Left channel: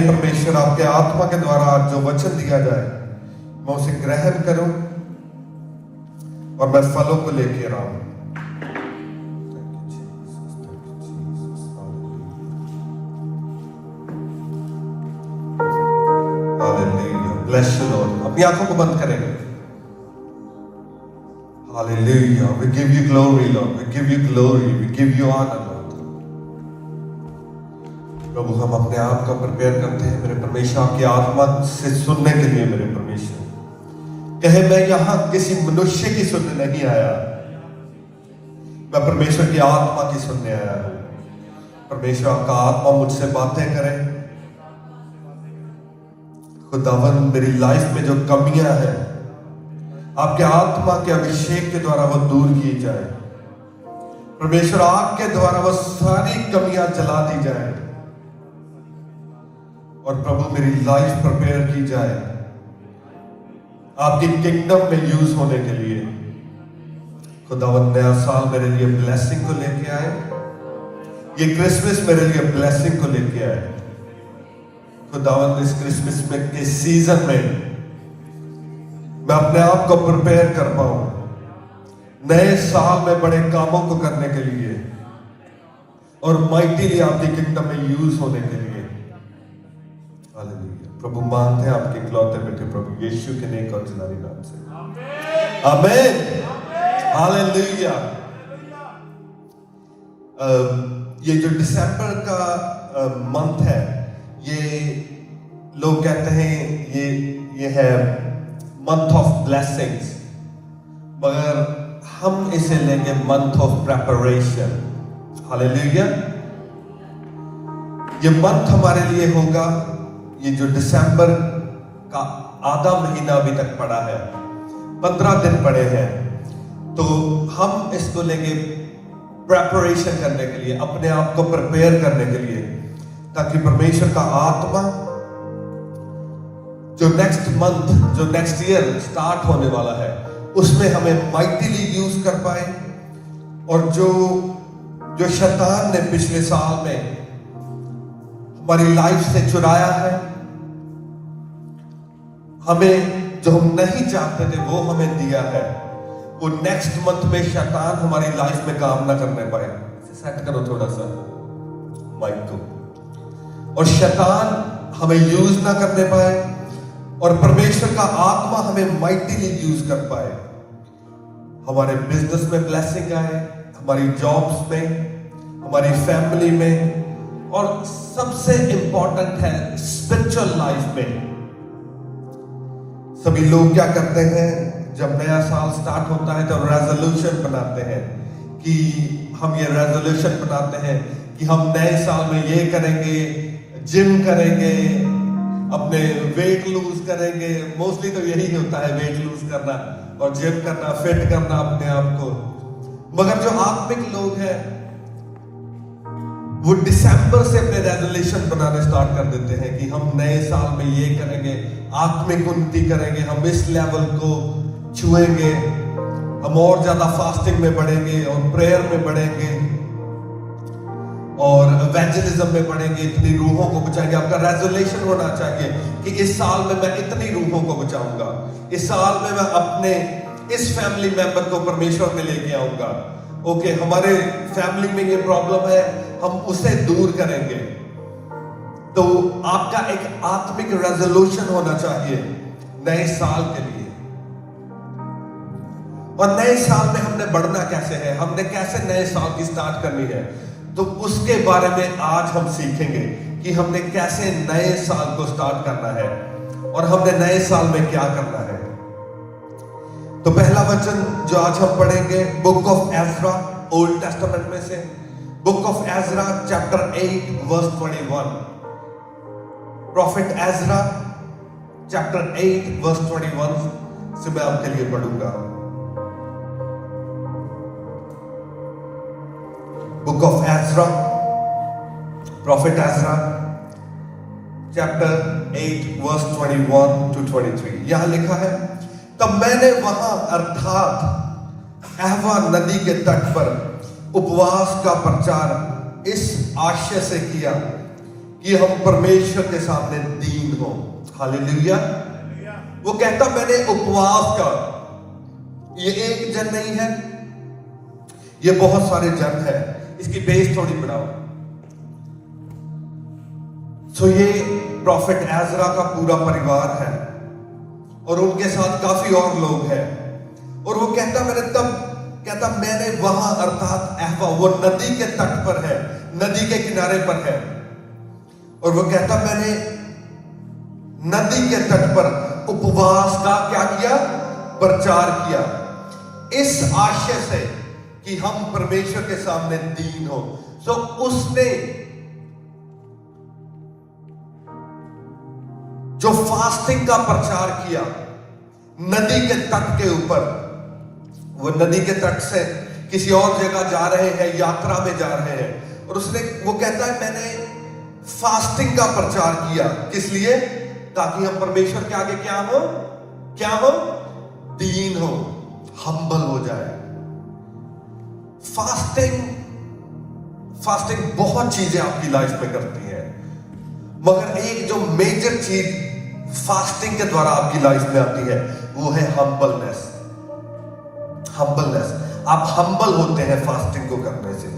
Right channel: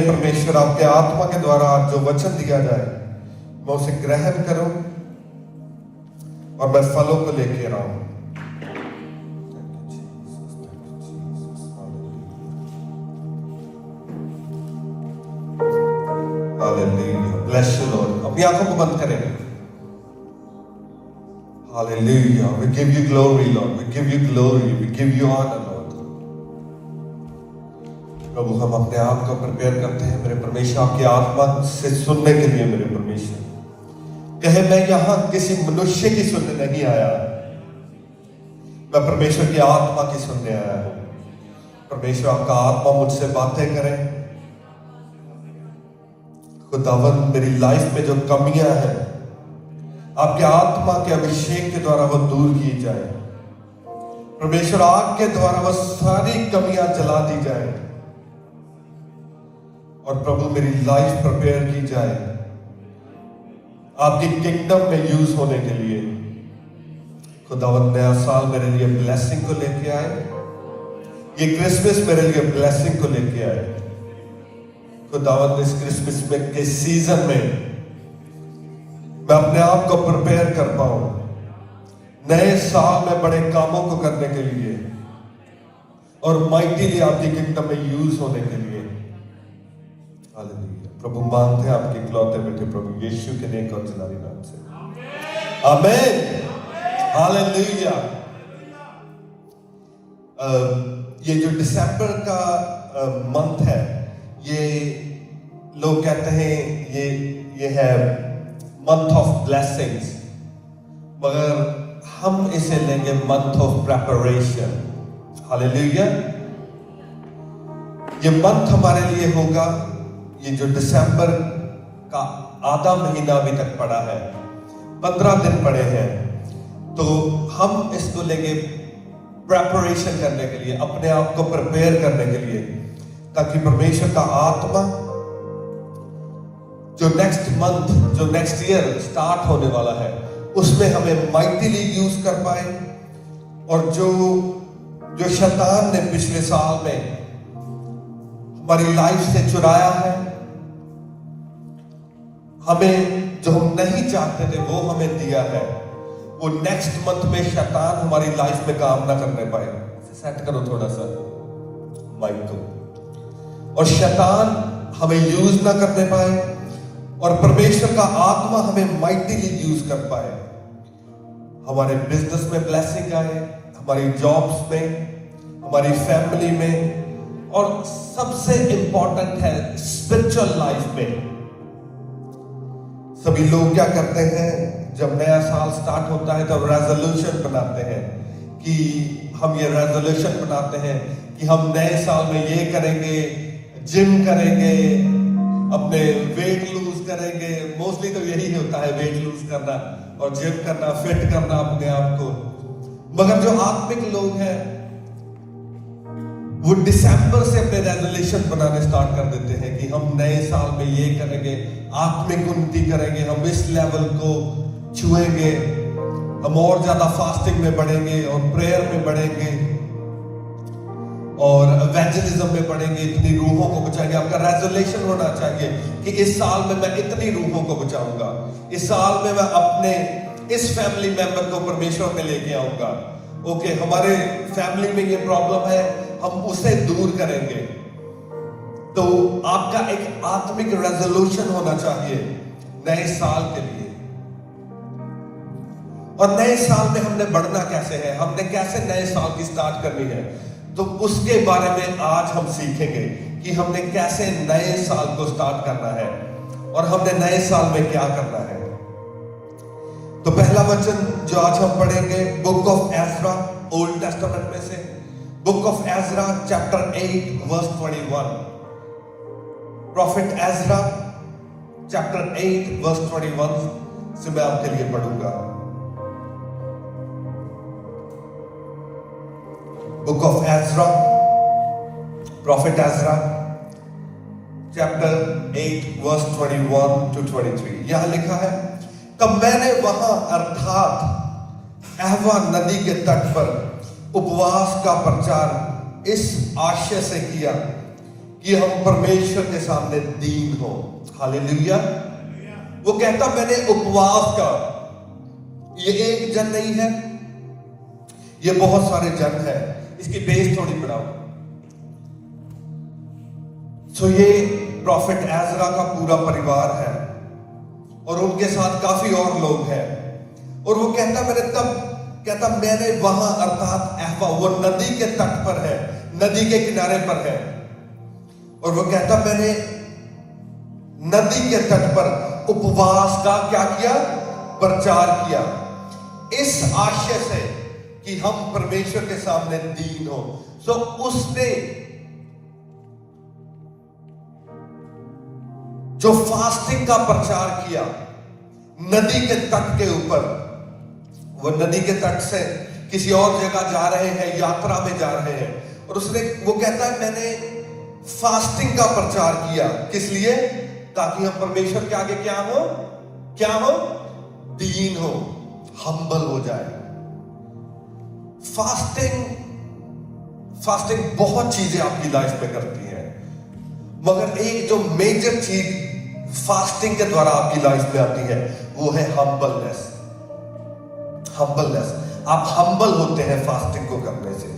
परमेश्वर आपके आत्मा के द्वारा आज जो वचन दिया जाए मैं उसे ग्रहण करूं और मैं फलों को लेकर आऊं। Hallelujah, bless you lord. अपनी आंखों को बंद करेंगे। Hallelujah, we give you glory lord, we give you glory, we give you honour lord. प्रभु हम अपने आप को प्रिपेयर करते हैं मेरे परमेश्वर, आपकी आत्मा से सुनने के लिए। मेरे परमेश्वर कहे मैं यहां किसी मनुष्य की सुनने नहीं आया, मैं परमेश्वर की आत्मा की सुनने आया हूं। परमेश्वर आपका आत्मा मुझसे बातें करे। खुदावन मेरी लाइफ में जो कमियां हैं आपके आत्मा के अभिषेक के द्वारा वो दूर की जाए। परमेश्वर आपके द्वारा वो सारी कमियां जला दी जाए और प्रभु मेरी लाइफ प्रिपेयर की जाए आपकी किंगडम में यूज होने के लिए। खुदावन नया साल मेरे लिए ब्लेसिंग को लेके आए, ये क्रिसमस मेरे लिए ब्लेसिंग को लेके आए। खुदावन इस क्रिसमस में के सीजन में मैं अपने आप को प्रिपेयर कर पाऊं नए साल में बड़े कामों को करने के लिए और माइटीली आपकी किंगडम में यूज होने के लिए। हालेलुया। प्रभु मांगते हैं आपके इकलौते बेटे प्रभु यीशु के नेक और जलाली नाम से, आमीन। हालेलुया। ये जो दिसंबर का मंथ है, ये लोग कहते हैं ये है मंथ ऑफ ब्लेसिंग्स, मगर हम इसे लेंगे मंथ ऑफ प्रेपरेशन। हालेलुया। ये मंथ हमारे लिए होगा, ये जो दिसंबर का आधा महीना अभी तक पड़ा है, 15 दिन पड़े हैं, तो हम इसको लेंगे प्रेपरेशन करने के लिए, अपने आप को प्रिपेयर करने के लिए, ताकि परमेश्वर का आत्मा जो नेक्स्ट मंथ, जो नेक्स्ट ईयर स्टार्ट होने वाला है, उसमें हमें माइटीली यूज कर पाए। और जो शैतान ने पिछले साल में हमारी लाइफ से चुराया है, हमें जो हम नहीं चाहते थे वो हमें दिया है, वो नेक्स्ट मंथ में शैतान हमारी लाइफ में काम ना करने पाए। सेट करो थोड़ा सा माइक को, और शैतान हमें यूज ना करने पाए और परमेश्वर का आत्मा हमें माइटीली यूज कर पाए। हमारे बिजनेस में ब्लेसिंग आए, हमारी जॉब्स में, हमारी फैमिली में, और सबसे इंपॉर्टेंट है स्पिरिचुअल लाइफ में। सभी लोग क्या करते हैं, जब नया साल स्टार्ट होता है तो रेजोल्यूशन बनाते हैं कि हम ये रेजोल्यूशन बनाते हैं कि हम नए साल में ये करेंगे, जिम करेंगे, अपने वेट लूज करेंगे। मोस्टली तो यही होता है, वेट लूज करना और जिम करना, फिट करना अपने आप को। मगर जो आत्मिक लोग हैं वो दिसंबर से अपने रेजोल्यूशन बनाने स्टार्ट कर देते हैं कि हम नए साल में ये करेंगे, आत्मिक उन्नति करेंगे, हम इस लेवल को छुएंगे, हम और ज्यादा फास्टिंग में बढ़ेंगे और प्रेयर में बढ़ेंगे और इवेंजलिज्म में बढ़ेंगे, इतनी रूहों को बचाएंगे। आपका रेजोल्यूशन होना चाहिए कि इस साल में मैं इतनी रूहों को बचाऊंगा, इस साल में मैं अपने इस फैमिली मेंबर को परमेश्वर में लेके आऊंगा। ओके, हमारे फैमिली में ये प्रॉब्लम है, हम उसे दूर करेंगे। तो आपका एक आत्मिक रेजोल्यूशन होना चाहिए नए साल के लिए। और नए साल में हमने बढ़ना कैसे है, हमने कैसे नए साल की स्टार्ट करनी है, तो उसके बारे में आज हम सीखेंगे कि हमने कैसे नए साल को स्टार्ट करना है और हमने नए साल में क्या करना है। तो पहला वचन जो आज हम पढ़ेंगे, book of Ezra, Old Testament में से, book of Ezra chapter 8 verse 21। Prophet Ezra chapter 8 verse 21 से मैं आपके लिए पढ़ूंगा। Book of Ezra, prophet Ezra chapter 8 verse 21 to 23। यहां लिखा है, तब मैंने वहां अर्थात अहवा नदी के तट पर उपवास का प्रचार इस आशय से किया कि हम परमेश्वर के सामने दीन हो। हालेलुया। वो कहता मैंने उपवास का, ये एक जन नहीं है, ये बहुत सारे जन है। इसकी बेस थोड़ी बढ़ाओ। सो ये प्रॉफिट एजरा का पूरा परिवार है और उनके साथ काफी और लोग हैं। और वो कहता मैंने वहां, अर्थात अहवा, वो नदी के तट पर है, नदी के किनारे पर है। और वो कहता मैंने नदी के तट पर उपवास का क्या किया? प्रचार किया, इस आशय से कि हम परमेश्वर के सामने दीन हो। सो उसने जो फास्टिंग का प्रचार किया नदी के तट के ऊपर, वो नदी के तट से किसी और जगह जा रहे हैं, यात्रा में जा रहे हैं, और वो कहता है मैंने फास्टिंग का प्रचार किया। किस लिए? ताकि हम परमेश्वर के आगे क्या हो? दीन हो, हम्बल हो जाए। फास्टिंग बहुत चीजें आपकी लाइफ में करती है, मगर एक जो मेजर चीज फास्टिंग के द्वारा आपकी लाइफ में आती है वो है हम्बलनेस। आप हम्बल होते हैं फास्टिंग को करने से।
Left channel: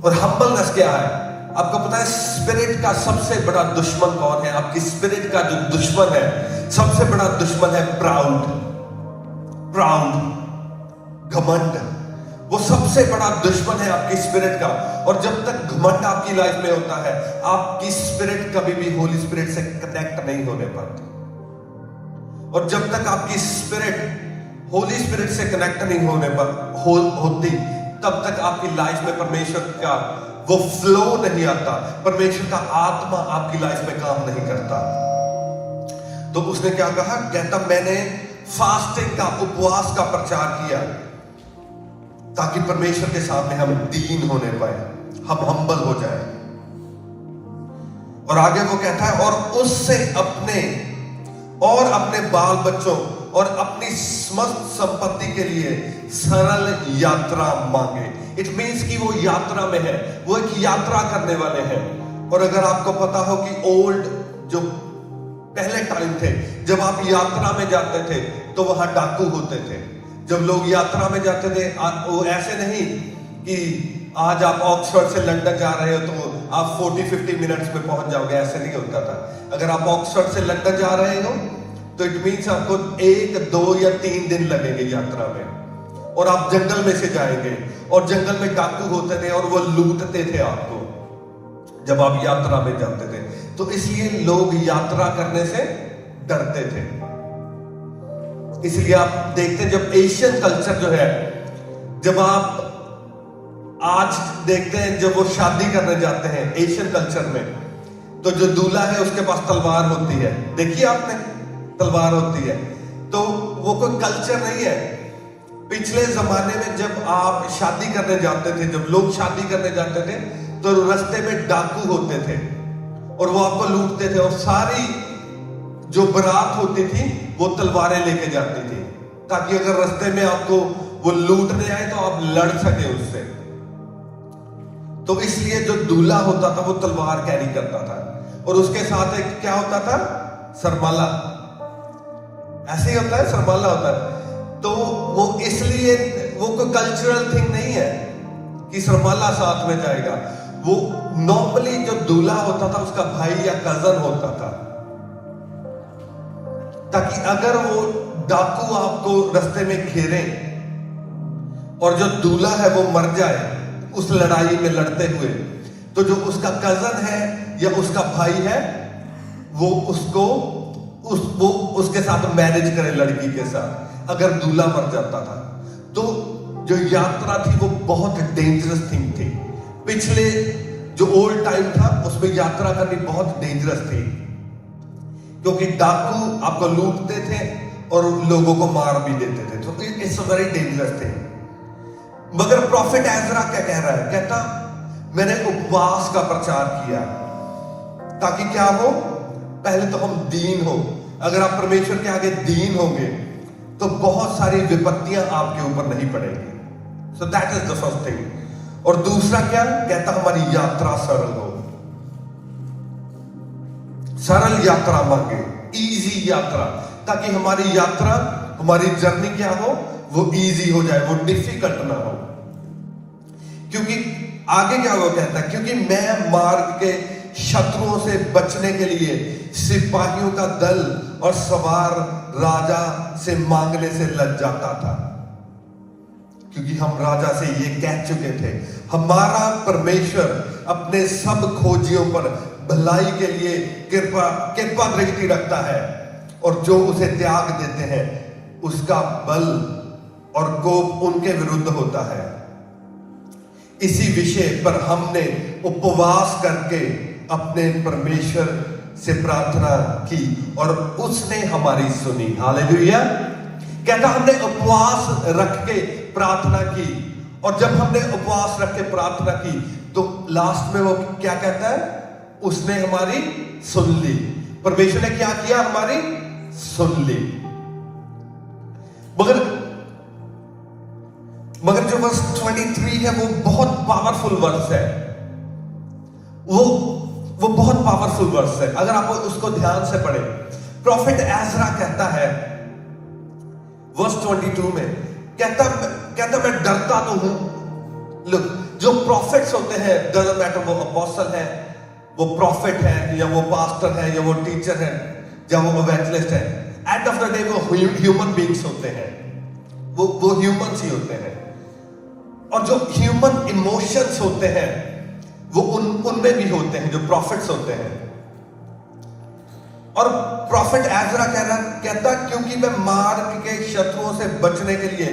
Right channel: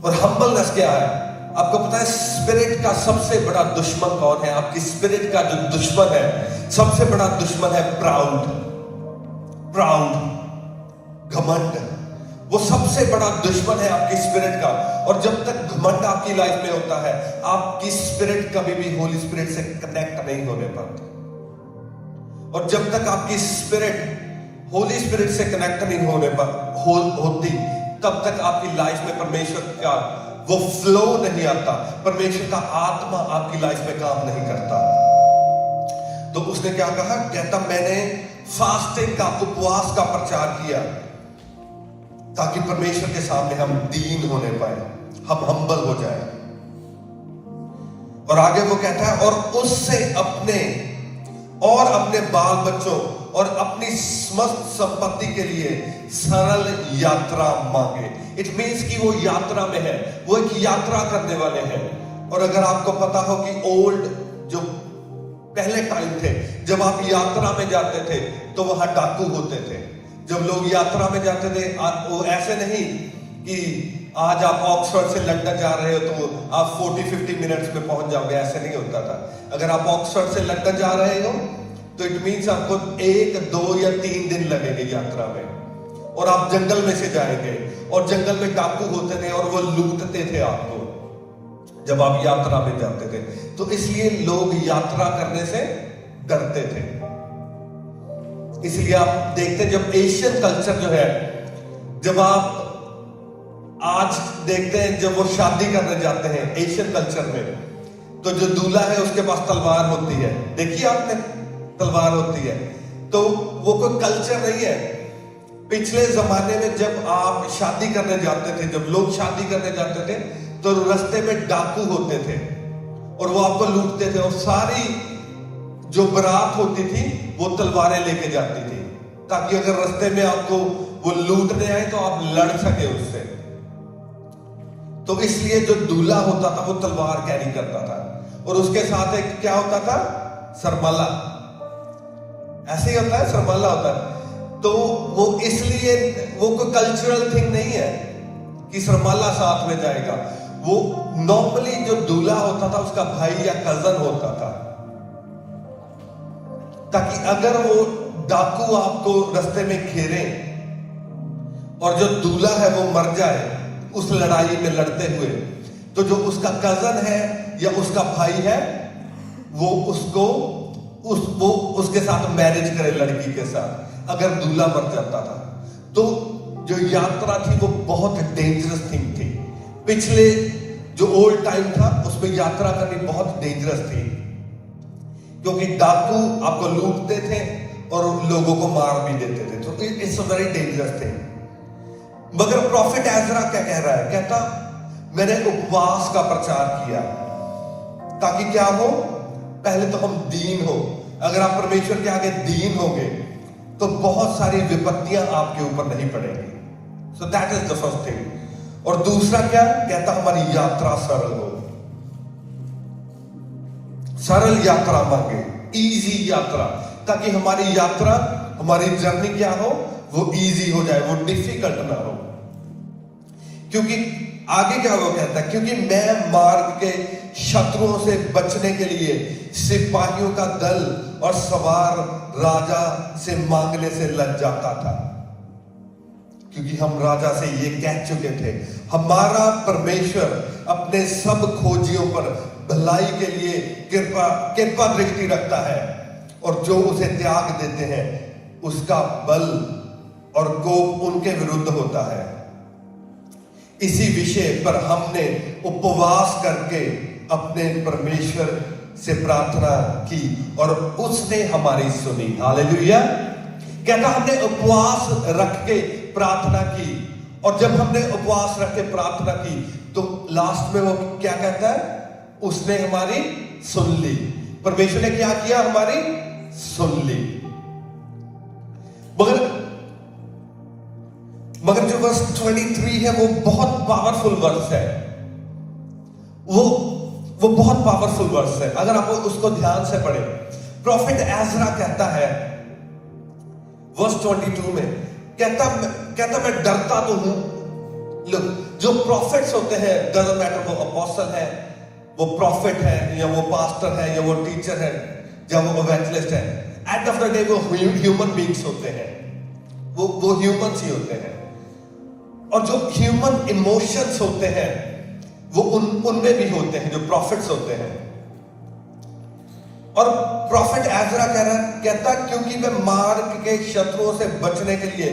और हम्बलनेस क्या है? आपको पता है स्पिरिट का सबसे बड़ा दुश्मन कौन है? आपकी स्पिरिट का जो दुश्मन है, सबसे बड़ा दुश्मन है प्राउड, घमंड। वो सबसे बड़ा दुश्मन है आपकी स्पिरिट का। और जब तक घमंड आपकी लाइफ में होता है, आपकी स्पिरिट कभी भी होली स्पिरिट से कनेक्ट नहीं होने पाती। और जब तक आपकी स्पिरिट होली स्पिरिट से कनेक्ट नहीं होती, तब तक आपकी लाइफ में परमेश्वर का वो फ्लो नहीं आता, परमेश्वर का आत्मा आपकी लाइफ में काम नहीं करता। तो उसने क्या कहा? कहता मैंने फास्टिंग का, उपवास का प्रचार किया ताकि परमेश्वर के सामने हम दीन होने पाए, हम हम्बल हो जाए। और आगे वो कहता है और उससे अपने बाल बच्चों और अपनी समस्त संपत्ति के लिए सरल यात्रा मांगे। इट मीन्स कि वो यात्रा में है, वो एक यात्रा करने वाले हैं। और अगर आपको पता हो कि ओल्ड जो पहले टाइम थे, जब आप यात्रा में जाते थे तो वहां डाकू होते थे। जब लोग यात्रा में जाते थे, वो ऐसे नहीं कि आज आप ऑक्सफोर्ड से लंदन जा रहे हो तो आप 40-50 मिनट्स में पहुंच जाओगे, ऐसे नहीं होता था। अगर आप ऑक्सफोर्ड से लंदन जा रहे हो तो इट मीन्स आपको 1, 2 या 3 दिन लगेंगे यात्रा में। और आप जंगल में से जाएंगे, और जंगल में डाकू होते थे और वो लूटते थे आपको जब आप यात्रा में जाते थे। तो इसलिए लोग यात्रा करने से डरते थे। इसलिए आप देखते हैं जब एशियन कल्चर जो है, जब आप आज देखते हैं जब वो शादी करने जाते हैं एशियन कल्चर में, तो जो दूल्हा है उसके पास तलवार होती है। देखिए आपने, तलवार होती है। तो वो कोई कल्चर नहीं है। पिछले जमाने में जब आप शादी करने जाते थे, जब लोग शादी करने जाते थे, तो रास्ते में डाकू होते थे और वो आपको लूटते थे। और सारी जो बारात होती थी वो तलवारें लेके जाती थी, ताकि अगर रास्ते में आपको वो लूटने आए तो आप लड़ सके उससे। तो इसलिए जो दूल्हा होता था वो तलवार कैरी करता था, और उसके साथ एक क्या होता था? सरमाला। ऐसे ही होता है, सरमाला होता है। तो वो इसलिए वो कोई कल्चरल थिंग नहीं है कि सरमाला साथ में जाएगा। वो नॉर्मली जो दूल्हा होता था उसका भाई या कजन होता था, ताकि अगर वो डाकू आपको रास्ते में घेरे और जो दूल्हा है वो मर जाए उस लड़ाई में लड़ते हुए, तो जो उसका कजन है या उसका भाई है वो उसके साथ मैरिज करे, लड़की के साथ, अगर दूल्हा मर जाता था। तो जो यात्रा थी वो बहुत डेंजरस थिंग थी। पिछले जो ओल्ड टाइम था उसमें यात्रा करनी बहुत डेंजरस थी, क्योंकि डाकू आपको लूटते थे और लोगों को मार भी देते थे। तो इट्स वेरी डेंजरस थिंग। मगर प्रॉफिट एजरा क्या कह रहा है? कहता मैंने उपवास का प्रचार किया ताकि क्या हो? पहले तो हम दीन हो। अगर आप परमेश्वर के आगे दीन होंगे तो बहुत सारी विपत्तियां आपके ऊपर नहीं पड़ेंगी। So that is the first thing. और दूसरा क्या कहता, हमारी यात्रा सरल हो। सरल यात्रा मांगे, इजी यात्रा, ताकि हमारी यात्रा, हमारी जर्नी क्या हो, वो इजी हो जाए, वो डिफिकल्ट ना हो। क्योंकि आगे क्या वो कहता है, क्योंकि मैं मार्ग के शत्रुओं से बचने के लिए सिपाहियों का दल और सवार राजा से मांगने से लज जाता था। क्योंकि हम राजा से ये कह चुके थे, हमारा परमेश्वर अपने सब खोजियों पर भलाई के लिए कृपा दृष्टि रखता है, और जो उसे त्याग देते हैं उसका बल और कोप उनके विरुद्ध होता है। इसी विषय पर हमने उपवास करके अपने परमेश्वर से प्रार्थना की और उसने हमारी सुनी। हालेलुया। कहता हमने उपवास रख के प्रार्थना की, और जब हमने उपवास रख के प्रार्थना की तो लास्ट में वो क्या कहता है, उसने हमारी सुन ली। परमेश्वर ने क्या किया, हमारी सुन ली। मगर जो वर्स 23 है वो बहुत पावरफुल वर्स है। वो बहुत पावरफुल वर्स है, अगर आप उसको ध्यान से पढ़े। प्रॉफिट एजरा कहता है वर्स 22 में, कहता मैं डरता तो हूं। लुक, जो प्रॉफिट्स होते हैं, डजंट मैटर वो अपोस्टल है, वो प्रॉफिट है, या वो पास्टर है, या वो टीचर है, या वो इवेंजलिस्ट है, एंड ऑफ द डे वो ह्यूमन बीइंग्स होते हैं, वो ह्यूमंस ही होते हैं। और जो ह्यूमन इमोशंस होते हैं वो उनमें भी होते हैं, जो प्रॉफिट्स होते हैं। और प्रॉफिट एजरा कहता क्योंकि मैं मार्ग के शत्रुओं से बचने के लिए,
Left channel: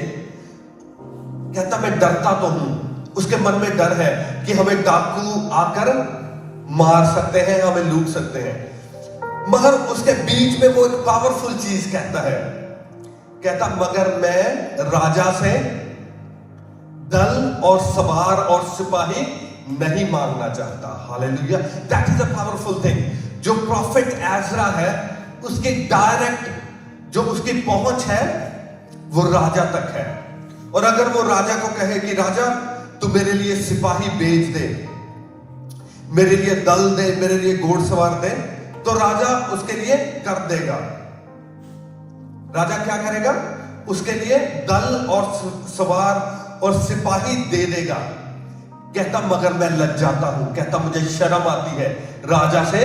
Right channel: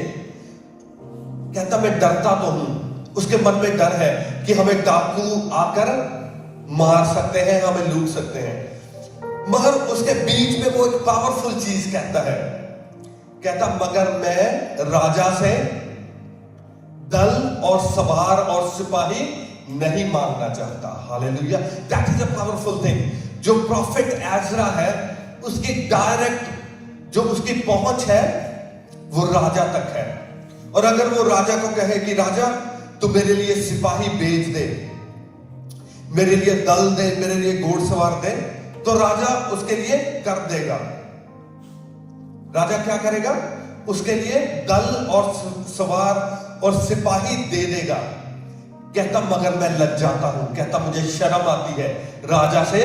कहता मैं डरता तो हूं। उसके मन में डर है कि हमें डाकू आकर मार सकते हैं, हमें लूट सकते हैं। मगर उसके बीच में वो एक पावरफुल चीज कहता है, कहता मगर मैं राजा से दल और सवार और सिपाही नहीं मांगना चाहता। Hallelujah, that is a powerful thing. जो प्रॉफिट एजरा है, उसकी डायरेक्ट जो उसकी पहुंच है वो राजा तक है। और अगर वो राजा को कहे कि राजा तू मेरे लिए सिपाही भेज दे, मेरे लिए दल दे, मेरे लिए घोड़सवार दे, तो राजा उसके लिए कर देगा। राजा क्या करेगा, उसके लिए दल और सवार और सिपाही दे देगा। कहता मगर मैं लज जाता हूं, कहता मुझे शर्म आती है राजा से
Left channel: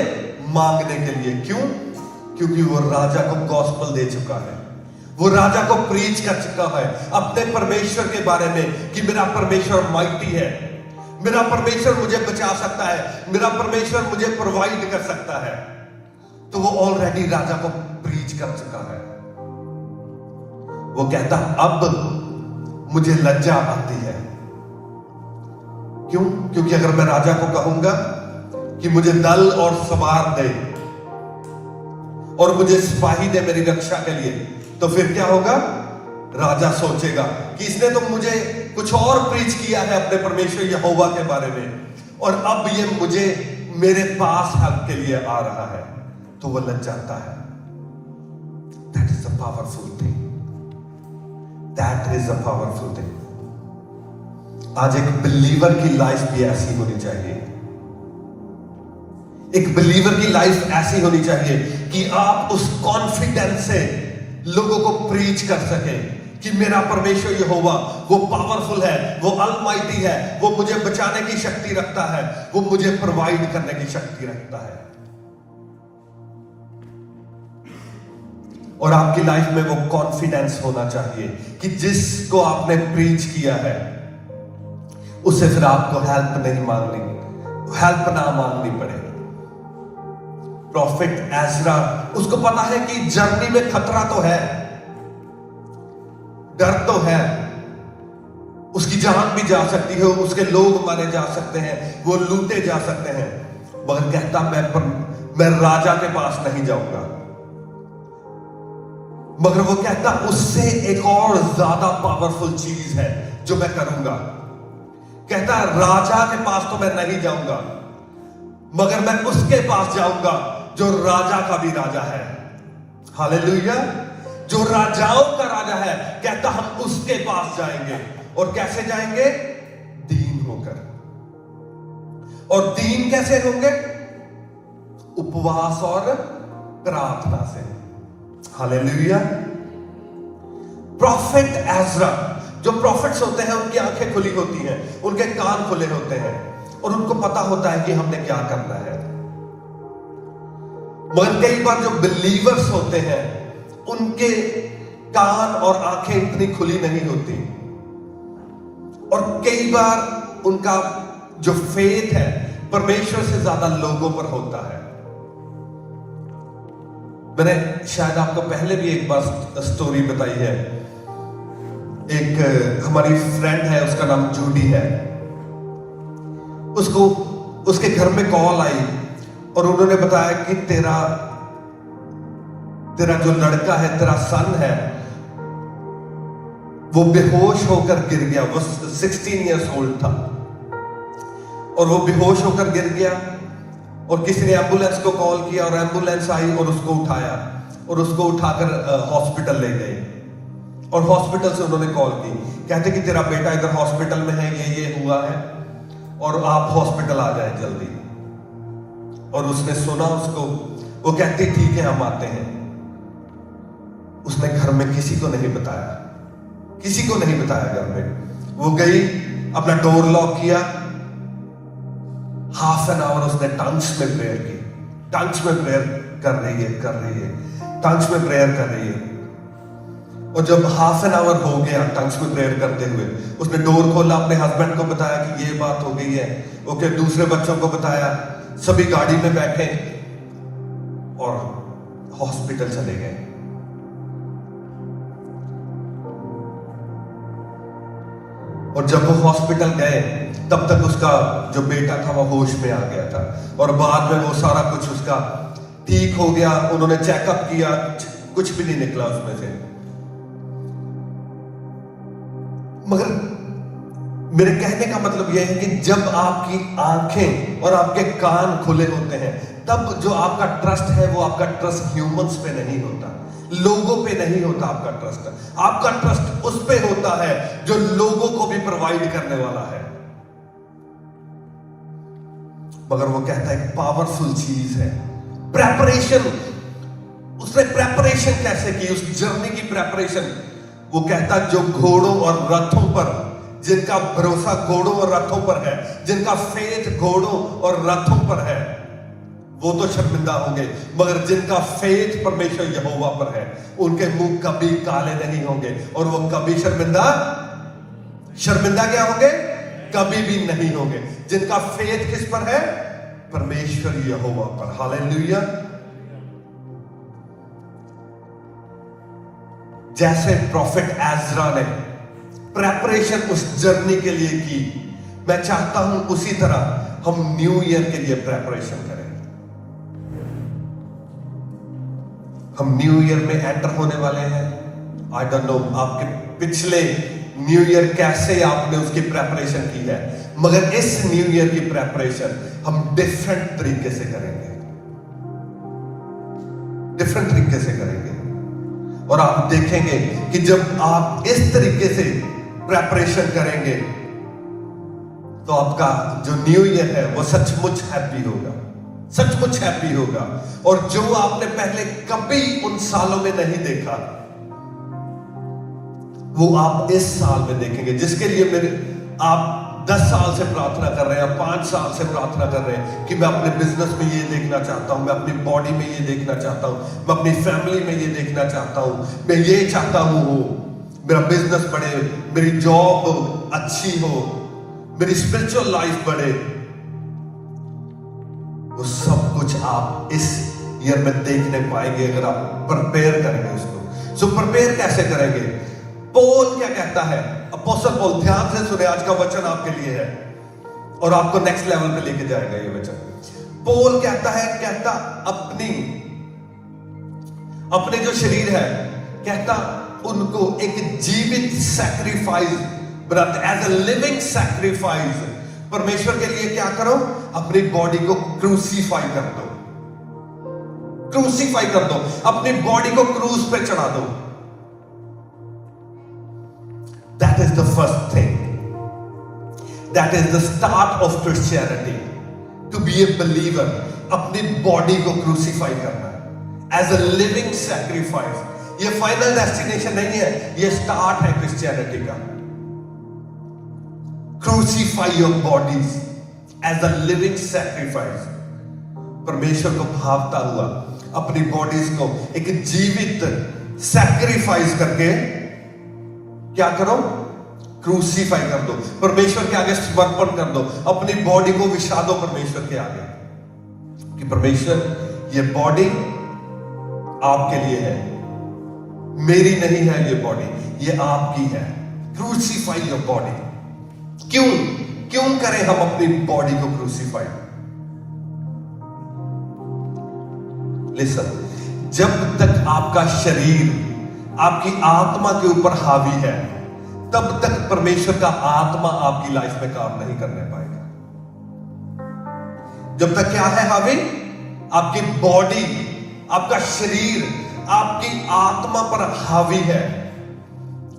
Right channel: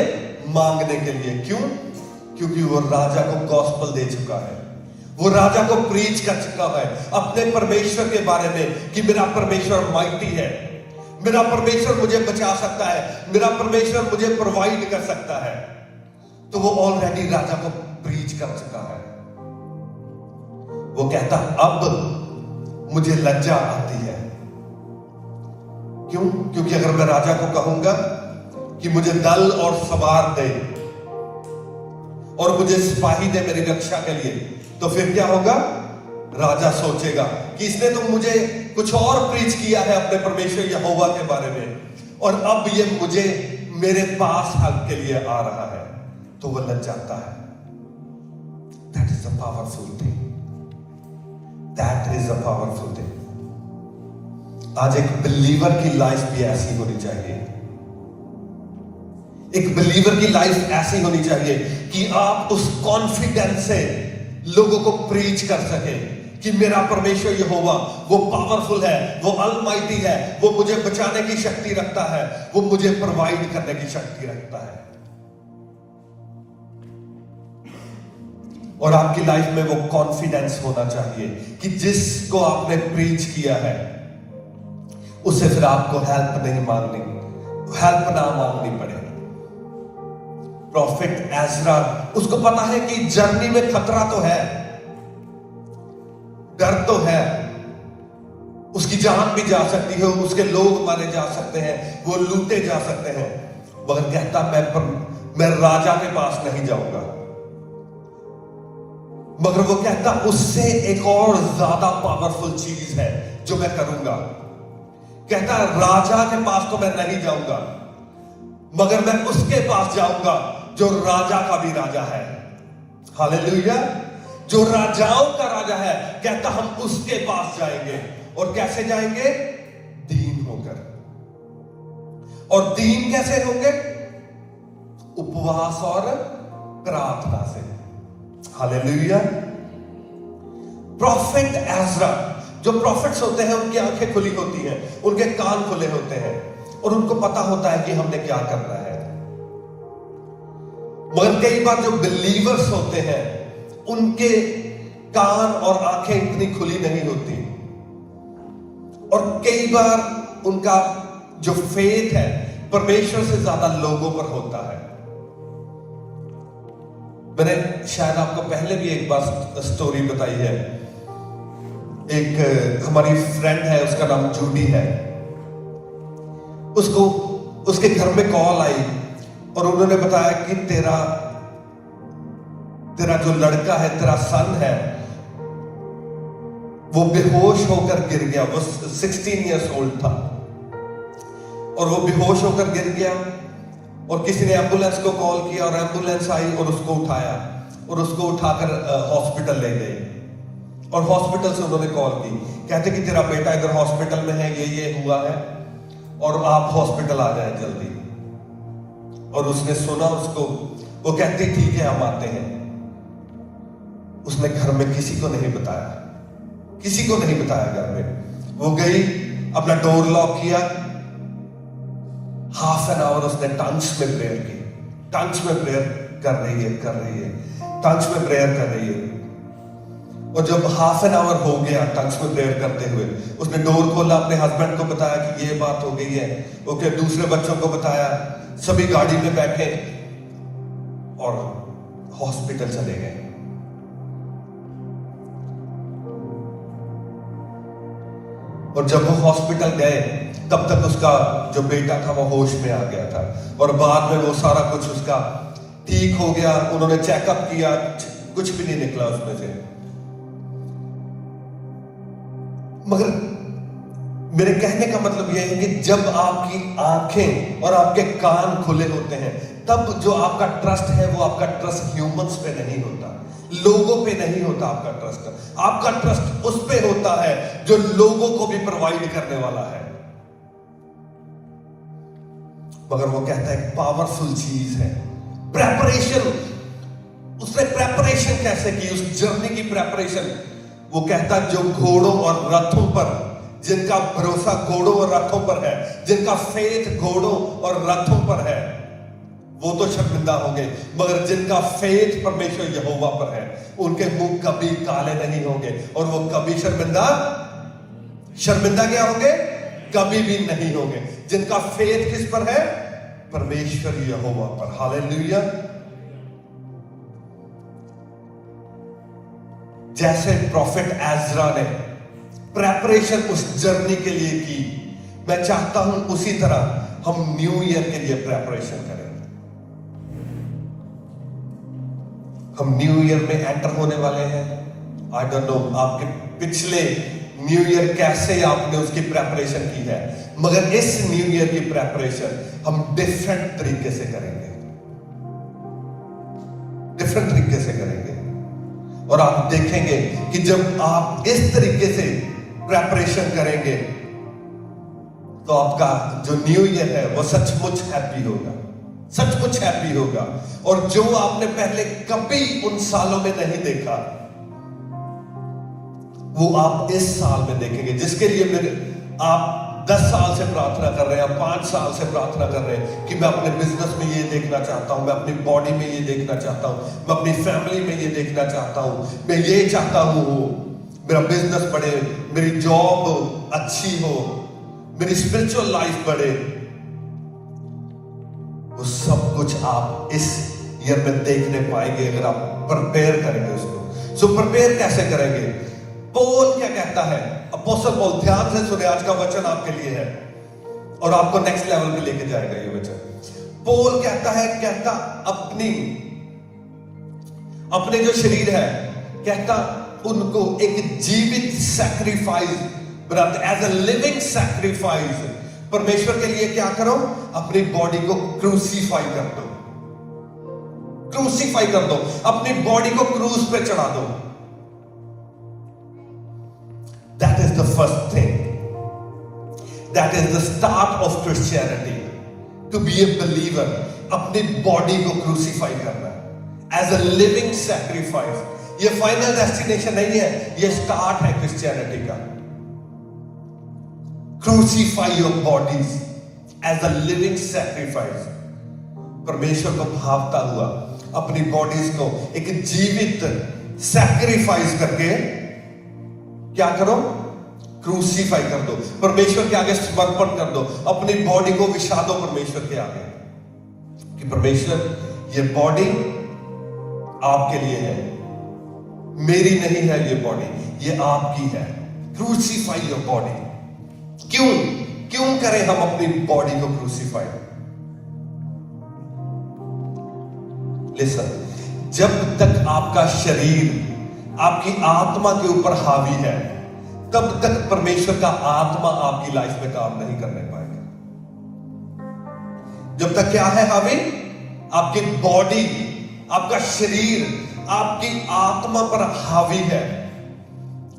मांगने के लिए। क्यों? क्योंकि वो राजा को गॉस्पेल दे चुका है, वो राजा को प्रीच कर चुका है अपने परमेश्वर के बारे में कि मेरा परमेश्वर माइटी है, मेरा परमेश्वर मुझे बचा सकता है, मेरा परमेश्वर मुझे प्रोवाइड कर सकता है। तो वो ऑलरेडी राजा को प्रीच कर चुका है। वो कहता अब मुझे लज्जा आती है। क्यों? क्योंकि अगर मैं राजा को कहूंगा कि मुझे दल और सवार दे और मुझे सिपाही दे मेरी रक्षा के लिए, तो फिर क्या होगा, राजा सोचेगा कि इसने तो मुझे कुछ और प्रीच किया है अपने परमेश्वर यहोवा के बारे में, और अब ये मुझे मेरे पास हेल्प के लिए आ रहा है, तो वो लग जाता है। That is a powerful thing, that is a powerful thing. आज एक बिलीवर की लाइफ भी ऐसी होनी चाहिए। एक बिलीवर की लाइफ ऐसी होनी चाहिए कि आप उस कॉन्फिडेंस से लोगों को प्रीच कर सके कि मेरा परमेश्वर यहोवा वो पावरफुल है, वो अलमाइटी है, वो मुझे बचाने की शक्ति रखता है, वो मुझे प्रोवाइड करने की शक्ति रखता है। और आपकी लाइफ में वो कॉन्फिडेंस होना चाहिए कि जिसको आपने प्रीच किया है उससे फिर आपको हेल्प नहीं मांगनी, हेल्प ना मांगनी पड़े। प्रॉफिट एजरा, उसको पता है कि जर्नी में खतरा तो है, डर तो है, उसकी जान भी जा सकती है, उसके लोग मारे जा सकते हैं, वो लूटे जा सकते हैं, मगर कहता मैं राजा के पास नहीं जाऊंगा। मगर वो कहता उससे एक और ज्यादा पावरफुल चीज है जो मैं करूंगा। कहता राजा के पास तो मैं नहीं जाऊंगा, मगर मैं उसके पास जाऊंगा जो राजा का भी राजा है। हालेलुया, जो राजाओं का राजा है। कहता हम उसके पास जाएंगे, और कैसे जाएंगे? दीन होकर, और दीन कैसे होंगे? उपवास और प्रार्थना से। हालेलुया। प्रॉफिट एज़रा, जो प्रॉफिट्स होते हैं उनकी आंखें खुली होती हैं, उनके कान खुले होते हैं और उनको पता होता है कि हमने क्या करना है। मगर कई बार जो बिलीवर्स होते हैं उनके कान और आंखें इतनी खुली नहीं होती और कई बार उनका जो फेथ है परमेश्वर से ज्यादा लोगों पर होता है। मैंने शायद आपको पहले भी एक बार स्टोरी बताई है। एक हमारी फ्रेंड है, उसका नाम जूडी है। उसको उसके घर में कॉल आई और उन्होंने बताया कि तेरा जो लड़का है, तेरा सन है, वो बेहोश होकर गिर गया। वो 16 इयर्स ओल्ड था और वो बेहोश होकर गिर गया और किसी ने एम्बुलेंस को कॉल किया और एम्बुलेंस आई और उसको उठाया और उसको उठाकर हॉस्पिटल ले गए। और हॉस्पिटल से उन्होंने कॉल की, कहते कि तेरा बेटा इधर हॉस्पिटल में है, ये हुआ है और आप हॉस्पिटल आ जाए जल्दी। और उसने सुना उसको, वो कहती ठीक है हम आते हैं। उसने घर में किसी को नहीं बताया, किसी को नहीं बताया घर में। वो गई, अपना डोर लॉक किया, हाफ एन आवर उसने टंग्स में प्रेयर की। टंग्स में प्रेयर कर रही है, टंग्स में प्रेयर कर रही है। और जब हाफ एन आवर हो गया टंग्स में प्रेयर करते हुए, उसने डोर खोला, अपने हस्बैंड को बताया कि ये बात हो गई है। ओके, दूसरे बच्चों को बताया, सभी गाड़ी में बैठे और हॉस्पिटल चले गए। और जब वो हॉस्पिटल गए तब तक उसका जो बेटा था वो होश में आ गया था और बाद में वो सारा कुछ उसका ठीक हो गया। उन्होंने चेकअप किया, कुछ भी नहीं निकला उसमें से। मगर मेरे कहने का मतलब यह है कि जब आपकी आंखें और आपके कान खुले होते हैं तब जो आपका ट्रस्ट है वो आपका ट्रस्ट ह्यूमंस पे नहीं होता, लोगों पे नहीं होता। आपका ट्रस्ट उस पे होता है जो लोगों को भी प्रोवाइड करने वाला है। मगर वो कहता है पावरफुल चीज है प्रेपरेशन। उसने प्रेपरेशन कैसे की, उस जर्नी की प्रेपरेशन। वो कहता जो घोड़ों और रथों पर, जिनका भरोसा घोड़ों और रथों पर है, जिनका फेथ घोड़ों और रथों पर है, वो तो शर्मिंदा होंगे, मगर जिनका फेथ परमेश्वर यहोवा पर है उनके मुंह कभी काले नहीं होंगे और वो कभी शर्मिंदा क्या होंगे? कभी भी नहीं होंगे। जिनका फेथ किस पर है? परमेश्वर यहोवा पर। हालेलुया। जैसे प्रॉफिट एज़रा ने प्रेपरेशन उस जर्नी के लिए की, मैं चाहता हूं उसी तरह हम न्यू ईयर के लिए प्रेपरेशन करें। हम न्यू ईयर में एंटर होने वाले हैं। आई डोंट नो आपके पिछले न्यू ईयर कैसे आपने उसकी प्रेपरेशन की है, मगर इस न्यू ईयर की प्रेपरेशन हम डिफरेंट तरीके से करेंगे, डिफरेंट तरीके से करेंगे। और आप देखेंगे कि जब आप इस तरीके से प्रेपरेशन करेंगे तो आपका जो न्यू ईयर है वो सचमुच हैप्पी होगा, सचमुच हैप्पी होगा। और जो आपने पहले कभी उन सालों में नहीं देखा वो आप इस साल में देखेंगे। जिसके लिए आप 10 साल से प्रार्थना कर रहे हैं, 5 साल से प्रार्थना कर रहे हैं कि मैं अपने बिजनेस में ये देखना चाहता हूं, मैं अपनी बॉडी में ये देखना चाहता हूं, मैं अपनी फैमिली में ये देखना चाहता हूं, मैं ये चाहता हूं मेरा बिजनेस बढ़े, मेरी जॉब अच्छी हो, मेरी स्पिरिचुअल लाइफ बढ़े। वो सब कुछ आप इस ईयर में देखने पाएंगे अगर आप प्रिपेयर करेंगे उसको। सो प्रिपेयर कैसे करेंगे? पौल क्या कहता है? अपोस्टल पौल, ध्यान से सुने, आज का वचन आपके लिए है और आपको नेक्स्ट लेवल पे लेके जाएगा ये वचन। पौल कहता है, अपने जो शरीर है, कहता उनको एक जीवित सैक्रिफाइस बनाते, एज अ लिविंग सैक्रिफाइस। परमेश्वर के लिए क्या करो? अपनी बॉडी को क्रूसीफाई कर दो, क्रूसीफाई कर दो, अपनी बॉडी को क्रूस पे चढ़ा दो। That is the first thing. That is the start of Christianity. To be a believer, अपनी बॉडी को क्रूसीफाई करना एज अ लिविंग सैक्रिफाइस। ये फाइनल डेस्टिनेशन नहीं है, ये स्टार्ट है क्रिश्चियनिटी का। Crucify your bodies as a living sacrifice. परमेश्वर को भावता हुआ अपनी बॉडीज को एक जीवित सैक्रिफाइस करके क्या करो, क्रूसीफाई कर दो, परमेश्वर के आगे समर्पण कर दो, अपनी बॉडी को विछा दो परमेश्वर के आगे कि परमेश्वर ये बॉडी आपके लिए है, मेरी नहीं है ये बॉडी, ये आपकी है। Crucify your body. क्यों करें हम अपनी बॉडी को क्रूसीफाई? लिसन, जब तक आपका शरीर आपकी आत्मा के ऊपर हावी है, तब तक परमेश्वर का आत्मा आपकी लाइफ में काम नहीं करने पाएगा। जब तक क्या है हावी? आपकी बॉडी, आपका शरीर आपकी आत्मा पर हावी है,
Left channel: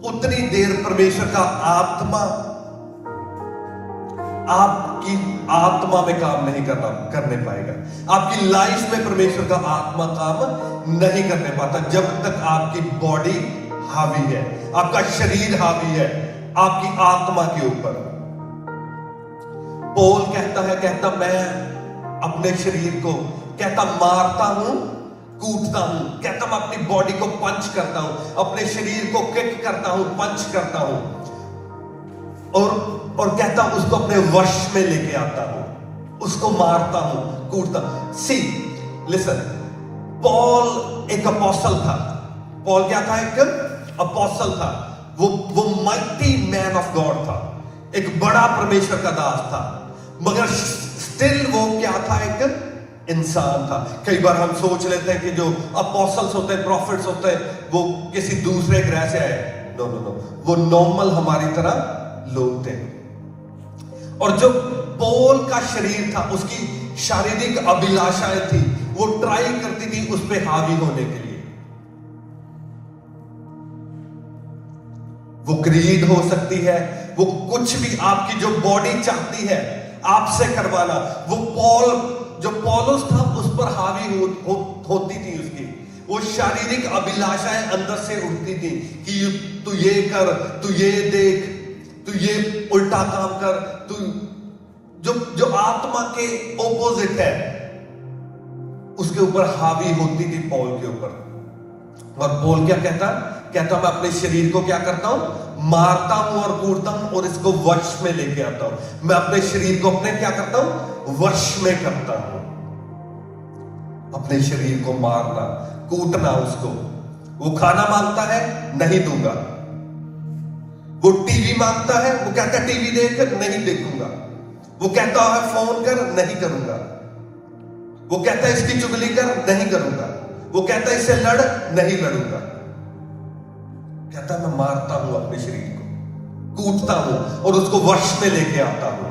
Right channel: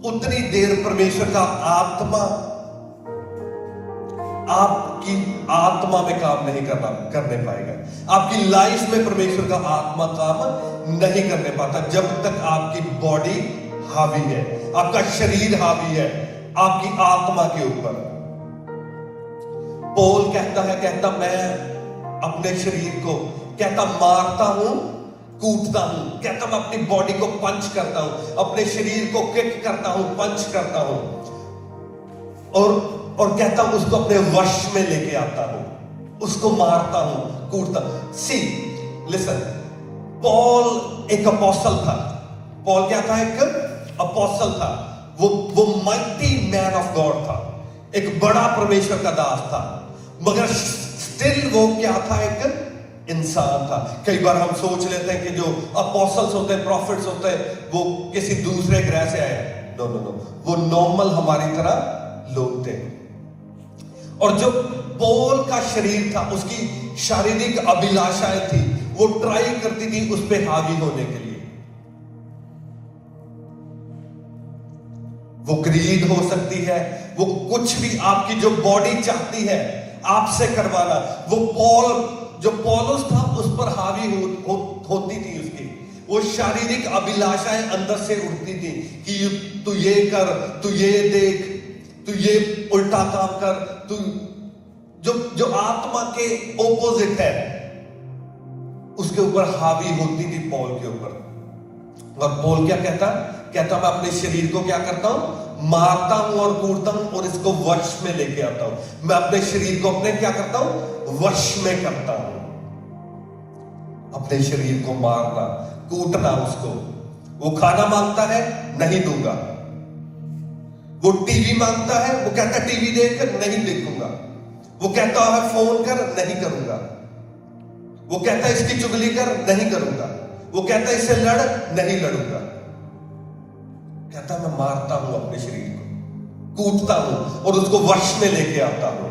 उतनी देर परमेश्वर का आत्मा आपकी आत्मा में काम नहीं करने पाएगा। आपकी लाइफ में परमेश्वर का आत्मा काम नहीं करने पाता जब तक आपकी बॉडी हावी है, आपका शरीर हावी है आपकी आत्मा के ऊपर। पौल कहता मैं अपने शरीर को मारता हूं, कूटता हूं, कहता मैं अपनी बॉडी को पंच करता हूं, अपने शरीर को किक करता हूं, पंच करता हूं, और कहता हूं उसको अपने वश में लेके आता हूं, उसको मारता हूं, कूटता। सी लिसन, पॉल एक अपोस्टल था। पॉल क्या था? एक अपोस्टल था। वो माइटी मैन ऑफ गॉड था, एक बड़ा परमेश्वर का दास था, मगर स्टिल वो क्या था? एक इंसान था। कई बार हम सोच लेते हैं कि जो अपोस्टल्स होते हैं, प्रॉफिट्स होते हैं, वो किसी दूसरे ग्रह से आए। नो, वो नॉर्मल हमारी तरह लोग थे। और जो पौल का शरीर था, उसकी शारीरिक अभिलाषाएं थी, वो ट्राई करती थी उस पे हावी होने के लिए। वो ग्रीड हो सकती है, वो कुछ भी आपकी जो बॉडी चाहती है आपसे करवाना, जो पौलुस था उस पर हावी होती थी उसकी। वो शारीरिक अभिलाषाएं अंदर से उठती थी कि तू ये कर, तू ये देख, तू ये उल्टा काम कर, तू जो आत्मा के ओपोजिट है उसके ऊपर हावी होती थी पौल के ऊपर। और पौल क्या कहता मैं अपने शरीर को क्या करता हूं? मारता हूं और कूटता हूं और इसको वश में लेके आता हूं। मैं अपने शरीर को अपने क्या करता हूं? वश में करता हूं। अपने शरीर को मारना, कूटना उसको। वो खाना मांगता है, नहीं दूंगा। वो टीवी मांगता है, वो कहता है टीवी देख, नहीं देखूंगा। वो कहता है फोन कर, नहीं करूंगा। वो कहता है इसकी चुगली कर, नहीं करूंगा। वो कहता है इससे लड़, नहीं लड़ूंगा। कहता मैं मारता हूं अपने शरीर को, कूटता हूं और उसको वश में लेके आता हूं।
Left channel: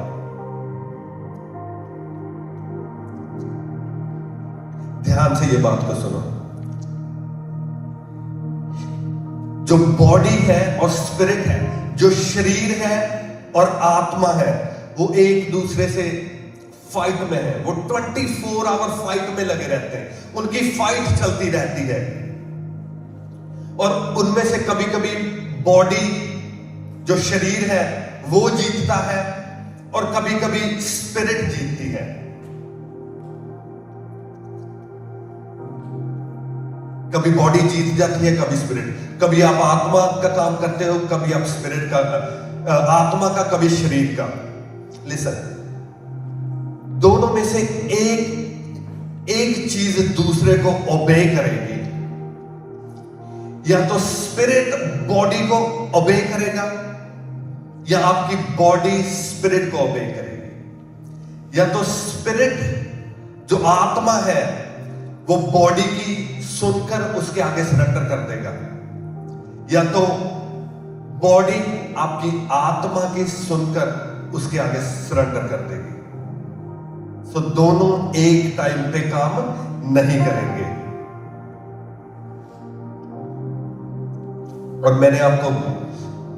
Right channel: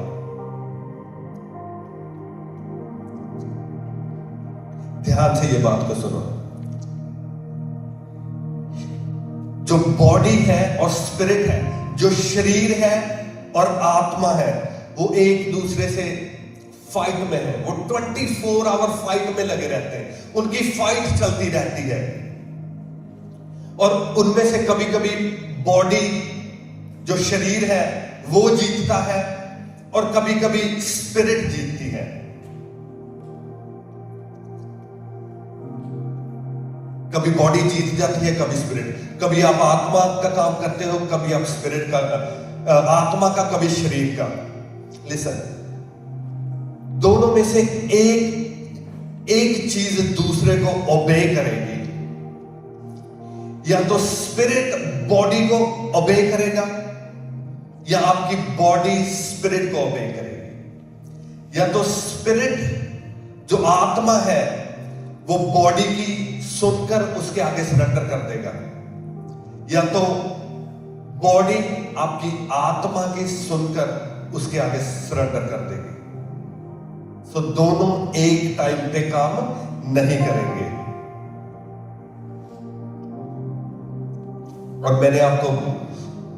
ध्यान से ये बात को सुनो। जो बॉडी है और स्पिरिट है, जो शरीर है और आत्मा है, वो एक दूसरे से फाइट में है। वो 24 आवर फाइट में लगे रहते हैं, उनकी फाइट चलती रहती है। और उनमें से कभी कभी बॉडी, जो शरीर है, वो जीतता है और कभी कभी स्पिरिट जीतती है। कभी बॉडी जीत जाती है, कभी स्पिरिट। कभी आप आत्मा का काम करते हो, कभी आप स्पिरिट का, आत्मा का, कभी शरीर का। लिसन, दोनों में से एक चीज दूसरे को ओबे करेगी। या तो स्पिरिट बॉडी को ओबे करेगा, या आपकी बॉडी स्पिरिट को ओबे करेगी। या तो स्पिरिट, जो आत्मा है, वो बॉडी की सुनकर उसके आगे सरेंडर कर देगा, या तो बॉडी आपकी आत्मा की सुनकर उसके आगे सरेंडर कर देगी। तो दोनों एक टाइम पे काम नहीं करेंगे। और मैंने आपको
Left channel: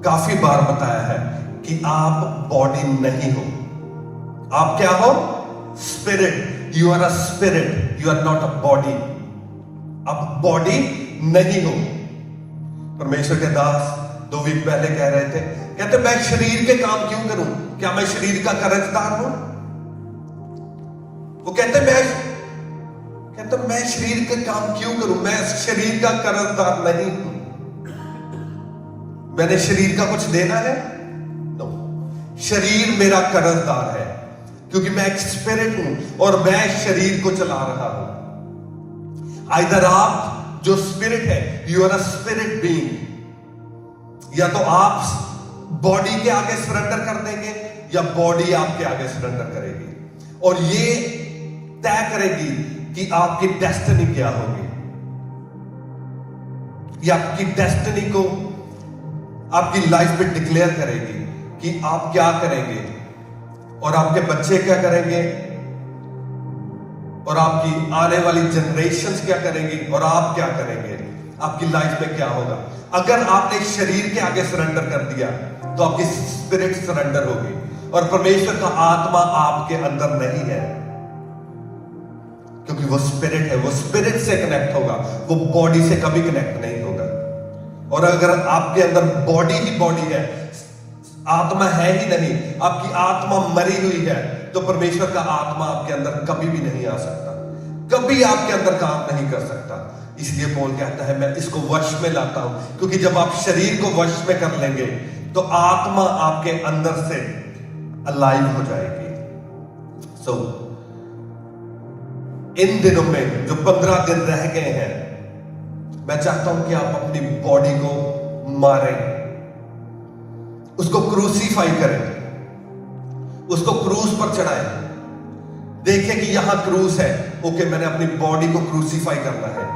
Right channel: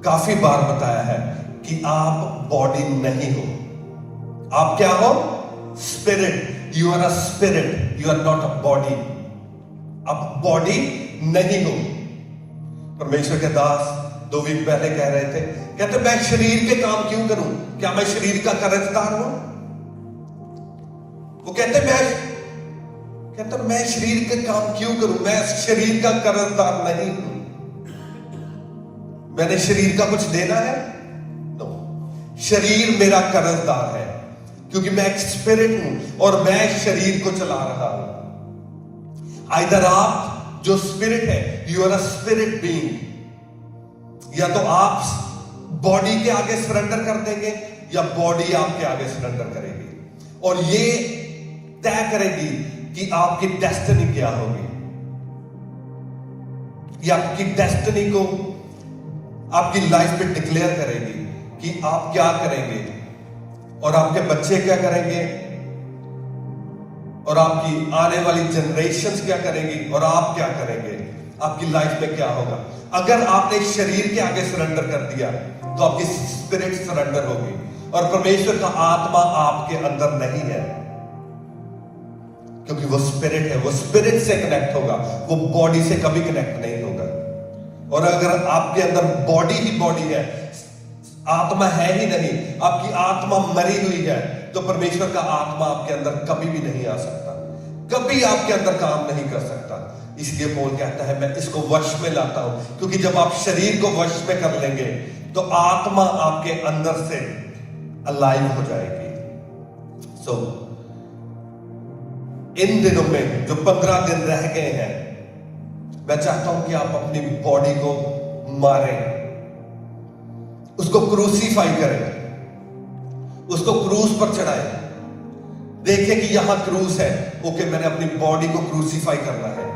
काफी बार बताया है कि आप बॉडी नहीं हो। आप क्या हो? Spirit, you are a spirit, you are not a body. अब बॉडी नहीं हो। परमेश्वर के दास 2 वीक पहले कह रहे थे, कहते मैं शरीर के काम क्यों करूं? क्या मैं शरीर का कर्जदार हूं? वो कहते मैं शरीर के काम क्यों करूं? मैं शरीर का कर्जदार नहीं हूं। मैंने शरीर का कुछ देना है? नो। शरीर मेरा कर्जदार है, क्योंकि मैं एक स्पिरिट हूं और मैं शरीर को चला रहा हूं। आइदर आप जो स्पिरिट है, you are a spirit being, या तो आप बॉडी के आगे सरेंडर कर देंगे या बॉडी आपके आगे सरेंडर करेगी। और ये तय करेगी कि आपकी डेस्टिनी क्या होगी। ये आपकी डेस्टिनी को आपकी लाइफ में डिक्लेयर करेगी कि आप क्या करेंगे और आपके बच्चे क्या करेंगे और आपकी आने वाली जनरेशंस क्या करेंगी और आप क्या करेंगे। आपकी लाइफ में क्या होगा। अगर आपने शरीर के आगे सरेंडर कर दिया तो आपकी स्पिरिट सरेंडर होगी, और परमेश्वर का आत्मा आपके अंदर नहीं है, क्योंकि वो स्पिरिट है। वो स्पिरिट से कनेक्ट होगा, वो बॉडी से कभी कनेक्ट नहीं होगा। और अगर आपके अंदर बॉडी ही बॉडी है, आत्मा है ही नहीं, आपकी आत्मा मरी हुई है, तो परमेश्वर का आत्मा आपके अंदर कभी भी नहीं आ सकता, कभी आपके अंदर काम नहीं कर सकता। इसलिए पौल कहता है मैं इसको वश में लाता हूं, क्योंकि जब आप शरीर को वश में कर लेंगे तो आत्मा आपके अंदर से अलाइव हो जाएगी। सो इन दिनों में जो 15 दिन रह गए हैं, मैं चाहता हूं कि आप अपनी बॉडी को मारें, उसको क्रूसीफाई करें, उसको क्रूस पर चढ़ाएं। देखें कि यहां क्रूस है, ओके मैंने अपनी बॉडी को क्रूसीफाई करना है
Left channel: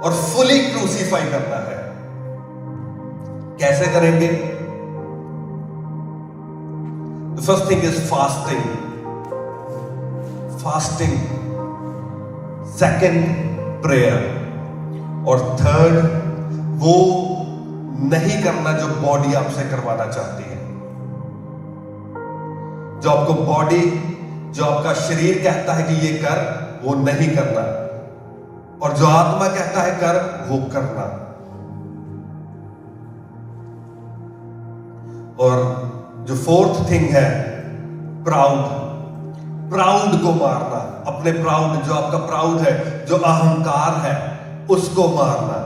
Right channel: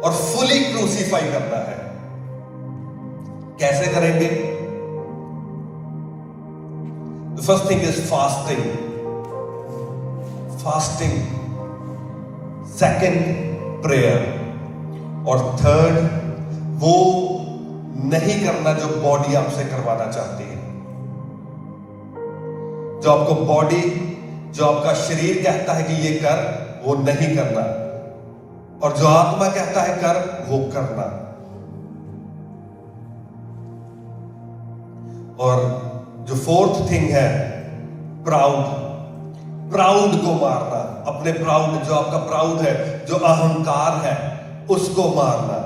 और फुली क्रूसीफाई करना है। कैसे करेंगे? The first thing is fasting. Fasting, second prayer, और थर्ड वो नहीं करना जो बॉडी आपसे करवाना चाहती है। जो आपको बॉडी, जो आपका शरीर कहता है कि ये कर, वो नहीं करना, और जो आत्मा कहता है कर, वो करना। और जो फोर्थ थिंग है प्राउड। प्राउड को मारना, अपने प्राउड, जो आपका प्राउड है, जो अहंकार है, उसको मारना।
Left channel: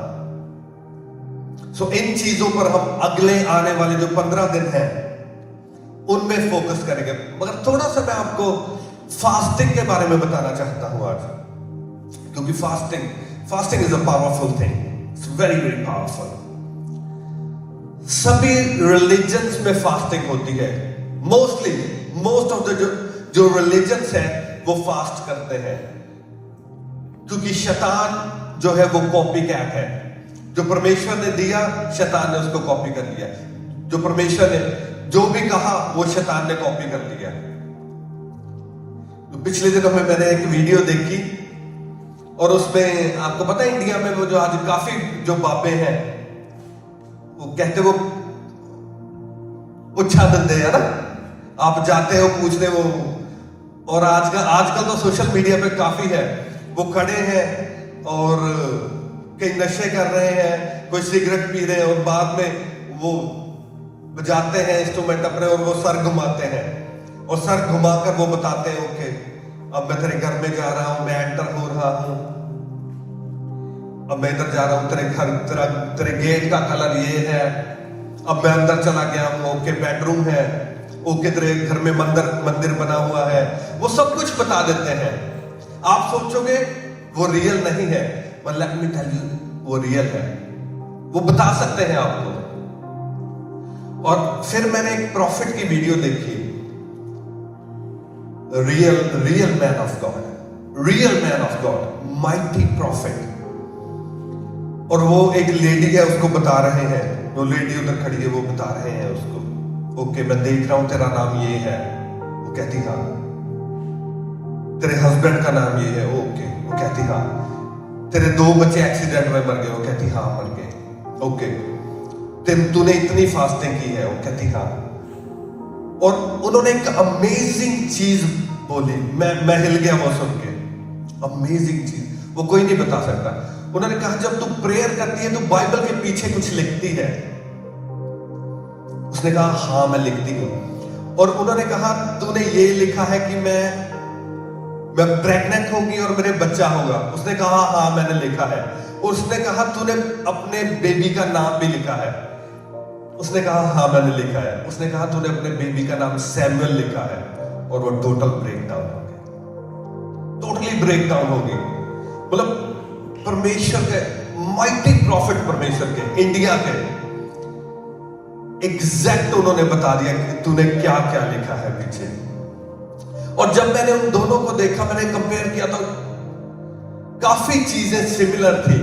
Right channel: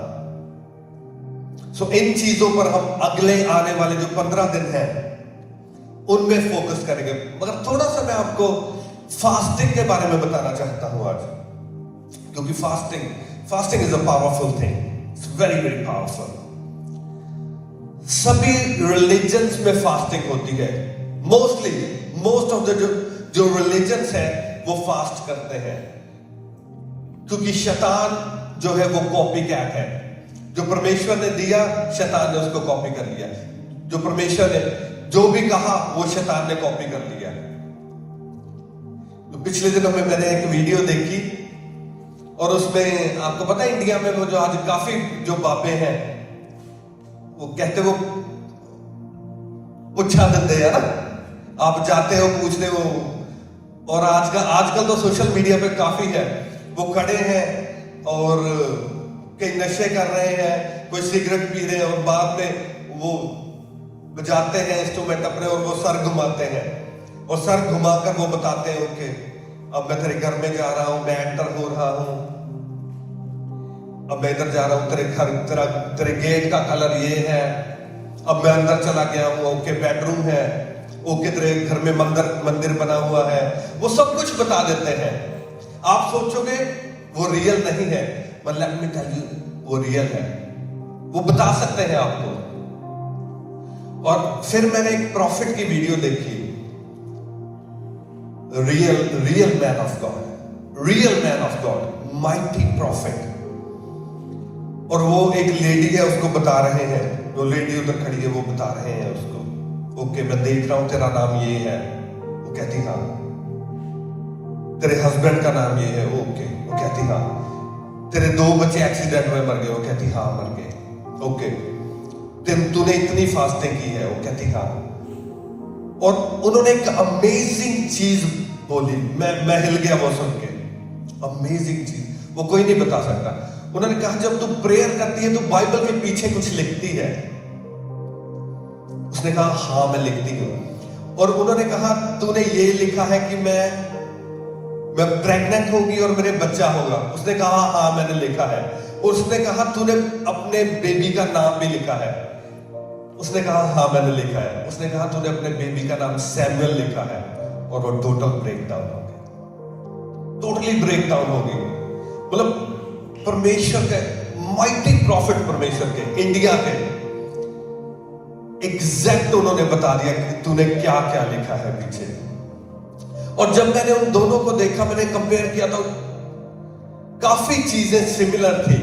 सो इन चीजों पर हम अगले आने वाले जो 15 दिन हैं उनमें फोकस करेंगे। मगर थोड़ा सा मैं आपको फास्टिंग के बारे में बताना चाहता हूं आज, क्योंकि fasting is a powerful thing, it's very very powerful. सभी रिलीजन्स में फास्टिंग होती है। मोस्ट ऑफ द जो रिलीजन्स है वो फास्ट करते हैं, क्योंकि शैतान जो है वो कॉपी कैट है। जो परमेश्वर ने दिया, शैतान ने उसको कॉपी कर लिया। जो परमेश्वर ने जो भी कहा वो शैतान ने कॉपी कर लिया। तो पिछले दिनों में मैंने एक वीडियो देखी, और उसमें आपको पता है इंडिया में वो जो आज काफी जो बाबे हैं, वो कहते वो उच्छा दंदे है ना, आप जाते हो पूछने वो, और आजकल तो सोशल मीडिया पे काफी है, वो खड़े हैं और कई नशे कर रहे हैं, कोई सिगरेट पी रहे हैं, और बाद में वो बजाते हैं इंस्ट्रूमेंट अपने, और वो सर घुमाते हैं, और सर घुमाकर वो बताते हैं ओके अब मैं तेरे घर में जा रहा हूं, मैं एंटर हो रहा हूं, अब मैं इधर जा रहा हूं, तेरे घर तेरे गेट का कलर ये है, अब मैं अंदर चला गया हूं, ओके बेडरूम है, ओके तेरे घर में मंदिर बना हुआ है। वो सब कुछ बता देते हैं। आप सोचोगे वो रियल नहीं है, but let me tell you, वो रियल है, वो बता सकते हैं आपको। और फिर मैंने एक प्रॉफिट की वीडियो देखी, real man of God, mighty profit, और वो एक लेडी है, उसको बता रहे हैं, वो लेडी उधर खड़ी है, वो बता रहे हैं उसको, ओके मैं देख रहा हूं तेरा नाम ये है, वो कहती हाँ, तेरे हस्बैंड का नाम ये है, ओके, वो कहती हाँ, तेरे 2 बच्चे एक्सीडेंट में मर गए, वो कहती हाँ मर गए, ओके, तूने इतनी फास्टिंग की है, वो कहती हाँ। और उन्होंने एक अमेजिंग चीज बोली, मैं हिल गया वो सुन के। अमेजिंग चीज, वो कोई नहीं बता सकता। उन्होंने कहा जब तू प्रेयर करती है तो बाइबल के पीछे कुछ लिखती है? उसने कहा हाँ मैं लिखती हूं। और उन्होंने कहा तूने ये लिखा है कि मैं प्रेग्नेंट होगी और मेरे बच्चा होगा? उसने कहा हाँ मैंने लिखा है। उसने कहा तूने अपने बेबी का नाम भी लिखा है? उसने कहा हाँ मैंने लिखा है। उसने कहा तूने अपने बेबी का नाम सैमुअल लिखा है? और वो टोटल ब्रेकडाउन हो गई, टोटली ब्रेकडाउन हो गई। मतलब परमेश्वर के माइटी प्रॉफिट, परमेश्वर के, इंडिया के एग्जैक्ट उन्होंने बता दिया कि तूने क्या क्या लिखा है पीछे। और जब मैंने उन दोनों को देखा, मैंने कंपेयर किया तो काफी चीजें सिमिलर थी।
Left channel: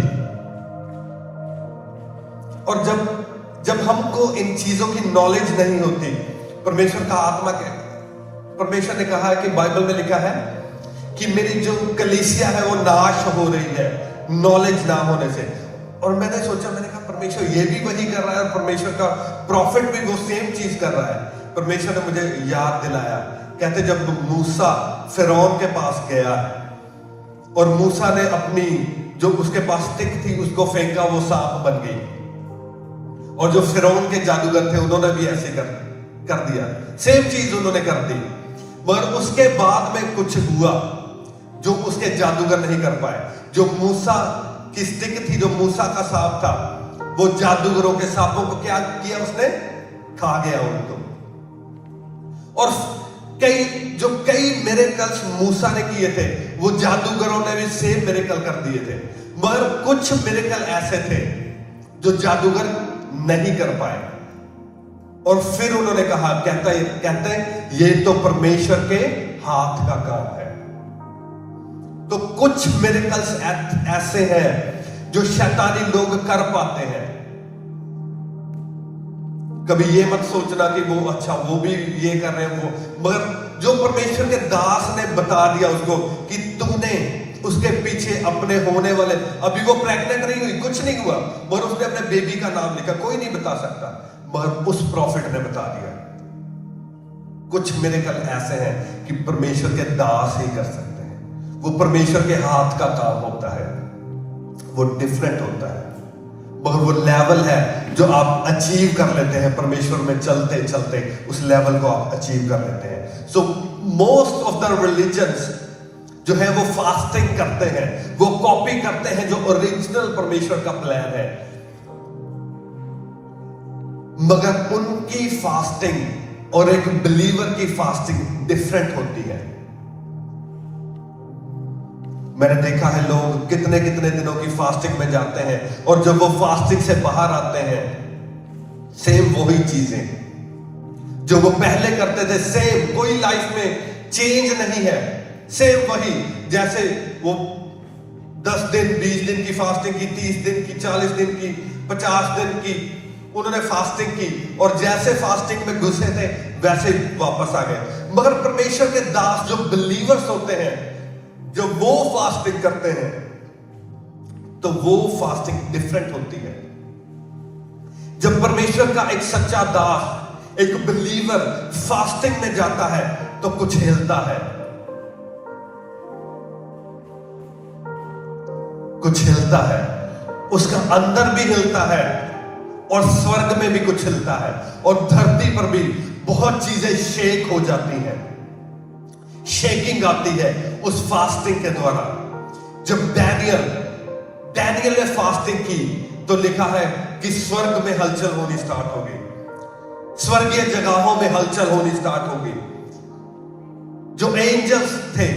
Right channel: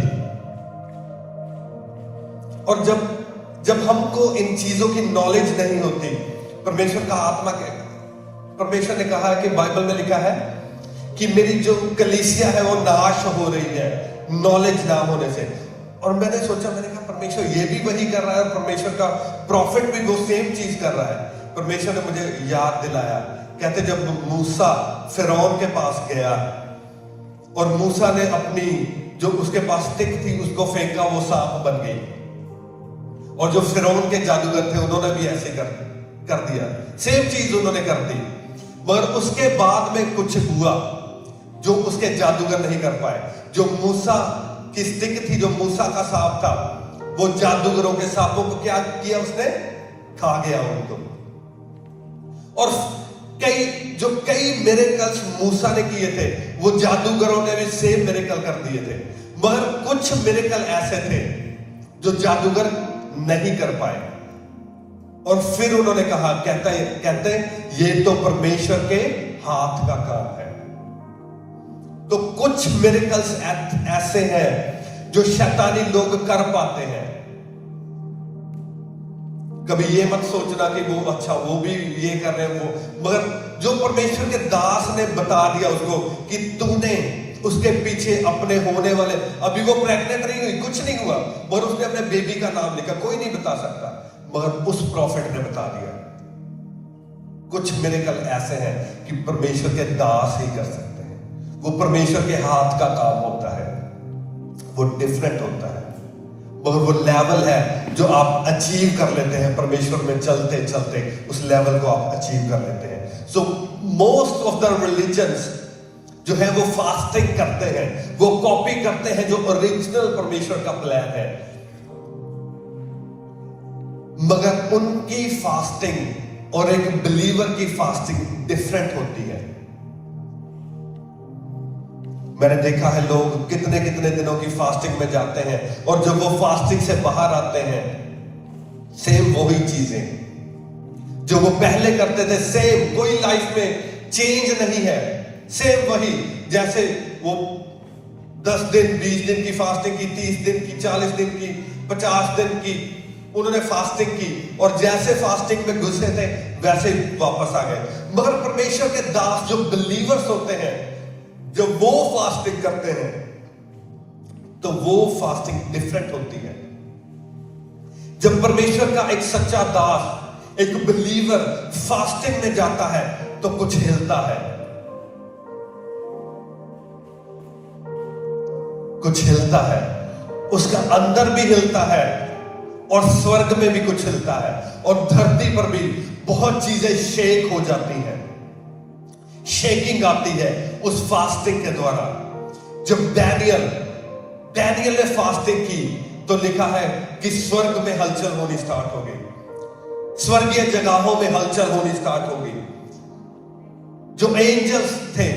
और जब हमको इन चीजों की नॉलेज नहीं होती, परमेश्वर का आत्मा के, परमेश्वर ने कहा है कि बाइबल में लिखा है कि मेरी जो कलीसिया है वो नाश हो रही है नॉलेज ना होने से। और मैंने सोचा, मैंने कहा परमेश्वर ये भी वही कर रहा है, और परमेश्वर का प्रॉफिट भी वो सेम चीज कर रहा है। परमेश्वर ने मुझे याद दिलाया, कहते जब मूसा फिरौन के पास गया और मूसा ने अपनी जो उसके पास स्टिक थी उसको फेंका, वो सांप बन गई। और जो फिरौन के जादूगर थे उन्होंने भी ऐसे कर दिया, सेम चीज उन्होंने कर दी। मगर उसके बाद में कुछ हुआ जो उसके जादूगर नहीं कर पाए। जो मूसा की स्टिक थी, जो मूसा का सांप था, वो जादूगरों के सांपों को क्या किया, उसने खा गया उनको। और कई मिरेकल्स मूसा ने किए थे, वो जादूगरों ने भी सेम मिरेकल कर दिए थे। मगर कुछ मिरेकल ऐसे थे जो जादूगर नहीं कर पाए। और फिर उन्होंने कहा, कहते ये तो परमेश्वर के हाथ का काम है। तो कुछ मिरेकल्स ऐसे हैं जो शैतानी लोग कर पाते हैं। कभी ये मत सोचना कि वो अच्छा वो भी ये कर रहे हैं, वो, मगर जो परमेश्वर के दास ने बता दिया उसको कि तूने उसके पीछे अपने होने वाले, अभी वो प्रेग्नेंट नहीं हुई, कुछ नहीं हुआ, मगर उसने अपने बेबी का नाम लिखा, कोई नहीं बता सकता, मगर उस प्रॉफिट ने बता दिया। कुछ मिरेकल ऐसे हैं कि परमेश्वर के दास ही कर सकते हैं, वो परमेश्वर के हाथ का काम होता है, वो डिफरेंट होता है। मगर वो लेवल है जो आप अचीव कर लेते हैं परमेश्वर में चलते चलते, उस लेवल को आप अचीव कर लेते हैं। So most of the religions जो है वो फास्टिंग करते हैं, वो कॉपी करते हैं जो ओरिजिनल परमेश्वर का प्लान है, मगर उनकी फास्टिंग और एक बिलीवर की फास्टिंग डिफरेंट होती है। मैंने देखा है लोग कितने कितने दिनों की फास्टिंग में जाते हैं, और जब वो फास्टिंग से बाहर आते हैं, सेम वही चीजें जो वो पहले करते थे, सेम, कोई लाइफ में चेंज नहीं है, सेम वही। जैसे वो 10 दिन 20 दिन की फास्टिंग की, 30 दिन की, 40 दिन की, 50 दिन की, उन्होंने फास्टिंग की, और जैसे फास्टिंग में घुसे थे वैसे ही वापस आ गए। मगर परमेश्वर के दास जो बिलीवर्स होते हैं, जब वो फास्टिंग करते हैं तो वो फास्टिंग डिफरेंट होती है। जब परमेश्वर का एक सच्चा दास, एक बिलीवर फास्टिंग में जाता है तो कुछ हिलता है, कुछ हिलता है, उसका अंदर भी हिलता है और स्वर्ग में भी कुछ हिलता है, और धरती पर भी बहुत चीजें शेक हो जाती हैं, शेकिंग आती है उस फास्टिंग के द्वारा। जब डैनियल ने फास्टिंग की तो लिखा है कि स्वर्ग में हलचल होनी स्टार्ट हो गई, स्वर्गीय जगहों में हलचल होनी स्टार्ट हो गई। जो एंजल्स थे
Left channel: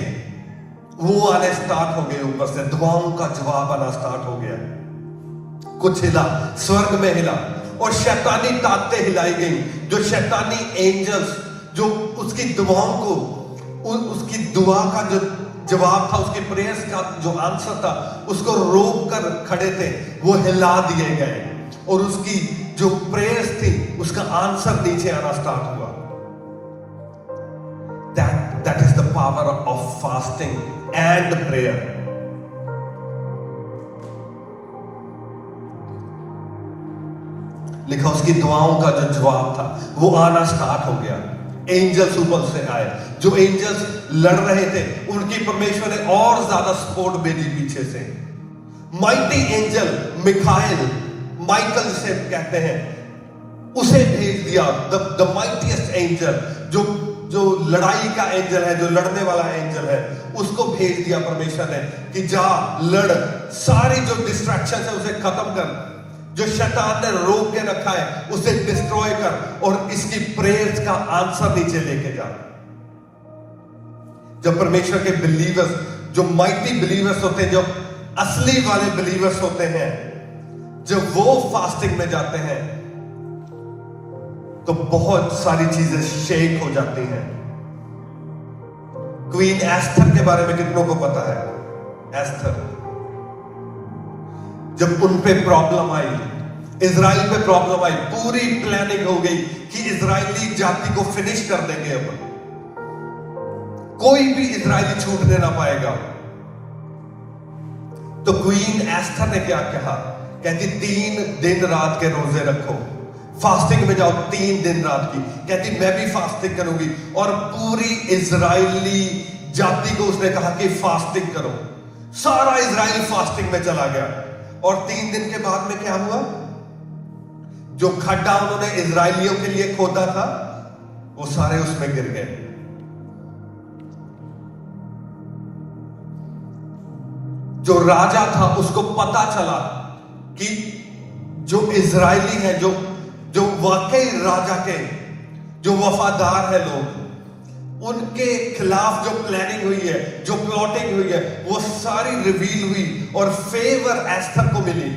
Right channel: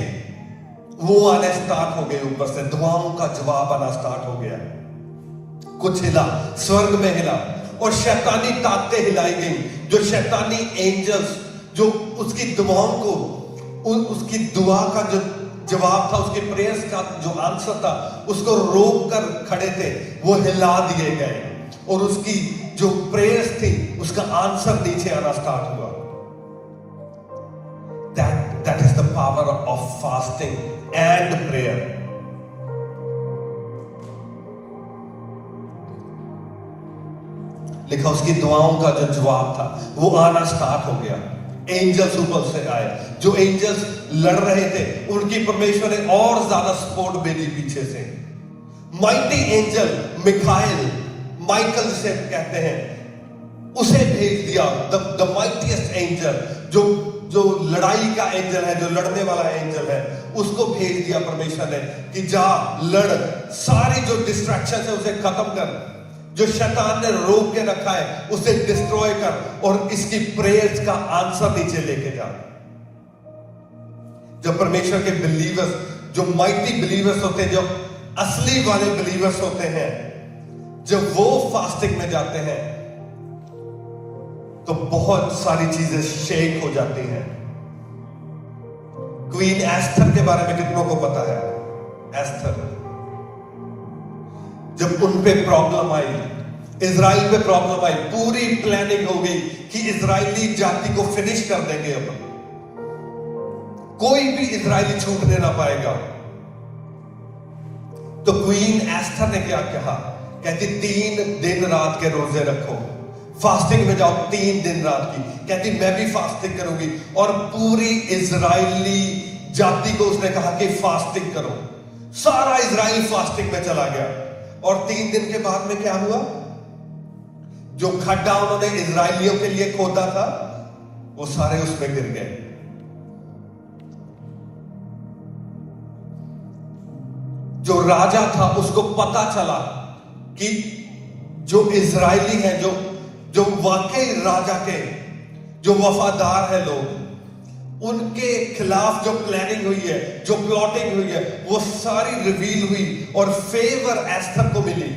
वो आने स्टार्ट हो गए, ऊपर से दुआओं का जवाब आना स्टार्ट हो गया, कुछ हिला, स्वर्ग में हिला, और शैतानी ताकतें हिलाई गई। जो शैतानी एंजल्स जो उसकी दुआओं को, उसकी दुआ का जो जवाब था, उसके प्रेयर्स का जो आंसर था, उसको रोक कर खड़े थे, वो हिला दिए गए, और उसकी जो प्रेयर्स थी उसका आंसर नीचे आना स्टार्ट हुआ। That is the power of fasting and prayer. लिखा उसकी दुआओं का जो जवाब था वो आना स्टार्ट हो गया। एंजल्स ऊपर से आए, जो एंजल्स लड़ रहे थे उनकी परमेश्वर ने और ज्यादा सपोर्ट भेजी पीछे से। माइटी एंजल मिखाइल, माइकल जिसे कहते हैं, उसे भेज दिया। द माइटीएस्ट एंजल, जो लड़ाई का एंजल है, जो लड़ने वाला एंजल है, उसको भेज दिया परमेश्वर ने कि जा लड़, सारी जो डिस्ट्रैक्शन है उसे खत्म कर, जो शैतान ने रोक के रखा है उसे डिस्ट्रॉय कर, और इसकी प्रेयर्स का आंसर नीचे लेके जा। जब परमेश्वर के बिलीवर्स, जो माइटी बिलीवर्स होते हैं, जो असली वाले बिलीवर्स होते हैं, जब वो फास्टिंग में जाते हैं तो बहुत सारी चीजें शेक हो जाती हैं। क्वीन एस्थर के बारे में कितनों को पता है? एस्थर, जब उन पे प्रॉब्लम आई, इजराइल पे प्रॉब्लम आई, पूरी प्लानिंग हो गई कि इजरायली जाति को फिनिश कर देंगे, अब कोई भी इजरायली छूटने ना पाएगा। तो क्वीन एस्थर ने क्या कहा? कहती 3 दिन रात के रोजे रखो, फास्टिंग में जाओ 3 दिन रात की। कहती मैं भी फास्टिंग करूंगी, और पूरी इजरायली जाति को उसने कहा कि फास्टिंग करो। सारा इजराइल फास्टिंग में चला गया, और 3 दिन के बाद में क्या हुआ? जो खड्डा उन्होंने इजरायलियों के लिए खोदा था वो सारे उसमें गिर गए। जो राजा था उसको पता चला कि जो इजरायली है, जो वाकई राजा के जो वफादार है लोग, उनके खिलाफ जो प्लानिंग हुई है, जो प्लॉटिंग हुई है, वो सारी रिवील हुई और फेवर एस्थर को मिली।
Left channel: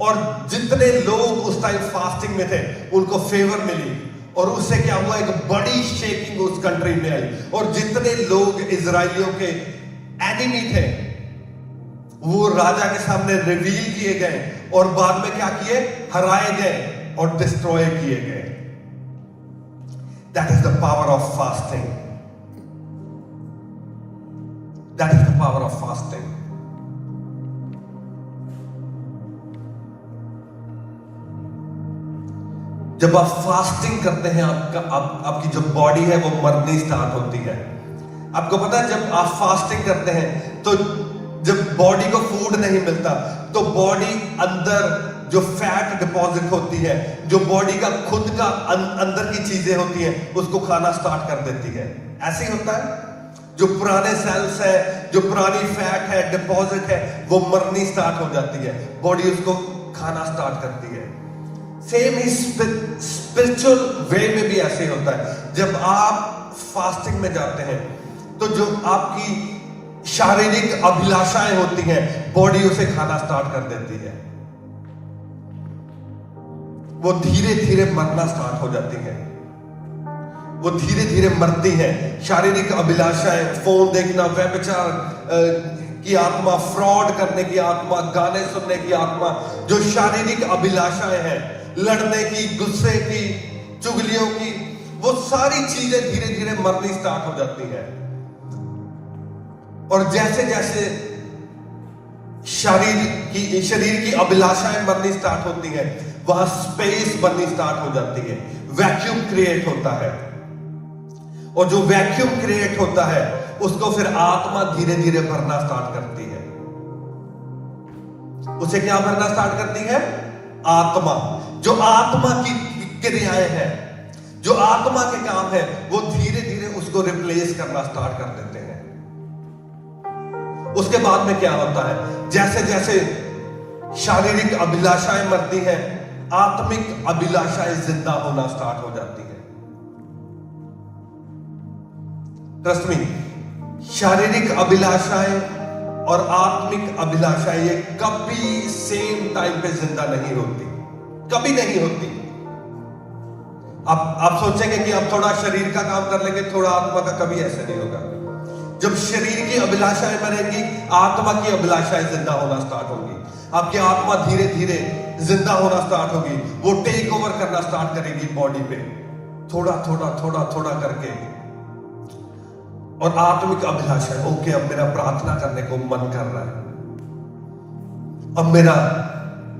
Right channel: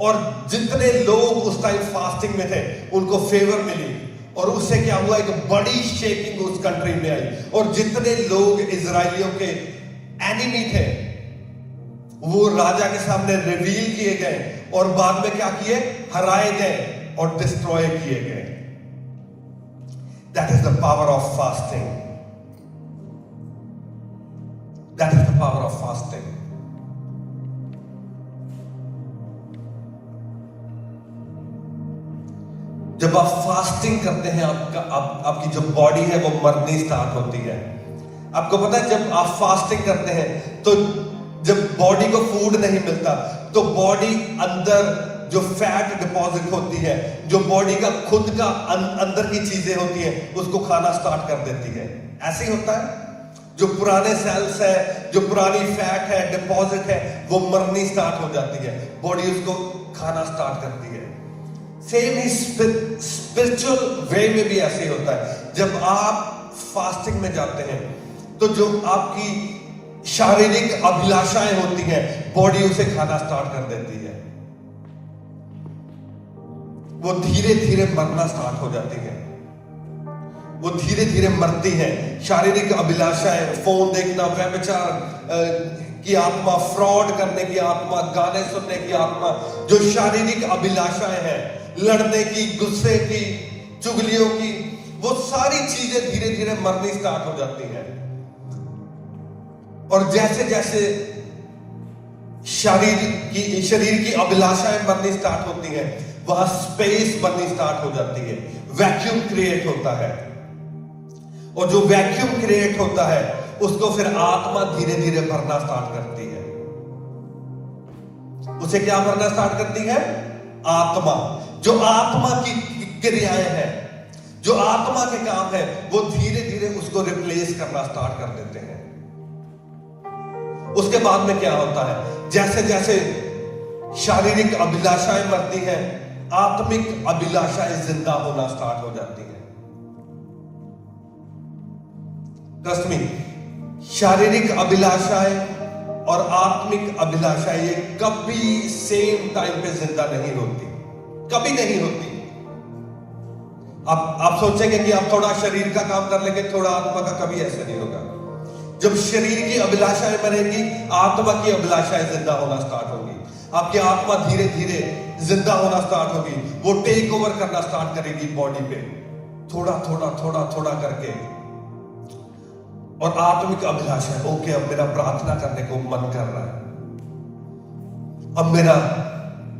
और जितने लोग उस टाइम फास्टिंग में थे उनको फेवर मिली, और उससे क्या हुआ? एक बड़ी शेकिंग उस कंट्री में आई, और जितने लोग इजरायलियों के एनिमी थे वो राजा के सामने रिवील किए गए, और बाद में क्या किए? हराए गए और डिस्ट्रॉय किए गए। That is the power of fasting. That is the power of fasting. जब आप फास्टिंग करते हैं, आपकी जो बॉडी है वो मरनी स्टार्ट होती है। आपको पता है, जब आप फास्टिंग करते हैं तो जब बॉडी को फूड नहीं मिलता तो बॉडी अंदर जो फैट डिपॉजिट होती है, जो बॉडी का खुद का अंदर की चीजें होती हैं, उसको खाना स्टार्ट कर देती है। ऐसे ही होता है, जो पुराने सेल्स है, जो पुरानी फैट है, डिपॉजिट है, वो मरनी स्टार्ट हो जाती है, बॉडी उसको खाना स्टार्ट करती है। सेम ही स्पिरिचुअल वे में भी ऐसे ही होता है। जब आप फास्टिंग में जाते हैं तो जो आपकी शारीरिक अभिलाषाएं होती हैं, बॉडी उसे खाना स्टार्ट कर देती है, वो धीरे धीरे मरना स्टार्ट हो जाती है, वो धीरे धीरे मरती है। शारीरिक अभिलाषाएं, फोन देखना, व्यभिचार की आत्मा, फ्रॉड करने की आत्मा, गाने सुनने की आत्मा, जो शारीरिक अभिलाषाएं हैं, लड़ने की, गुस्से की, चुगलियों की, वो सारी चीजें धीरे धीरे मरनी स्टार्ट हो जाती है। और जैसे जैसे शरीर की अभिलाषाएं बननी स्टार्ट होती हैं, वहां स्पेस बननी स्टार्ट हो जाती है, वैक्यूम क्रिएट होता है। और जो वैक्यूम क्रिएट होता है उसको फिर आत्मा धीरे धीरे भरना स्टार्ट करती है। उसे क्या भरना स्टार्ट करती है? आत्मा। जो आत्मा की क्रियाएं हैं, जो आत्मा के काम है, वो धीरे धीरे उसको रिप्लेस करना स्टार्ट कर देते हैं। उसके बाद में क्या होता है? जैसे जैसे शारीरिक अभिलाषाएं मरती हैं, आत्मिक अभिलाषाएं जिंदा होना स्टार्ट हो जाती है। ट्रस्ट मी, शारीरिक अभिलाषाएं और आत्मिक अभिलाषाएं ये कभी सेम टाइम पे जिंदा नहीं होती, कभी नहीं होती। आप सोचेंगे कि आप थोड़ा शरीर का काम कर लेंगे, थोड़ा आत्मा का, कभी ऐसे नहीं होगा। जब शरीर की अभिलाषाएं मरेंगी, आत्मा की अभिलाषाएं जिंदा होना स्टार्ट होगी। आपकी आत्मा धीरे धीरे जिंदा होना स्टार्ट होगी, वो टेक ओवर करना स्टार्ट करेगी बॉडी पे, थोड़ा थोड़ा थोड़ा थोड़ा करके। और आत्मिक अभिलाषा, ओके अब मेरा प्रार्थना करने को मन कर रहा है, अब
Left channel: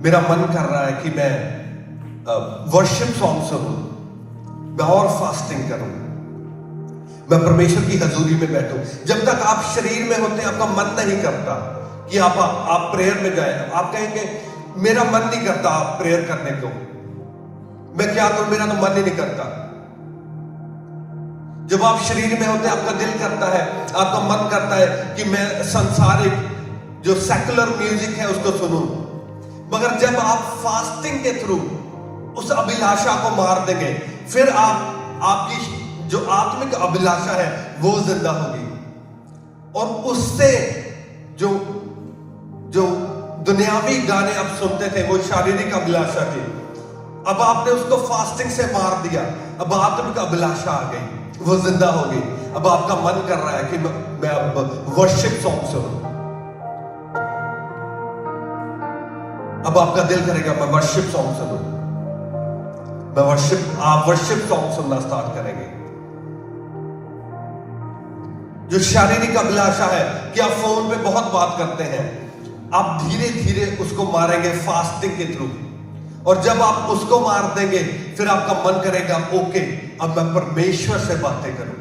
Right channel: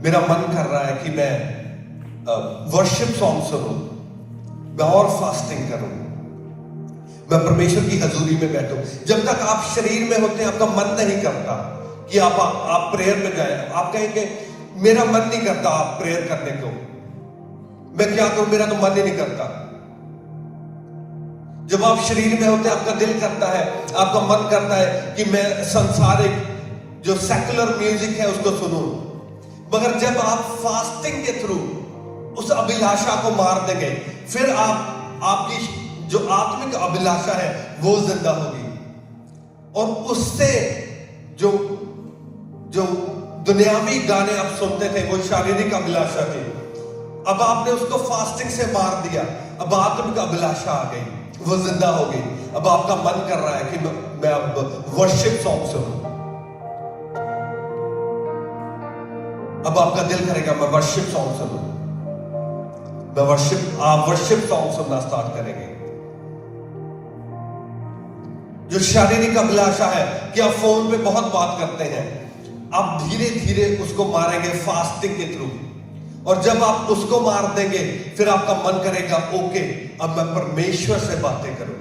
मेरा मन कर रहा है कि मैं वर्शिप सॉन्ग सुनूं, मैं और फास्टिंग करूं, मैं परमेश्वर की हजूरी में बैठूं। जब तक आप शरीर में होते आपका मन नहीं करता कि आप प्रेयर में जाए। आप कहेंगे मेरा मन नहीं करता आप प्रेयर करने को, मैं क्या करूं, मेरा तो मन ही नहीं करता। जब आप शरीर में होते आपका दिल करता है, आपका मन करता है कि मैं संसारिक जो सेकुलर म्यूजिक है उसको सुनूं। मगर जब आप फास्टिंग के थ्रू उस अभिलाषा को मार देंगे, फिर आपकी जो आत्मिक अभिलाषा है वो जिंदा होगी। और उससे जो दुनियावी गाने आप सुनते थे वो शारीरिक अभिलाषा थी, अब आपने उसको फास्टिंग से मार दिया। अब आत्मिक अभिलाषा आ गई, वो जिंदा हो गई। अब आपका मन कर रहा है कि मैं अब वर्शिप सॉन्ग सुनूं। अब आपका दिल करेगा मैं वर्शिप सॉन्ग सुनूं। आप वर्शिप सॉन्ग सुनना स्टार्ट करेंगे। जो शारीरिक अभिलाषा है कि आप फोन पे बहुत बात करते हैं, आप धीरे धीरे उसको मारेंगे फास्टिंग के थ्रू। और जब आप उसको मार देंगे फिर आपका मन करेगा ओके अब मैं परमेश्वर से बातें करूं,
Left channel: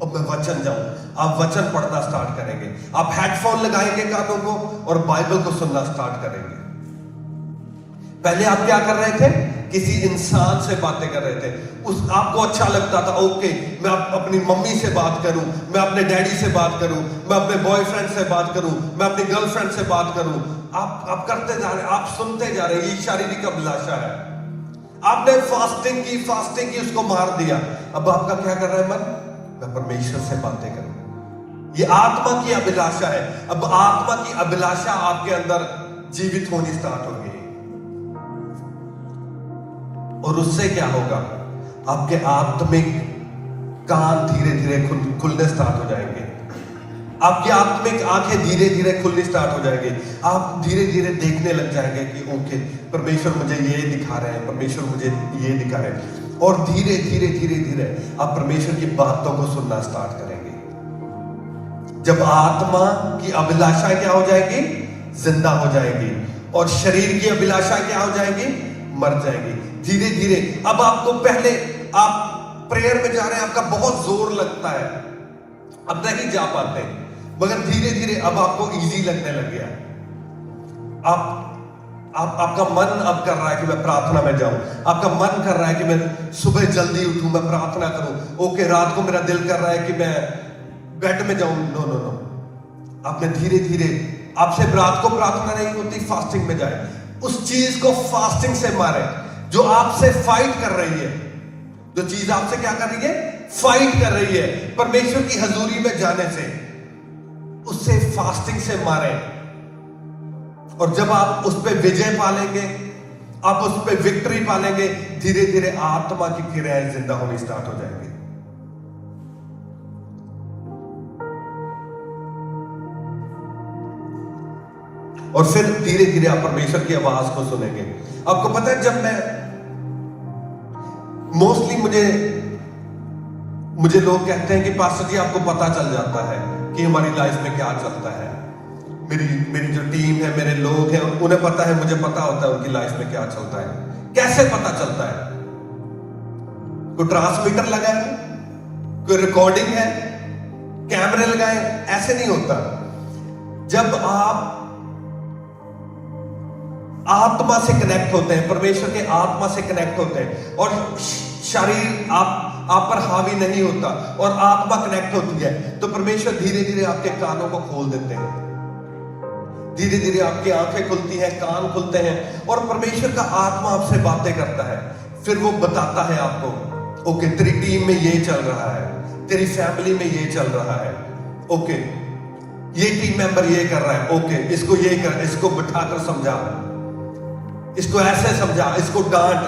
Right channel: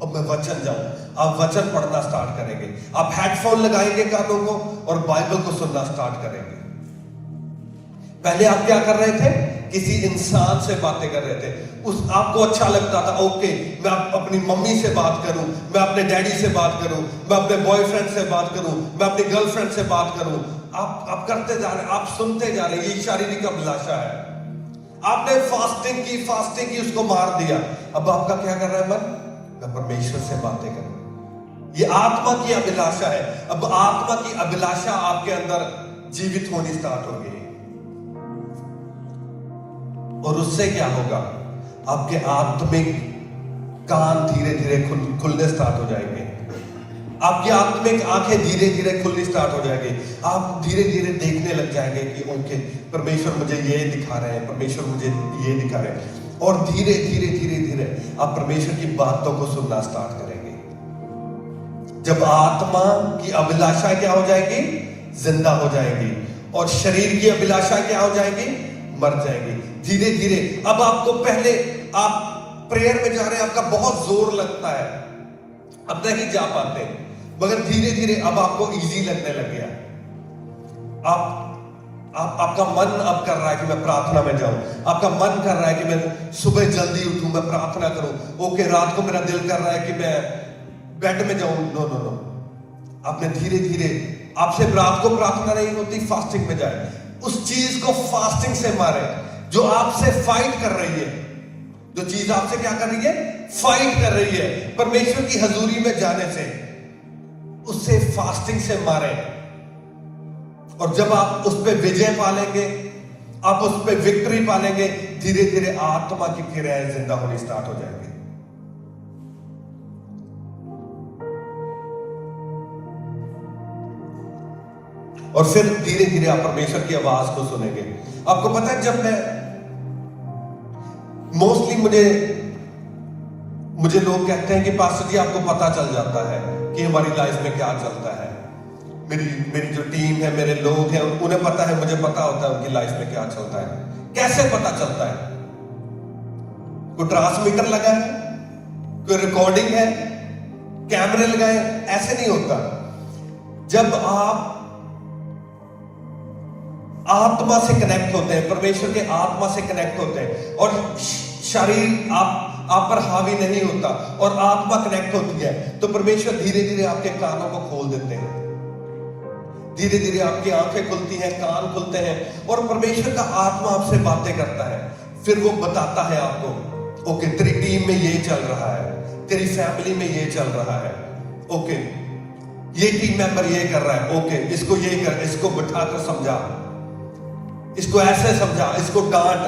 अब मैं वचन जाऊं। आप वचन पढ़ना स्टार्ट करेंगे। आप हेडफोन लगाएंगे कानों को और बाइबल को सुनना स्टार्ट करेंगे। पहले आप क्या कर रहे थे, किसी इंसान से बातें कर रहे थे, आपको अच्छा लगता था ओके मैं अपनी मम्मी से बात करूं, मैं अपने डैडी से बात करूं, मैं अपने बॉयफ्रेंड से बात करूं, मैं अपनी गर्लफ्रेंड से बात करूं। आप करते जा रहे हैं, आप सुनते जा रहे हैं। ये शारीरिक अभिलाषा है। आपने फास्टिंग की उसको मार दिया। अब आपका क्या कर रहा है मन, मैं परमेश्वर से बातें करूं। ये आत्मा की अभिलाषा है। अब आत्मा की अभिलाषा आपके अंदर जीवित होनी स्टार्ट हो गई। और उससे क्या होगा, आपके आत्मिक कान धीरे धीरे खुलने स्टार्ट हो जाएंगे। आपकी आत्मिक आंखें धीरे धीरे खुलनी स्टार्ट हो जाएंगी। आप धीरे धीरे देखने लग जाएंगे कि ओके परमेश्वर मुझे ये दिखा रहे हैं, परमेश्वर मुझे ये दिखा रहे हैं। और धीरे धीरे धीरे धीरे आप परमेश्वर की बातों को सुनना स्टार्ट करेंगे। जब आत्मा की अभिलाषा क्या हो जाएगी, जिंदा हो जाएगी। और शरीर की अभिलाषा क्या हो जाएगी, मर जाएगी। धीरे धीरे अब आपको, पहले आप प्रेयर में जा रहे हैं, आपका बहुत जोर लगता है, अब नहीं जा पाते, मगर धीरे धीरे अब आपको इजी लगने लग गया। आपका मन अब कर रहा है कि मैं प्रार्थना में जाऊं। आपका मन कर रहा है कि मैं सुबह जल्दी उठूं, मैं प्रार्थना करूं। ओके रात को मेरा दिल कर रहा है कि मैं बेड में जाऊं। नो, आपने धीरे धीरे, आपसे रात को प्रार्थना नहीं होती, फास्टिंग में जाए। उस चीज को फास्टिंग से मारे जो आपसे फाइट कर रही है। जो चीज आपसे क्या कर रही है, फाइट कर रही है परमेश्वर की हजूरी में जाने से, उससे फास्टिंग से मारे। और जब आप उस पे विजय पालेंगे, आप उस पे विक्ट्री पालेंगे, धीरे धीरे आत्मा की क्रियाएं जिंदा होनी स्टार्ट हो जाएंगी। और फिर धीरे धीरे आप परमेश्वर की आवाज को सुनेंगे। आपको पता है, जब मैं मोस्टली मुझे लोग कहते हैं कि पास्टर जी आपको पता चल जाता है कि हमारी लाइफ में क्या चलता है। मेरी जो टीम है, मेरे लोग हैं, उन्हें पता है, मुझे पता होता है उनकी लाइफ में क्या चलता है। कैसे पता चलता है? कोई ट्रांसमीटर लगा है, कोई रिकॉर्डिंग है, कैमरे लगाए, ऐसे नहीं होता। जब आप आत्मा से कनेक्ट होते हैं, परमेश्वर के आत्मा से कनेक्ट होते हैं, और शरीर आप पर हावी नहीं होता और आत्मा कनेक्ट होती है, तो परमेश्वर धीरे धीरे आपके कानों को खोल देते हैं। धीरे धीरे आपकी आंखें खुलती हैं, कान खुलते हैं, और परमेश्वर का आत्मा आपसे बातें करता है। फिर वो बताता है आपको, ओके तेरी टीम में ये चल रहा है, तेरी फैमिली में ये चल रहा है, ओके ये टीम मेंबर ये कर रहा है, ओके इसको ये कर, इसको बिठाकर समझा, इसको ऐसे समझा, इसको डांट,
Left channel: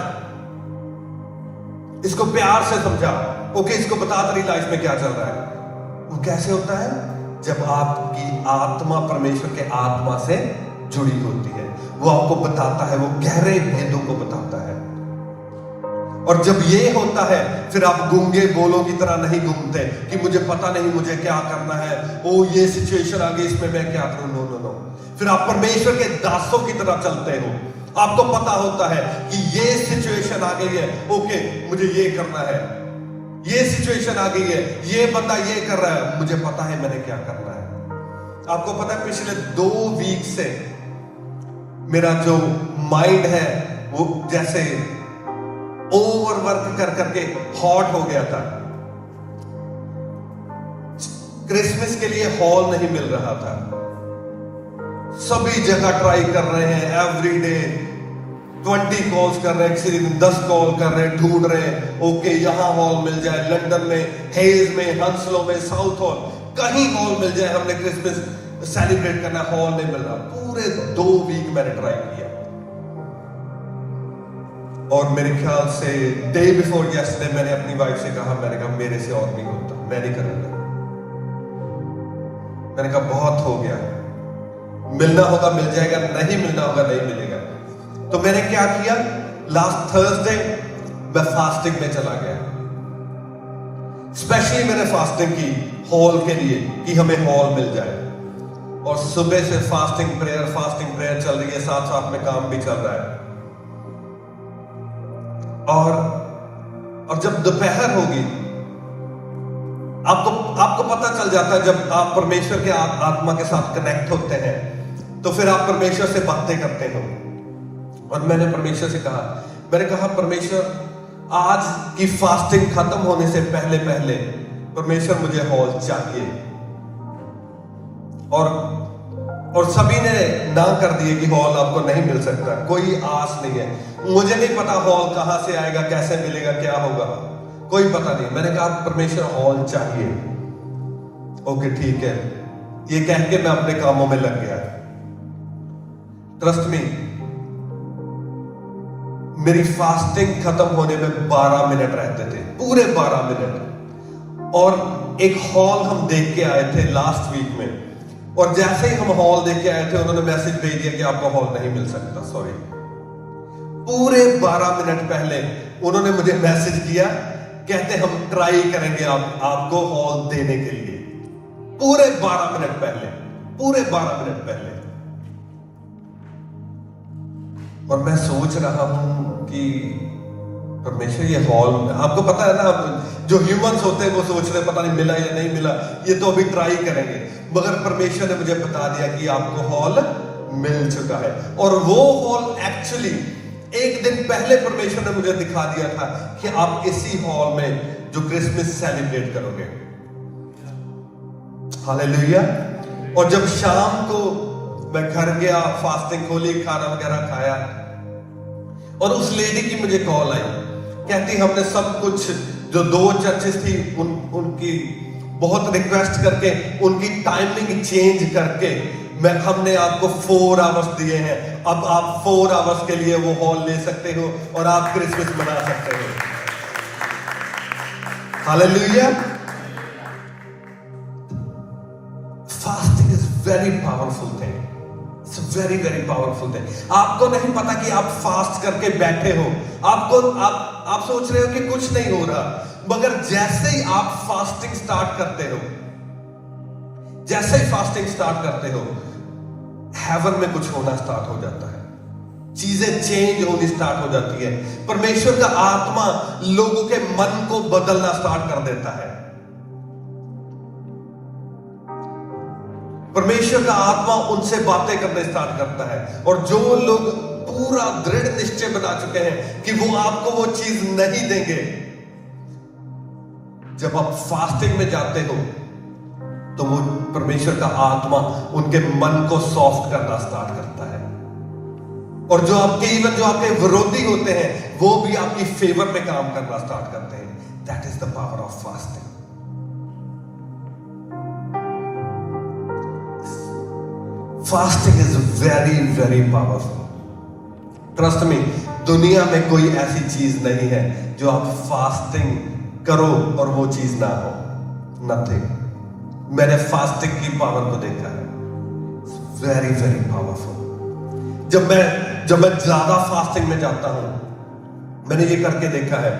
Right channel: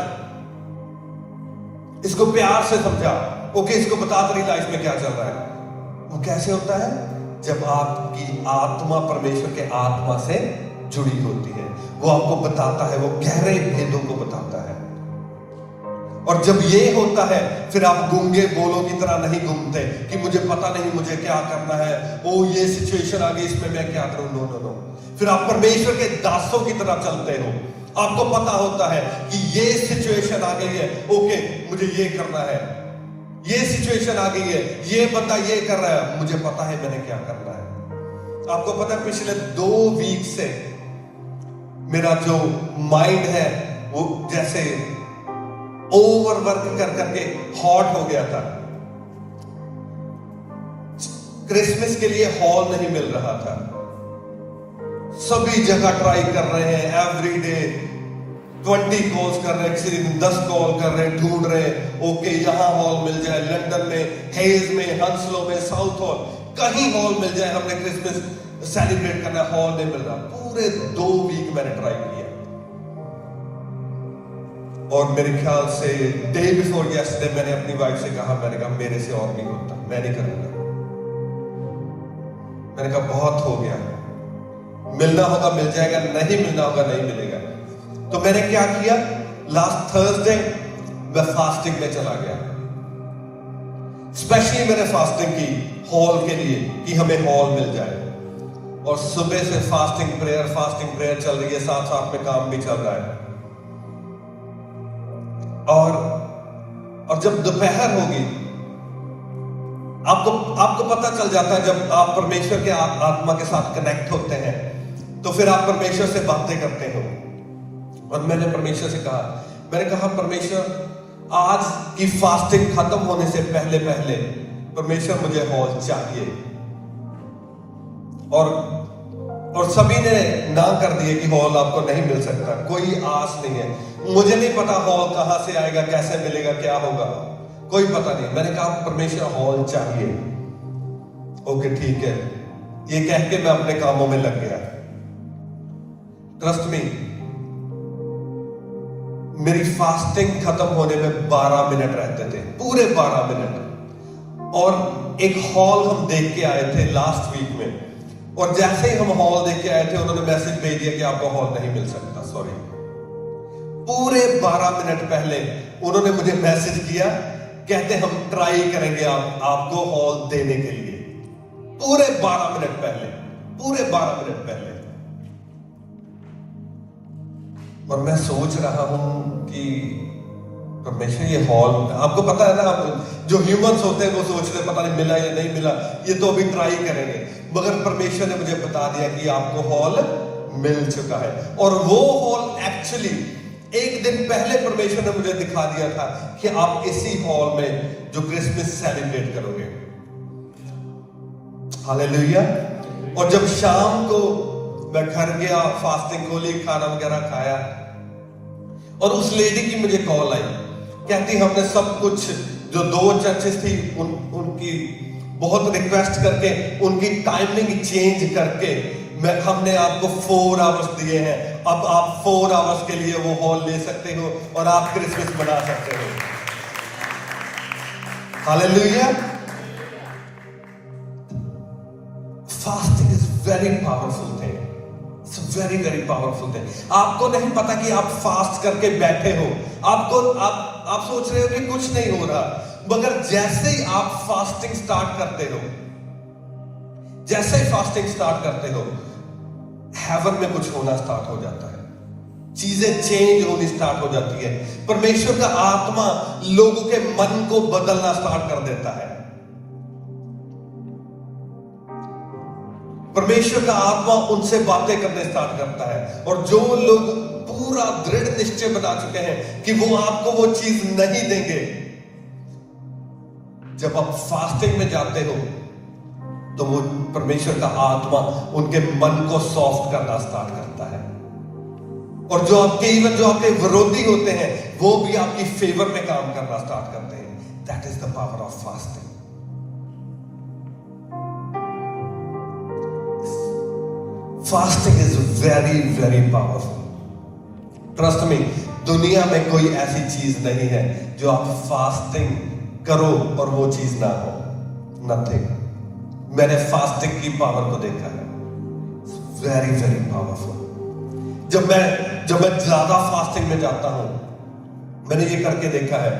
इसको प्यार से समझा, ओके इसको बता तेरी लाइफ में क्या चल रहा है। वो कैसे होता है? जब आपकी आत्मा परमेश्वर के आत्मा से जुड़ी होती है, वो आपको बताता है, वो गहरे भेदों को बताता है। और जब ये होता है फिर आप गूंगे बोलों की तरह नहीं घूमते कि मुझे पता नहीं मुझे क्या करना है, ओ ये सिचुएशन आ गई, इसमें मैं क्या करूं। नो, फिर आप परमेश्वर के दासों की तरह चलते हो। आपको पता होता है कि ये सिचुएशन आ गई है, ओके मुझे ये करना है, ये सिचुएशन आ गई है, ये बंदा ये कर रहा है, मुझे पता है मैंने क्या करना है। आपको पता है पिछले 2 वीक से मेरा जो माइंड है वो जैसे ओवरवर्क कर करके हॉट हो गया था। क्रिसमस के लिए हॉल नहीं मिल रहा था, सभी जगह ट्राई कर रहे हैं, एवरी डे 20 कॉल्स कर रहे हैं, किसी दिन 10 कॉल कर रहे हैं, ढूंढ रहे हैं, ओके यहां हॉल मिल जाए, लंदन में, हेज में, हंसलो में, साउथ हॉल, कहीं हॉल मिल जाए, हमने क्रिसमस सेलिब्रेट करना, हॉल नहीं मिल रहा। पूरे 2 वीक मैंने ट्राई किया और मेरे ख्याल से डे बिफोर यस्टरडे मैंने अपनी वाइफ से कहा, मैंने कहा मेरे से और नहीं होता, मैं नहीं करूंगा। मैंने कहा बहुत हो गया, मिलना होगा मिल जाएगा, नहीं मिलना होगा नहीं मिलेगा। तो मैंने क्या किया, लास्ट थर्सडे मैं फास्टिंग में चला गया। स्पेशली मैंने फास्टिंग की हॉल के लिए कि हमें हॉल मिल जाए, और सुबह से फास्टिंग प्रेयर चल रही है, साथ साथ में काम भी चल रहा है। और जब दोपहर होगी, आपको पता चल जाता है, जब आप परमेश्वर के आत्मा के साथ कनेक्ट होते हैं तो फिर आप परमेश्वर से बातें करते हो। और मैंने परमेश्वर से कहा, मैंने कहा परमेश्वर आज की फास्टिंग खत्म होने से पहले पहले परमेश्वर मुझे हॉल चाहिए। और सभी ने ना कर दिए कि हॉल आपको नहीं मिल सकता, कोई आस नहीं है, मुझे नहीं पता हॉल कहां से आएगा, कैसे मिलेगा, क्या होगा, कोई पता नहीं। मैंने कहा परमेश्वर हॉल चाहिए। ओके ठीक है, ये कह के मैं अपने कामों में लग गया। ट्रस्ट मी, मेरी फास्टिंग खत्म होने में 12 मिनट रहते थे, पूरे 12 मिनट। और एक हॉल हम देख के आए थे लास्ट वीक में, और जैसे ही हम हॉल देख के आए थे उन्होंने मैसेज भेज दिया कि आपको हॉल नहीं मिल सकता, सॉरी। पूरे 12 मिनट पहले उन्होंने मुझे मैसेज किया, कहते हम ट्राई करेंगे आपको हॉल देने के लिए। पूरे 12 मिनट पहले, पूरे 12 मिनट पहले। और मैं सोच रहा हूं कि परमेश्वर ये हॉल, आपको पता है ना, जो ह्यूमंस होते हैं वो सोचते हैं पता नहीं मिला या नहीं मिला, ये तो अभी ट्राई करेंगे। मगर परमेश्वर ने मुझे बता दिया कि आपको हॉल मिल चुका है। और वो हॉल एक्चुअली एक दिन पहले परमेश्वर ने मुझे दिखा दिया था कि आप इसी हॉल में जो क्रिसमस सेलिब्रेट करोगे। हालेलुया। और जब शाम को मैं घर गया, फास्टिंग खोली, खाना वगैरह खाया, और उस लेडी की मुझे कॉल आई, कहती हमने सब कुछ, जो 2 चर्चेस थी उनकी बहुत रिक्वेस्ट करके उनकी टाइमिंग चेंज करके हमने आपको 4 आवर्स दिए हैं, अब आप 4 आवर्स के लिए वो हॉल ले सकते हो और आप क्रिसमस मना सकते हो। Hallelujah. Fasting is very powerful thing, it's very very powerful thing. आपको नहीं पता कि आप फास्ट करके बैठे हो, आप सोच रहे हो कि कुछ नहीं हो रहा, मगर जैसे ही आप फास्टिंग स्टार्ट करते हो, जैसे ही फास्टिंग स्टार्ट करते हो, हेवन में कुछ होना स्टार्ट हो जाता है, चीजें चेंज होनी स्टार्ट हो जाती है। परमेश्वर का आत्मा लोगों के मन को बदलना स्टार्ट कर देता है। परमेश्वर का आत्मा उनसे बातें करने स्टार्ट करता है, और जो लोग पूरा दृढ़ निश्चय बना चुके हैं कि वो आपको वो चीज नहीं देंगे, जब आप फास्टिंग में जाते हो तो वो परमेश्वर का आत्मा उनके मन को सॉफ्ट करना स्टार्ट करता है, और जो आपके विरोधी होते हैं वो भी आपकी फेवर में काम करना स्टार्ट करते हैं। That is the power of fasting. Fasting is very very powerful. Trust me, दुनिया में कोई ऐसी चीज नहीं है जो आप फास्टिंग करो और वो चीज ना हो, नथिंग। मैंने फास्टिंग की पावर को देखा है, वेरी वेरी पावरफुल। जब मैं ज्यादा फास्टिंग में जाता हूं, मैंने ये करके देखा है,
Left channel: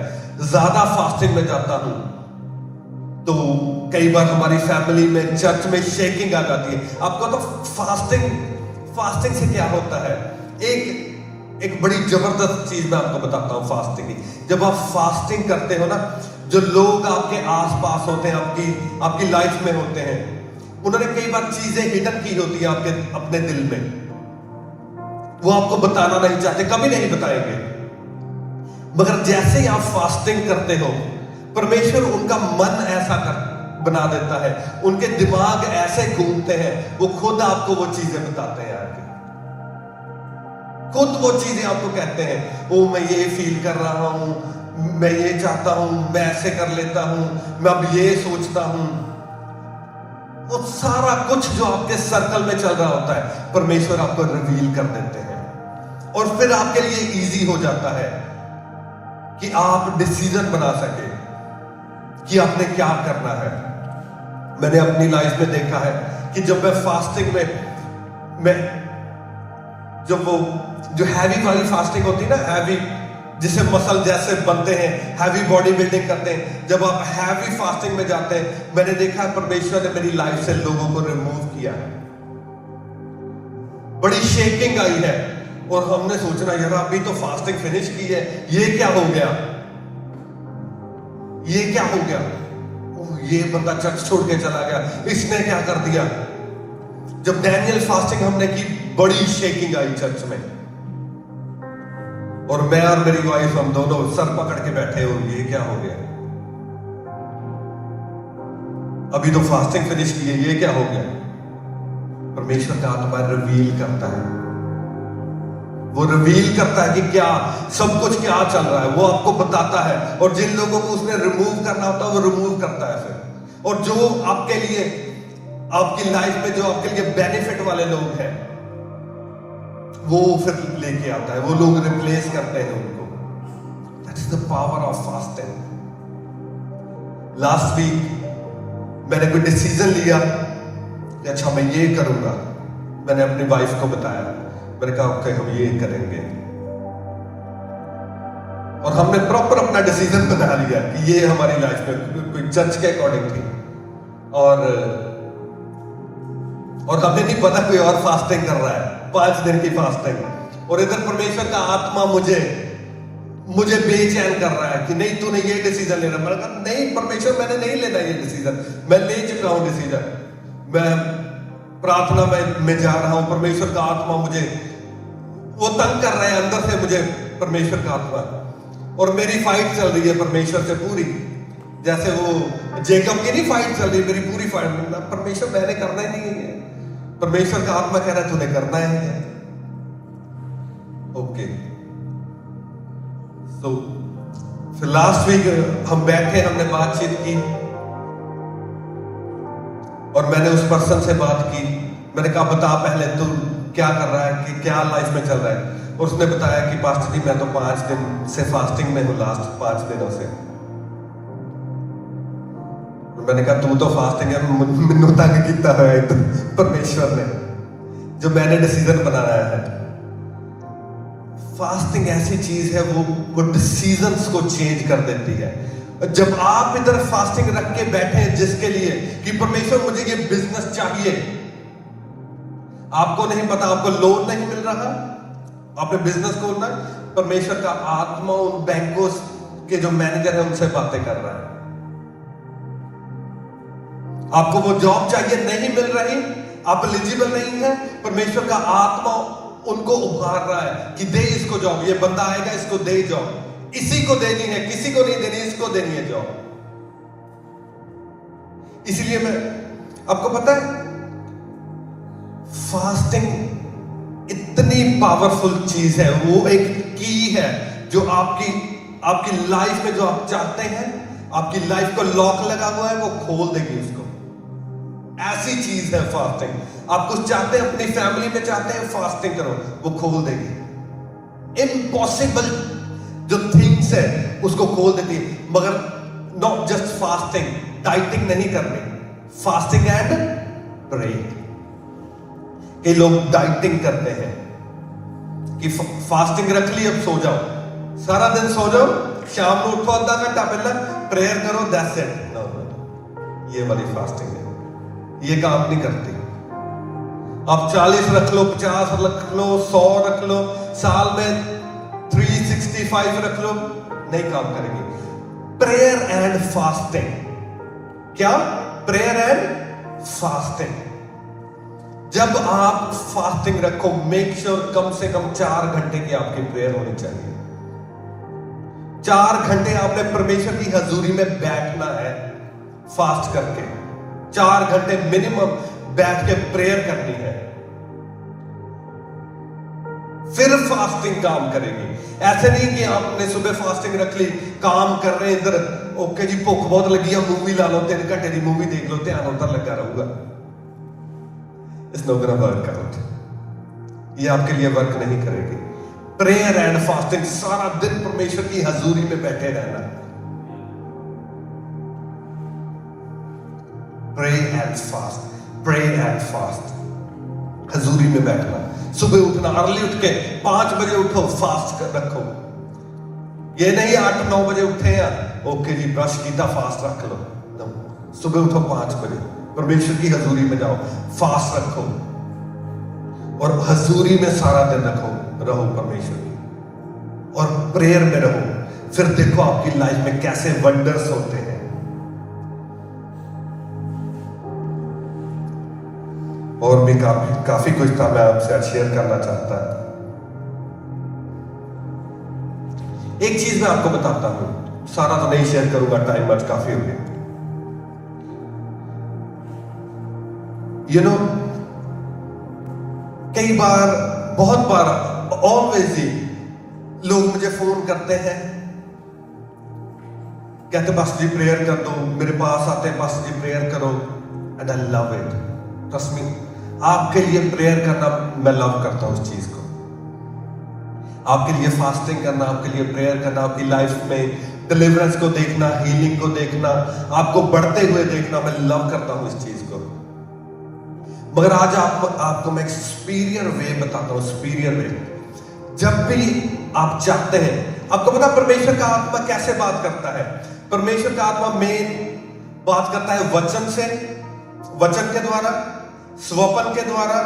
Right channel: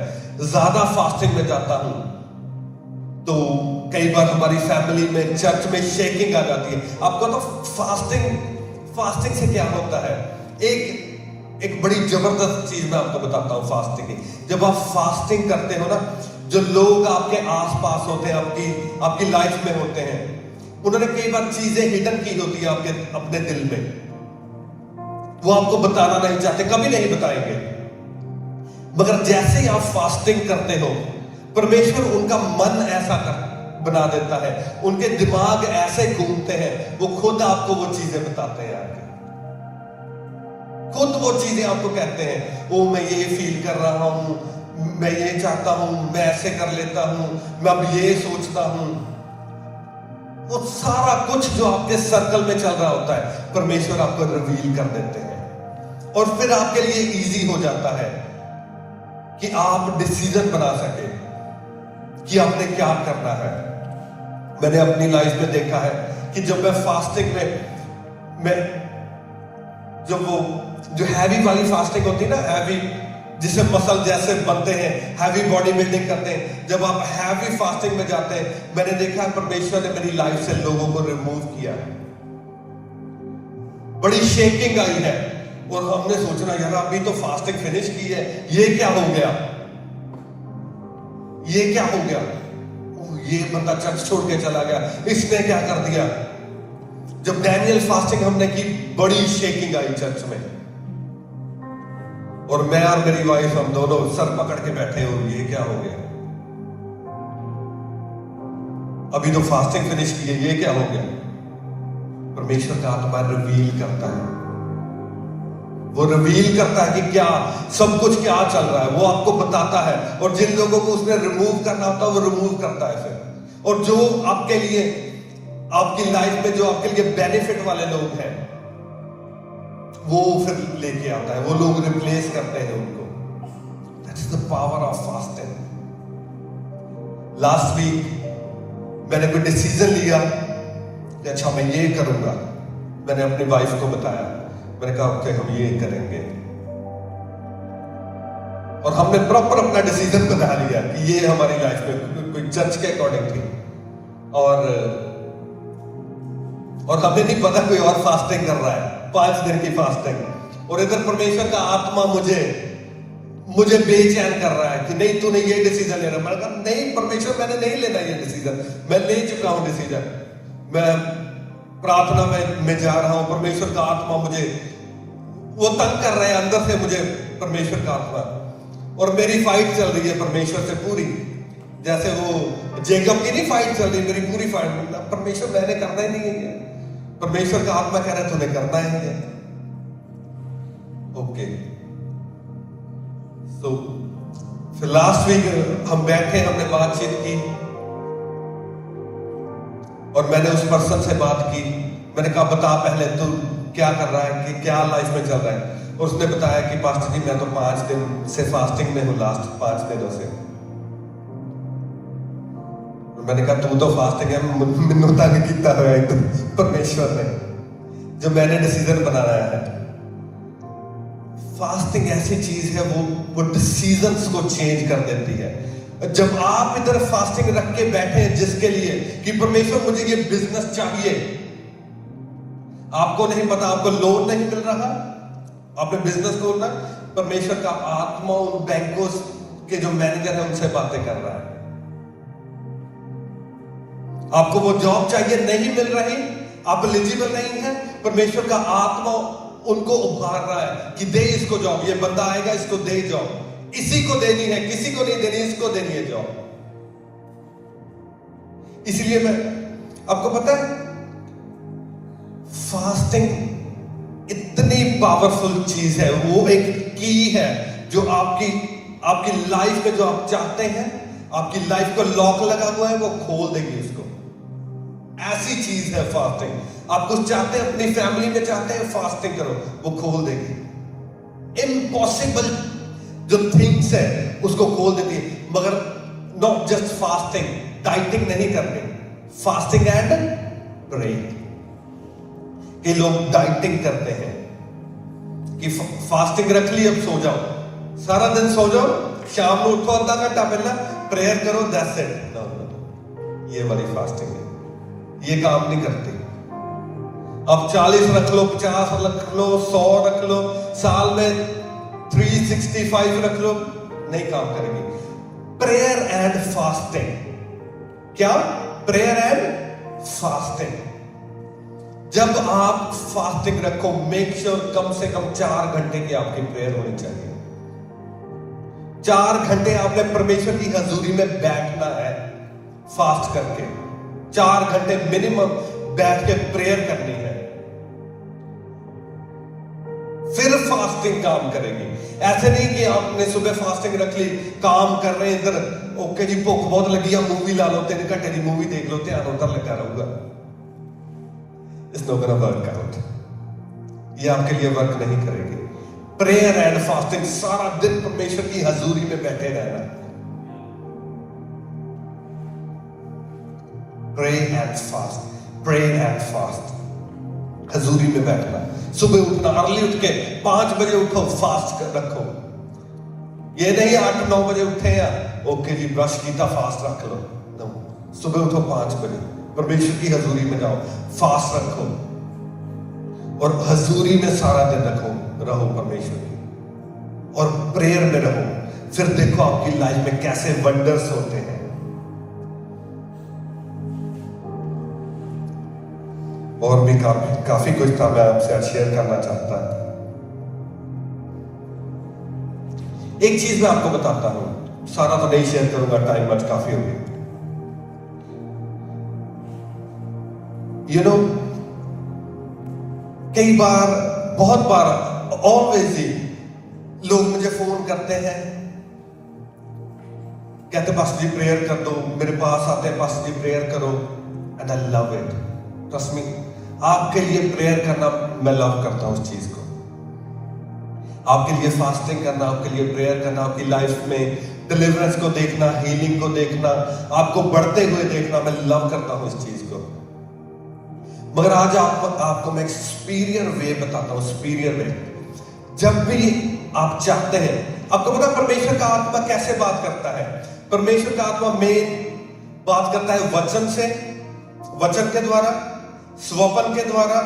ज्यादा फास्टिंग में जाता हूं तो कई बार हमारी फैमिली में, चर्च में शेकिंग आ जाती है। आपको तो फास्टिंग से क्या होता है, एक बड़ी जबरदस्त चीज मैं आपको बताता हूं फास्टिंग की। जब आप फास्टिंग करते हो ना, जो लोग आपके आसपास होते हैं, आपकी लाइफ में होते हैं, उन्होंने कई बार चीजें हिडन की होती है आपके अपने दिल में, वो आपको बताना नहीं चाहते, कभी नहीं बताएंगे। मगर जैसे ही आप फास्टिंग करते हो, परमेश्वर उनका मन ऐसा बना देता है, उनके दिमाग ऐसे घूमते हैं, वो खुद आपको वो चीजें बताते हैं आके, खुद वो चीजें आपको कहते हैं, ओ मैं ये फील कर रहा हूं, मैं ये चाहता हूं, मैं ऐसे कर लेता हूं, मैं अब ये सोचता हूं। वो सारा कुछ जो आपके सर्कल में चल रहा होता है, परमेश्वर आपको रिवील कर देते हैं, और फिर आपके लिए इजी हो जाता है कि आप डिसीजन बना सके कि आपने क्या करना है। मैंने अपनी लाइफ में देखा है कि जब मैं फास्टिंग में जब वो जो हैवी वाली फास्टिंग होती है ना, हैवी जिसे मसल जैसे बनते हैं, हैवी बॉडी बिल्डिंग करते हैं, जब आप हैवी फास्टिंग में जाते हैं, मैंने देखा परमेश्वर ने मेरी लाइफ से लोगों को रिमूव किया है। बड़ी शेकिंग आई है, और हमने सोचना यार अभी तो फास्टिंग फिनिश की है, ये क्या हो गया, ये क्या हो गया, ये बंदा चर्च छोड़ के चला गया, इसने क्या कर दिया। जब डैनियल फास्टिंग हमने की, बड़ी शेकिंग आई चर्च में, और मैं और मेरी वाइफ हम दोनों सर पकड़ के बैठे हो, ये क्या हो गया, अभी तो फास्टिंग फिनिश की है, ये क्या हो गया। परमेश्वर का आत्मा रिवील करता है, वो रिवील करता है कि क्या सब कुछ क्या चल रहा है, वो आपको बताता है, और जिन लोगों को उसने रिमूव करना होता है वो रिमूव करता है फिर, और जो आपके लिए आपकी लाइफ में जो आपके लिए बेनिफिट वाले लोग हैं वो फिर लेके आता है, वो लोग रिप्लेस करते हैं उनको। That is the power of fasting. Last week मैंने कोई डिसीजन लिया कि अच्छा मैं ये करूंगा, मैंने अपनी वाइफ को बताया, मैंने कहा ओके हम ये करेंगे, और हमने प्रॉपर अपना डिसीजन बना लिया कि ये हमारी लाइफ में कोई चर्च के अकॉर्डिंग थी, और हमें नहीं पता कोई और फास्टिंग कर रहा है, 5 दिन की फास्टिंग, और इधर परमेश्वर का आत्मा मुझे बेचैन कर रहा है कि नहीं तूने ये डिसीजन लेना। मैंने कहा नहीं परमेश्वर मैंने नहीं लेना ये डिसीजन, मैं ले चुका हूं डिसीजन, मैं प्रार्थना में जा रहा हूं, परमेश्वर का आत्मा मुझे वो तंग कर रहे हैं अंदर से, मुझे परमेश्वर का आत्मा, और मेरी फाइट चल रही है परमेश्वर से पूरी, जैसे वो जेकब की नहीं फाइट चल रही, मेरी पूरी फाइट, परमेश्वर मैंने करना ही नहीं है, परमेश्वर का आत्मा कह रहा है तूने करना है। ओके तो फिर लास्ट वीक हम बैठे, हमने बातचीत की, और मैंने उस पर्सन से बात की, मैंने कहा बता पहले तू क्या कर रहा है, कि क्या लाइफ में चल रहा है। उसने बताया कि पास्टर जी मैं तो 5 दिन से फास्टिंग में हूं, लास्ट 5 दिनों से। मैंने कहा तू तो फास्टिंग है, मैनू तंग किया है परमेश्वर ने, जो मैंने डिसीजन बनाया है। फास्टिंग ऐसी चीज है वो डिसीजंस को चेंज कर देती है। जब आप इधर फास्टिंग रख के बैठे हैं जिसके लिए कि परमेश्वर मुझे ये बिजनेस चाहिए, आपको नहीं पता, आपको लोन नहीं मिल रहा, आपने बिजनेस खोलना, परमेश्वर का आत्मा उन बैंकों के जो मैनेजर है उनसे बातें कर रहा है। आपको वो जॉब चाहिए, नहीं मिल रही, आप एलिजिबल नहीं है, परमेश्वर का आत्मा उनको उभार रहा है कि दे इसको जॉब, ये बंदा आएगा इसको दे जॉब, इसी को देनी है, किसी को नहीं देनी, इसको देनी है जॉब। इसलिए मैं आपको पता है फास्टिंग इतनी पावरफुल चीज है, वो एक की है जो आपकी लाइफ में जो आप चाहते हैं, आपकी लाइफ को लॉक लगा हुआ है, वो खोल देगी उसको। ऐसी चीज है फास्टिंग। आप कुछ चाहते हैं, अपनी फैमिली में चाहते हैं, फास्टिंग करो, वो खोल देगी। इम्पॉसिबल जो थिंग्स है उसको खोल देती है। मगर नॉट जस्ट फास्टिंग, डाइटिंग नहीं करनी, फास्टिंग एंड प्रे। कई लोग डाइटिंग करते हैं कि फास्टिंग रख ली, अब सो जाओ, सारा दिन सो जाओ, शाम को उठो आधा घंटा पहले प्रेयर करो, दैट्स इट। ये वाली फास्टिंग है, ये काम नहीं करती। अब 40 रख लो, 50 रख लो, 100 रख लो, साल में 365 रख लो, नहीं काम करेगी। Prayer and fasting. क्या? Prayer and fasting. जब आप फास्टिंग रखो, मेक श्योर कम से कम 4 घंटे की आपकी प्रेयर होनी चाहिए। 4 घंटे आपने परमेश्वर की हजूरी में बैठना है फास्ट करके। 4 घंटे मिनिमम बैठ के प्रेयर करनी है, फिर फास्टिंग काम करेगी। ऐसे नहीं कि आपने सुबह फास्टिंग रख ली, काम कर रहे हैं इधर, ओके जी भुख बहुत लगी है, मूवी ला लो, 3 घंटे की मूवी देख लो, ध्यान उधर लगा रहूंगा। It's not gonna work out. ये आपके लिए वर्क नहीं करेगी। प्रेयर एंड फास्टिंग, सारा दिन परमेश्वर की हजूरी में बैठे रहना। Pray and fast, pray and fast, हजूरी में बैठना। सुबह उठना, अर्ली उठ के 5 बजे उठो, फास्ट रखो। ये नहीं 8-9 बजे उठे या ओके जी ब्रश किया फास्ट रख लो। सुबह उठो 5 बजे, परमेश्वर की हजूरी में जाओ, फास्ट रखो और हजूरी में सारा दिन रहो परमेश्वर की, और प्रेयर में रहो। फिर देखो आपकी लाइफ में कैसे वंडर्स होते हैं। और भी काफी कुछ था मैं आपसे शेयर करना चाहता। एक चीज मैं आपको बताता हूं, सारा तो नहीं शेयर करूंगा, टाइम आज काफी हो गया। यू नो, कई बार, बहुत बार, ऑलवेज ही लोग मुझे फोन करते हैं, कहते पास्टर जी प्रेयर कर दो, मेरे पास आते हैं पास्टर जी प्रेयर करो, and I love it. Trust me, आपके लिए प्रेयर करना मैं लव करता हूं उस चीज को। आपके लिए फास्टिंग करना, आपके लिए प्रेयर करना, आपकी लाइफ में डिलीवरेंस को देखना, हीलिंग को देखना, आपको बढ़ते हुए देखना, मैं लव करता हूं इस चीज को। मगर आज आपको मैं एक सुपीरियर वे बताता हूं, सुपीरियर वे। जब भी आप चाहते हैं, आपको पता परमेश्वर का आत्मा कैसे बात करता है? परमेश्वर का आत्मा मेन बात करता है वचन से, वचन के द्वारा, स्वपन के द्वारा,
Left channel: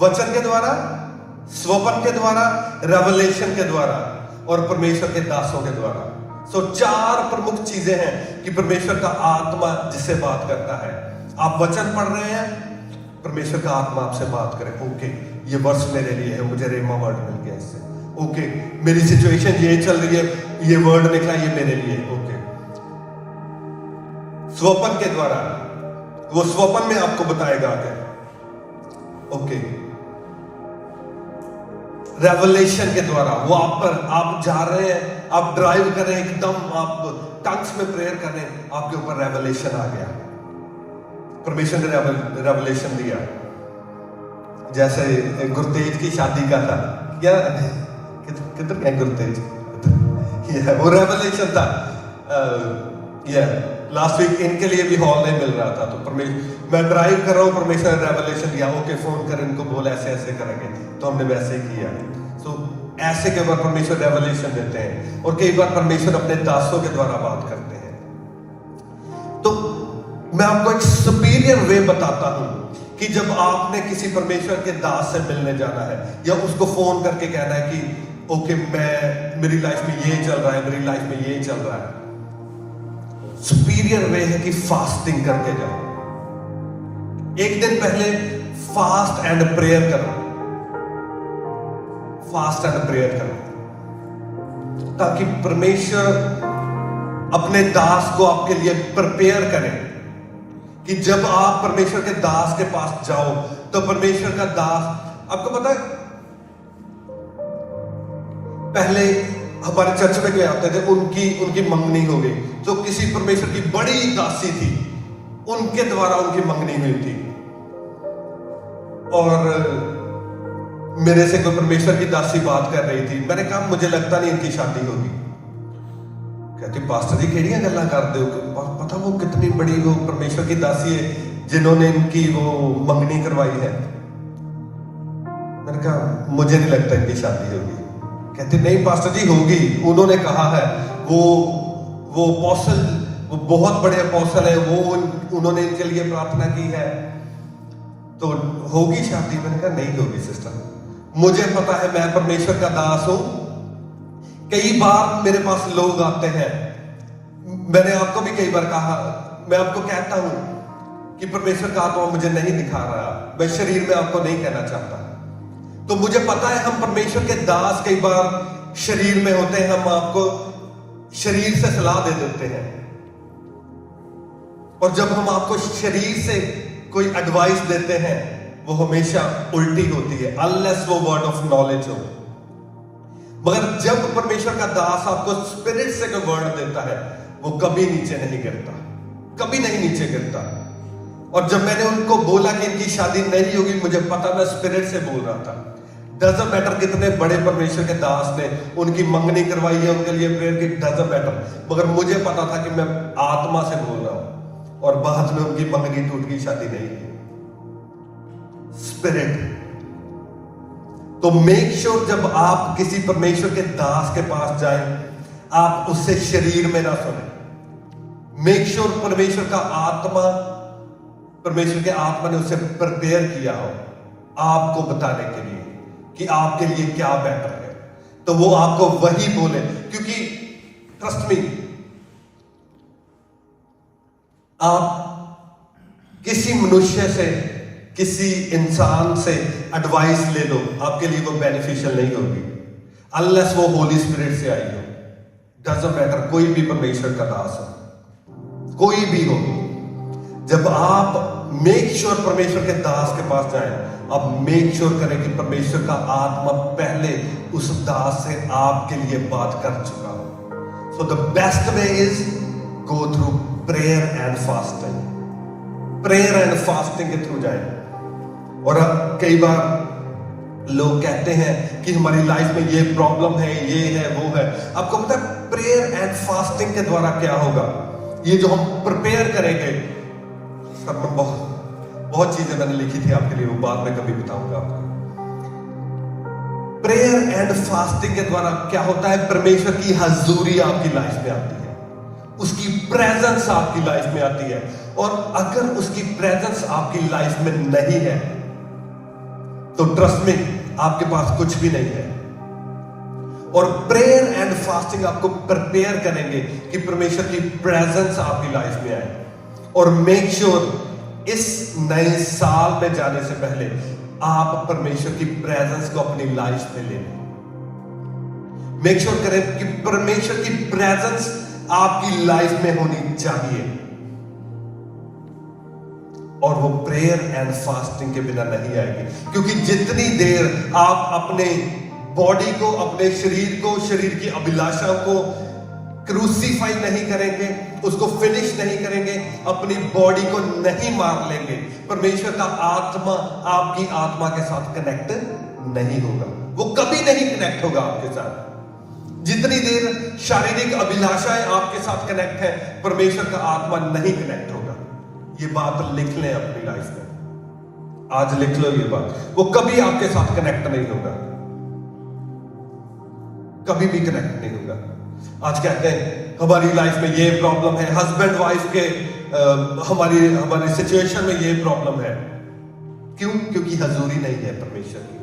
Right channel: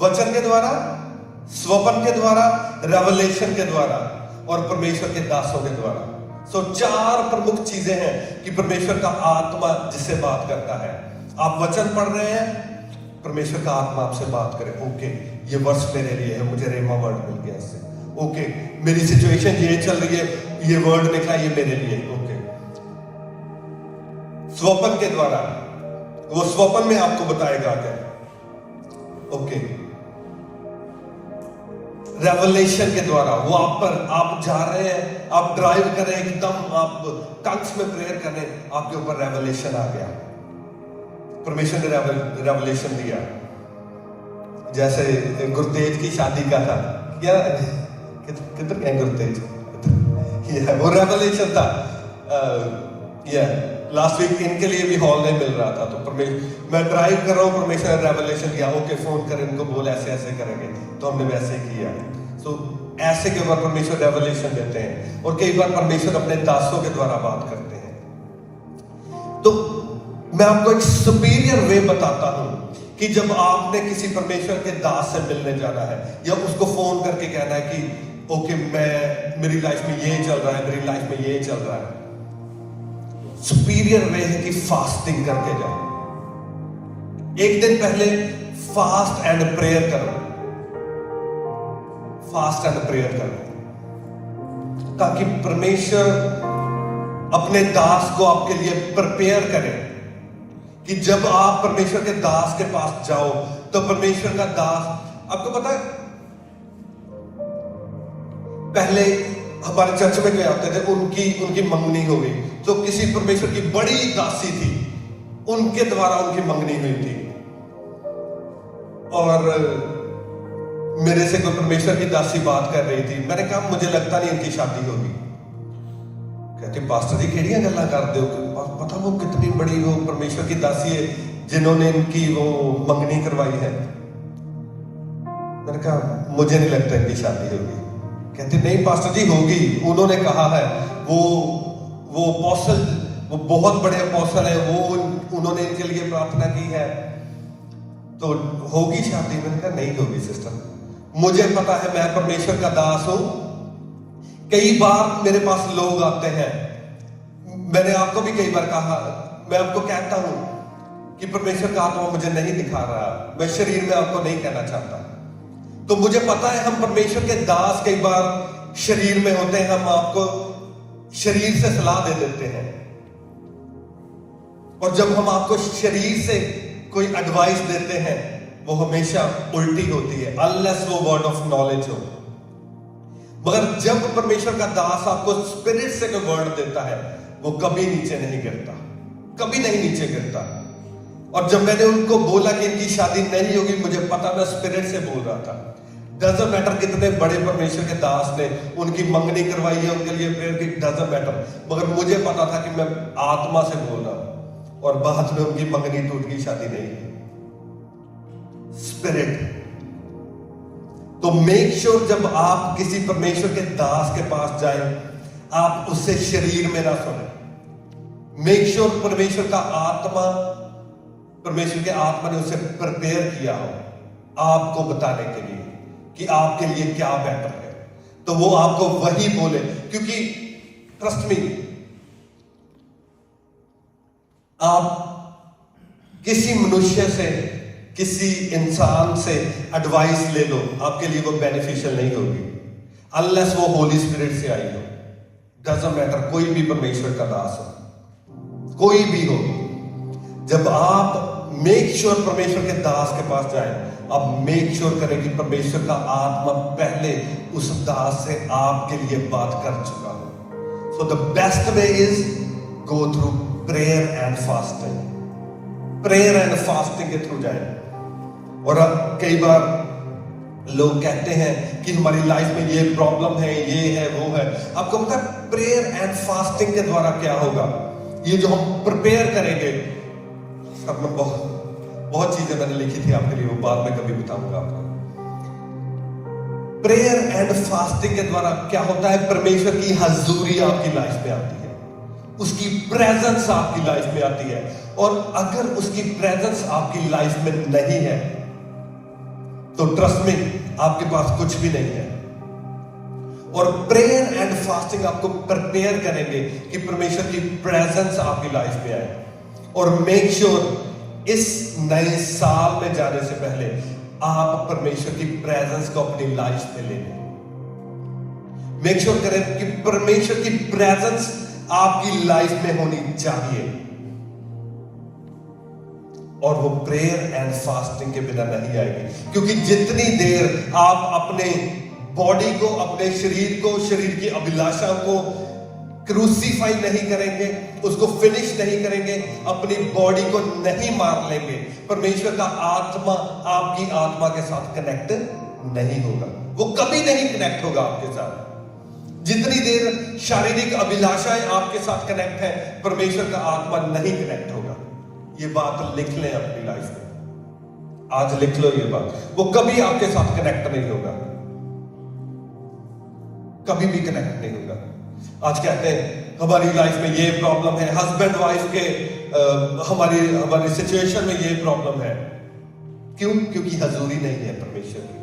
वचन के द्वारा, स्वपन के द्वारा, रेवलेशन के द्वारा, और परमेश्वर के दासों के द्वारा। सो 4 प्रमुख चीजें हैं कि परमेश्वर का आत्मा जिससे बात करता है। आप वचन पढ़ रहे हैं, परमेश्वर का आत्मा आपसे बात करे, ओके ये वर्ष मेरे लिए है, मुझे रेमा वर्ड मिल गया इससे, ओके मेरी सिचुएशन ये चल रही है, ये वर्ड निकला, ये मेरे लिए, ओके। स्वपन के द्वारा, वो स्वपन में आपको बताएगा आगे, ओके। रेवलेशन के द्वारा, वो आप जा रहे हैं, आप ड्राइव कर रहे हैं, एकदम आप टंग्स में प्रेयर कर रहे हैं, आपके ऊपर रेवलेशन आ गया, परमेश्वर ने रेवलेशन दिया। जैसे गुरतेज की शादी का था, क्या किधर गए गुरतेज, वो रेवलेशन था। लास्ट वीक इनके लिए भी हॉल नहीं मिल रहा था, तो मैं ड्राइव कर रहा हूँ, परमेश्वर ने रेवलेशन दिया, ओके फोन कर इनको बोल ऐसे ऐसे करेंगे, तो हमने वैसे किया। तो ऐसे के ऊपर परमेश्वर रेवलेशन देते हैं, और कई बार परमेश्वर अपने दासों के द्वारा बात करते हैं। तो मैं आपको एक सुपीरियर वे बताता हूं कि जब आपने किसी परमेश्वर के दास से मिलने जाना है, या उसको फोन करके कहना है कि ओके मेरी लाइफ में ये चल रहा है, मेरी लाइफ में ये चल रहा है, सुपीरियर वे है कि फास्टिंग करके जाओ। एक दिन पहले फास्ट एंड प्रेयर करो, फास्ट एंड प्रेयर करो, ताकि परमेश्वर अपने दास को आपके लिए प्रिपेयर करे कि जब आप परमेश्वर के दास के पास जाओ, तो परमेश्वर का दास, आपको पता है पहले हमारे चर्च में क्या होते थे, उनकी मंगनी हो गई, तो किसी परमेश्वर की बड़ी दासी थी, उनके द्वारा उनकी मंगनी हुई थी, और मेरे से कोई परमेश्वर की दासी बात कर रही थी। मैंने कहा मुझे लगता नहीं इनकी शादी होगी। कहते पास्टर जी केड़ियां गल्लां करदे हो, पता वो कितनी बड़ी वो परमेश्वर की दासी है जिन्होंने इनकी वो मंगनी करवाई है। मैंने कहा मुझे नहीं लगता इनकी शादी होगी। कहते नहीं पास्टर जी होगी, उन्होंने कहा है, वो अपोस्टल, वो बहुत बड़े अपोस्टल है, वो उन्होंने इनके लिए प्रार्थना की है, तो होगी शादी। मैंने कहा नहीं होगी सिस्टर, मुझे पता है, मैं परमेश्वर का दास हूं। कई बार मेरे पास लोग आते हैं मैंने आपको भी कई बार कहा, मैं आपको कहता हूं कि परमेश्वर का आत्मा मुझे नहीं दिखा रहा, मैं शरीर में आपको नहीं कहना चाहता। तो मुझे पता है हम परमेश्वर के दास कई बार शरीर में होते हैं, हम आपको शरीर से सलाह दे देते हैं, और जब हम आपको शरीर से कोई एडवाइस देते हैं वो हमेशा उल्टी होती है, अनलेस वो वर्ड ऑफ नॉलेज हो। मगर जब परमेश्वर का दास आपको स्पिरिट से कोई वर्ड देता है वो कभी नीचे नहीं गिरता, कभी नहीं नीचे गिरता। और जब मैंने उनको बोला कि इनकी शादी नहीं होगी, मुझे पता, मैं स्पिरिट से बोल रहा था। डजंट मैटर कितने बड़े परमेश्वर के दास ने उनकी मंगनी करवाई है, उनके लिए प्रेयर की, डजंट मैटर, मगर मुझे पता था कि मैं आत्मा से बोल रहा हूं, और बाद में उनकी मंगनी टूट गई, शादी नहीं है। स्पिरिट। तो मेक श्योर जब आप किसी परमेश्वर के दास के पास जाएं, आप उससे शरीर में ना सुने। मेक श्योर परमेश्वर का आत्मा, परमेश्वर के आत्मा ने उसे प्रिपेयर किया हो आपको बताने के लिए कि आपके लिए क्या बेटर है, तो वो आपको वही बोले। क्योंकि ट्रस्ट मी, आप किसी मनुष्य से, किसी इंसान से एडवाइस ले लो, आपके लिए वो बेनिफिशियल नहीं होगी अनलेस वो होली स्पिरिट से आई हो। डजंट मैटर, कोई भी परमेश्वर का दास हो, कोई भी हो, जब आप मेक श्योर परमेश्वर के दास के पास जाए, आप मेक श्योर करें कि परमेश्वर का आत्मा पहले उस दास से आपके लिए बात कर चुका हो। So the best way is go through prayer and fasting. Prayer and fasting के थ्रू जाए। और अब कई बार लोग कहते हैं कि हमारी लाइफ में ये प्रॉब्लम है, ये है, वो है। आपको पता है प्रेयर एंड फास्टिंग के द्वारा क्या होगा? ये जो हम प्रिपेयर करेंगे, सब में बहुत चीजें मैंने लिखी थी आपके लिए, वो बाद में कभी बताऊंगा आपको। प्रेयर एंड फास्टिंग के द्वारा क्या होता है? परमेश्वर की हजूरी आपकी लाइफ में आती है, उसकी प्रेजेंस आपकी लाइफ में आती है। और अगर उसकी प्रेजेंस आपकी लाइफ में नहीं है तो ट्रस्ट में आपके पास कुछ भी नहीं है। और प्रेयर एंड फास्टिंग आपको प्रिपेयर करेंगे कि परमेश्वर की प्रेजेंस आपकी लाइफ में आए। और मेक श्योर इस नए साल में जाने से पहले आप परमेश्वर की प्रेजेंस को अपनी लाइफ में ले लें। मेक श्योर करें कि परमेश्वर की प्रेजेंस आपकी लाइफ में होनी चाहिए, और वो प्रेयर एंड फास्टिंग के बिना नहीं आएगी। क्योंकि जितनी देर आप अपने बॉडी को, अपने शरीर को, शरीर की अभिलाषा को क्रूसीफाई नहीं करेंगे, उसको फिनिश नहीं करेंगे, अपनी बॉडी को नहीं मार लेंगे, परमेश्वर का आत्मा आपकी आत्मा के साथ कनेक्ट नहीं होगा। वो कभी नहीं कनेक्ट होगा आपके साथ। जितनी देर शारीरिक अभिलाषाएं आपके साथ कनेक्ट है, परमेश्वर का आत्मा नहीं कनेक्ट होगा। ये बात लिख लें अपनी लाइफ में, आज लिख लो ये बात। वो कभी आपके साथ कनेक्ट नहीं होगा, कभी भी कनेक्ट नहीं होगा। आज कहते हैं हमारी लाइफ में ये प्रॉब्लम है, हस्बैंड वाइफ के हमारी सिचुएशन में ये प्रॉब्लम है। क्यों? क्योंकि हजूरी नहीं है परमेश्वर की।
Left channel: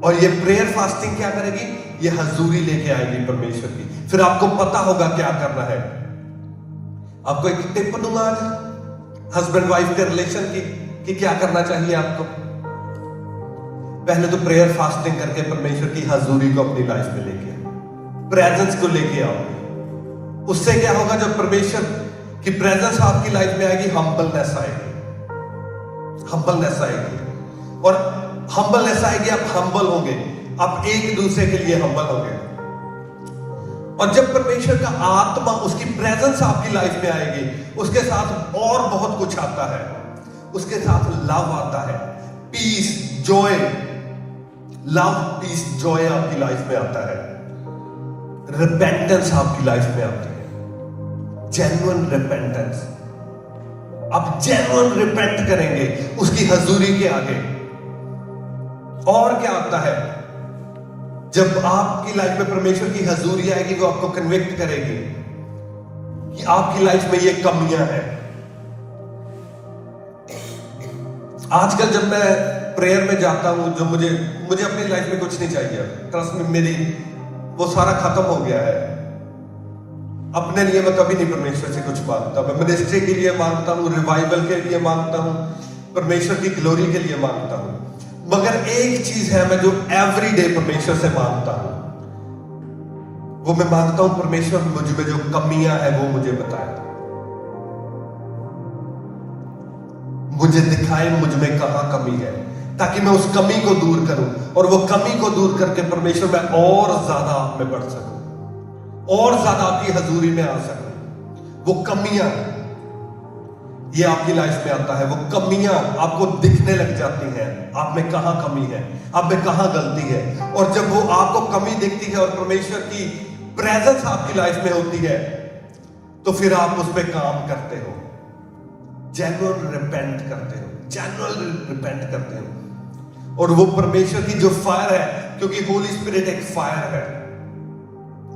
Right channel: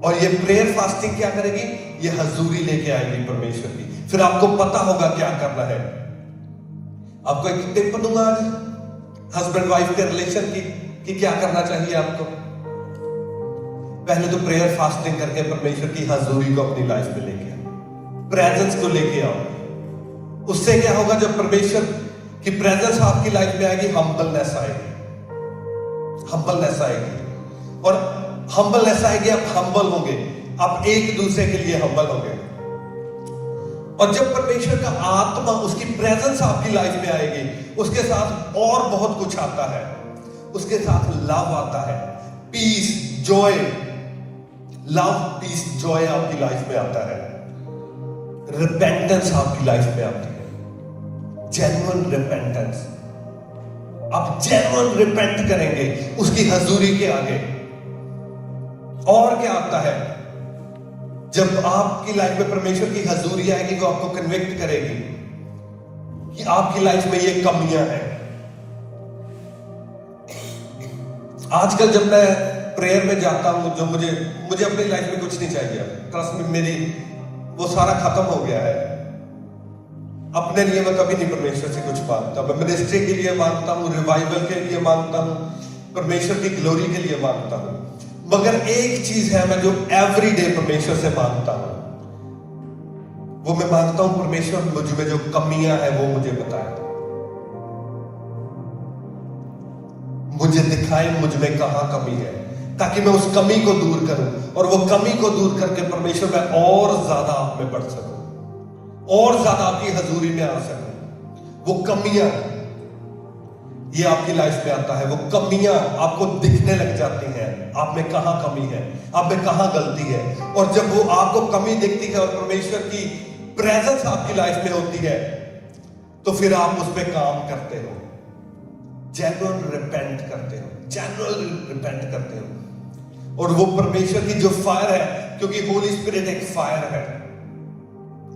और ये प्रेयर फास्टिंग क्या करेगी? ये हजूरी लेके आएगी परमेश्वर की। फिर आपको पता होगा क्या करना है। आपको एक टिप दूंगा आज हस्बैंड वाइफ के रिलेशन की कि क्या करना चाहिए आपको। पहले तो प्रेयर फास्टिंग करके परमेश्वर की हजूरी को अपनी लाइफ में लेके, प्रेजेंस को लेके आओ। उससे क्या होगा? जब परमेश्वर की प्रेजेंस आपकी लाइफ में आएगी, हम्बलनेस आएगी, हम्बलनेस आएगी। और हम्बलनेस आएगी, आप हम्बल होंगे, आप एक दूसरे के लिए हम्बल होंगे। और जब परमेश्वर का आत्मा, उसकी प्रेजेंस आपकी लाइफ में आएगी, उसके साथ और बहुत कुछ आता है। उसके साथ लव आता है, peace, joy, love, peace, joy आपकी लाइफ में आता है। रिपेंटेंस आपकी लाइफ में आती है, जेन्युइन रिपेंटेंस। आप जेन्युइन रिपेंट करेंगे उसकी हजूरी के आगे। और क्या आता है? जब आपकी लाइफ में परमेश्वर की हजूरी आएगी, वो आपको कन्विक्ट करेगी कि आपकी लाइफ में ये कमियां हैं। आजकल जब मैं प्रेयर में जाता हूं, जो मुझे अपनी लाइफ में कुछ नहीं चाहिए, ट्रस्ट में, मेरी वो सारा खत्म हो गया है। अपने लिए मैं कभी नहीं परमेश्वर से कुछ मांगता। मैं मिनिस्ट्री के लिए मांगता हूँ, रिवाइवल के लिए मांगता हूँ, परमेश्वर की ग्लोरी के लिए मांगता हूँ। मगर एक चीज है मैं जो एवरी डे परमेश्वर से मांगता हूँ, वो मैं मांगता हूं परमेश्वर मुझ में जो कमियां है वो मुझे बताए, मुझे दिखाए मुझ में कहां कमी है, ताकि मैं उस कमी को दूर करूं, और वो कमी को दूर करके परमेश्वर मैं और ज्यादा आप में बढ़ सकूं, और ज्यादा आपकी हजूरी में आ सकूं। वो कमियां ये आपकी लाइफ में आता है, वो कमियां आपको दिखने लग जाती हैं, आप में कहां कमी है, आप में कहां गलती है। और जब वो आपको कमी दिखती है और परमेश्वर की प्रेजेंस आपकी लाइफ में होती है, तो फिर आप उस पर काम करते हो, जेन्युइन रिपेंट करते हो, जेन्युइन रिपेंट करते हो। और वो परमेश्वर की जो फायर है, क्योंकि होली स्पिरिट एक फायर है,